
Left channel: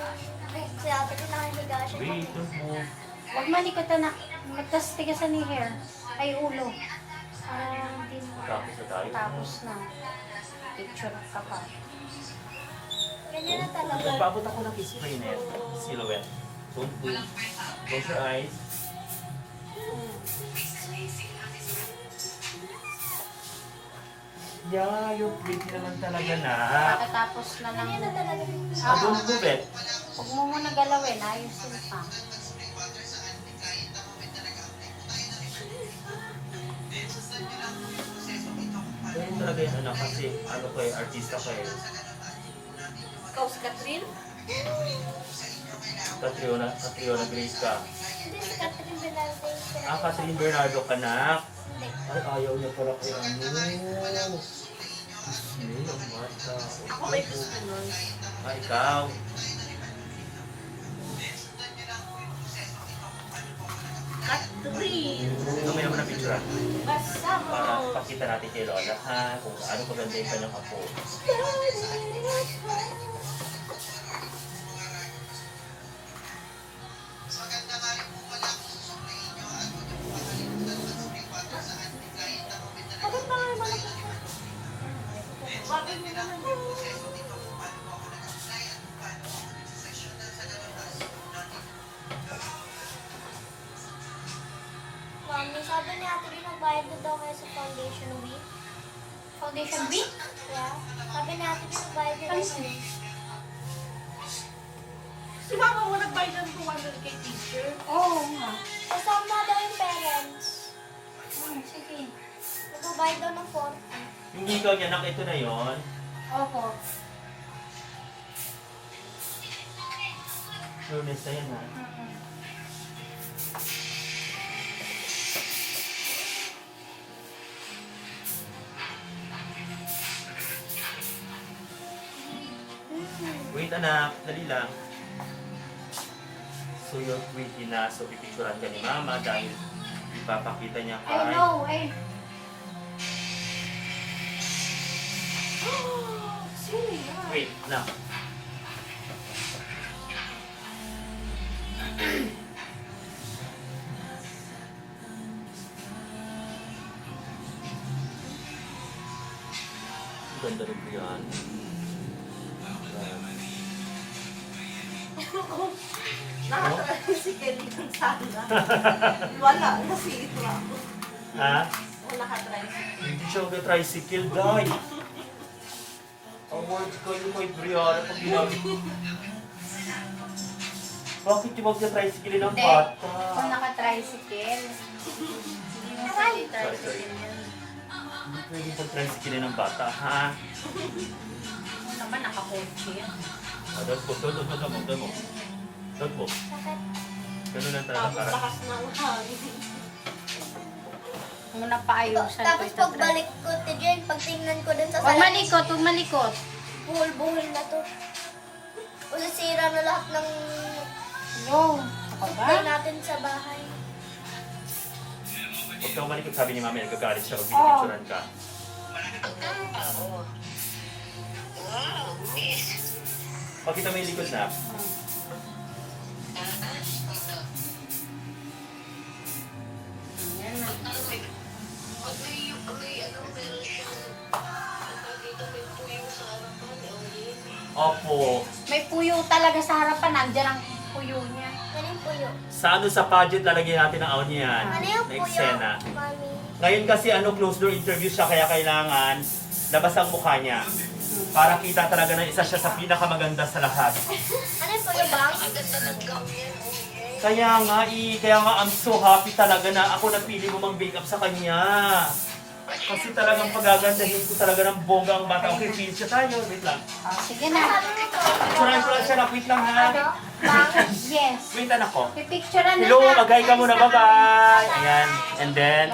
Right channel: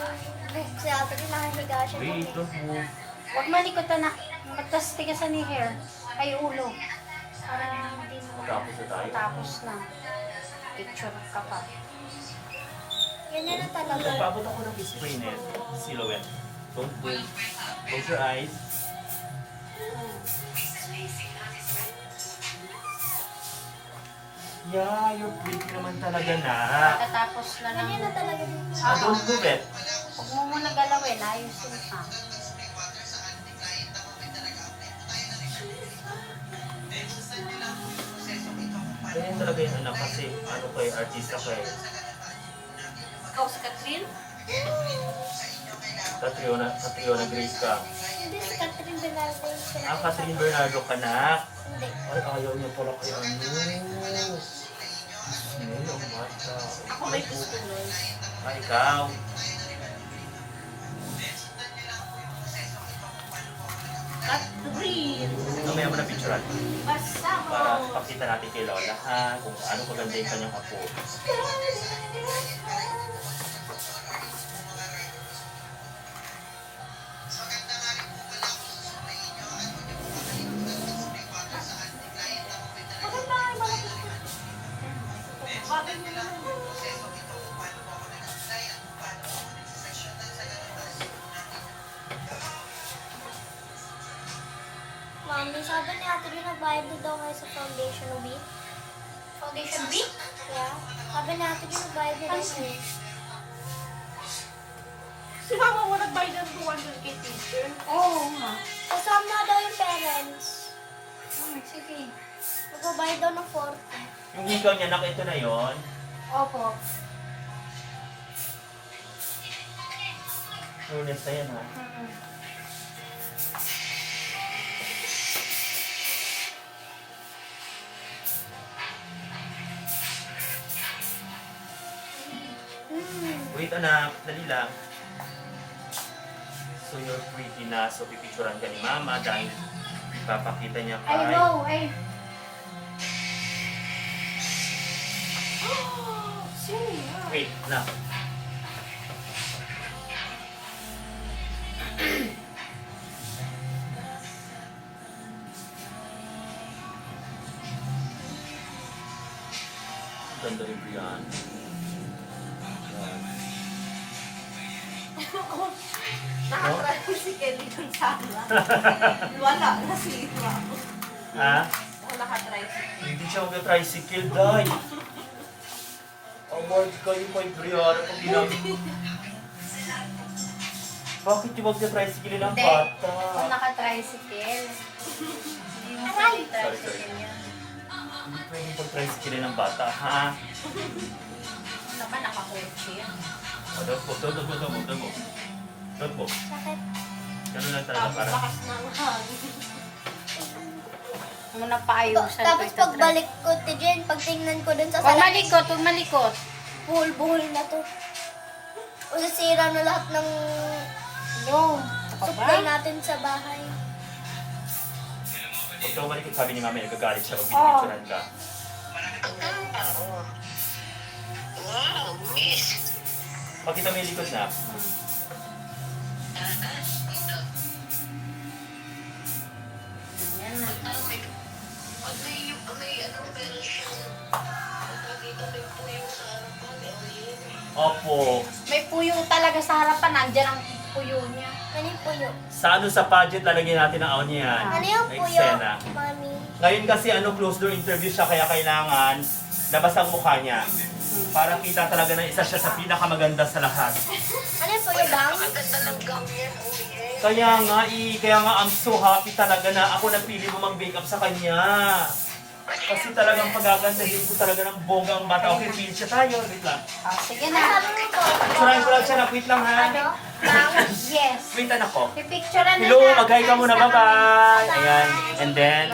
buhok si ate din, nakahiga siya. Wait, don't move. Huwag malikot na. Matas tigasan ni hair. Ay, ulo. Para hindi mo. Tapos na tayo. Tapos na. Picture ka pa. Ganyan na talaga. Nagpaabot ako ng spray net. Silhouette. Don't move. Close your eyes. Yeah, you're pretty naman talaga na. Pagkatapos na lang. Ganyan na talaga. Don't move it. Huwag mo muna galawin. Ayusin pa. Ganyan talaga yun anak kasi ano ko eh, artista ko eh. Ikaw si Catherine? Catriona Grace ka. Hindi si Catherine Bernardo yung sila. Ah, Catherine Bernardo ka na. Hindi. Ay, ayaw niya pala kay ano. Ano, ang mata. Ako may gusto nun. Ah, ikaw. Catherine! Mamaya mo na picturean. Basta Para mo! pakita natin kay Lola ha, kung ano kaganda yung kanyang apo. Bakit ba kayo malapit? Bakit mo naman? Mami, sabi ni ate rin nagbayad na daw kayo sa foundation week. Foundation week? Yeah. Sabi ni ate rin nagbayad na daw kayo. Si mama mo nagbayad ng 200 kay teacher. Oo nga. Kasama daw yung parents. Sige. Nagbabayad daw ng 40. Yung ikaw niya, ito na yon. Opo. Ernest na yan ha. Mm-mm. Wait anak, dali lang. So So you're pretty na. So pipicturan ka ni mama dahil ipapakita niya I kay... know, eh. Sino yan? Wait, na. Ganda rin ko yan. Nakatricycle din sana. Wala, nasira. Ha? Wala ka-tricycle. Hindi siya mag-tricycle, dahil. Award kayo kay Brianna pag ginamit. Bakit yung mag-tricycle ng Hindi. bata? Kung naka-tricycle. Hindi mo pwede tricycle yan. Hindi pwede pag-tricycle ng bata, ha? Ano naman, naka-coach yan. Dot mo. Sakit. Ganun lang talaga para. Lakas ng hangin. Muna paayusan Tapos ito, pagbalik ko, Tijen, pagtingnan ko dun sa Huwag salamin, malikot, huwag malikot. buhol-buhol na to. O sisira na lahat ng No. Ako ba? supply natin sa bahay. Huwag ka malikot, sabi ni Mami, nagagalit siya pag pinipicturan ka. Wow, miss. Pakita mo yung likod na. Yan na. Meron siyang dito may puyo sa harapan. Yun. Opo. May puyo talaga sa harapan. Nandiyan ang puyo niya. Ano yung puyo? Sa ano sa pageant, lalagyan natin ang aon niyan. Ano yung Na puyo, eksena. mami? Ngayon kasi closed door interview siya, kaya kailangan labas ang mukha niya. Para kita talaga na isa siya sa pinakamaganda sa lahat. Ano yung puyo, bang? Ang ganda ng gown yan, oh yeah. Kaya nga I'm so happy talaga na ako napili mo mag-make up sa kanya. Kasi talagang pagagandahin ko talaga ng bongga ang bata. Okay, feel siya tayo. Wait lang. Oh, sige Ano na. sabi mo po? Picturean ko lang siya na. Wait lang ha. Ano? Bang? Yes. Wait anak ko. Pipicturean na Hello, na. magay ka muna. Alis na kami. Bye-bye. Ayan. And then,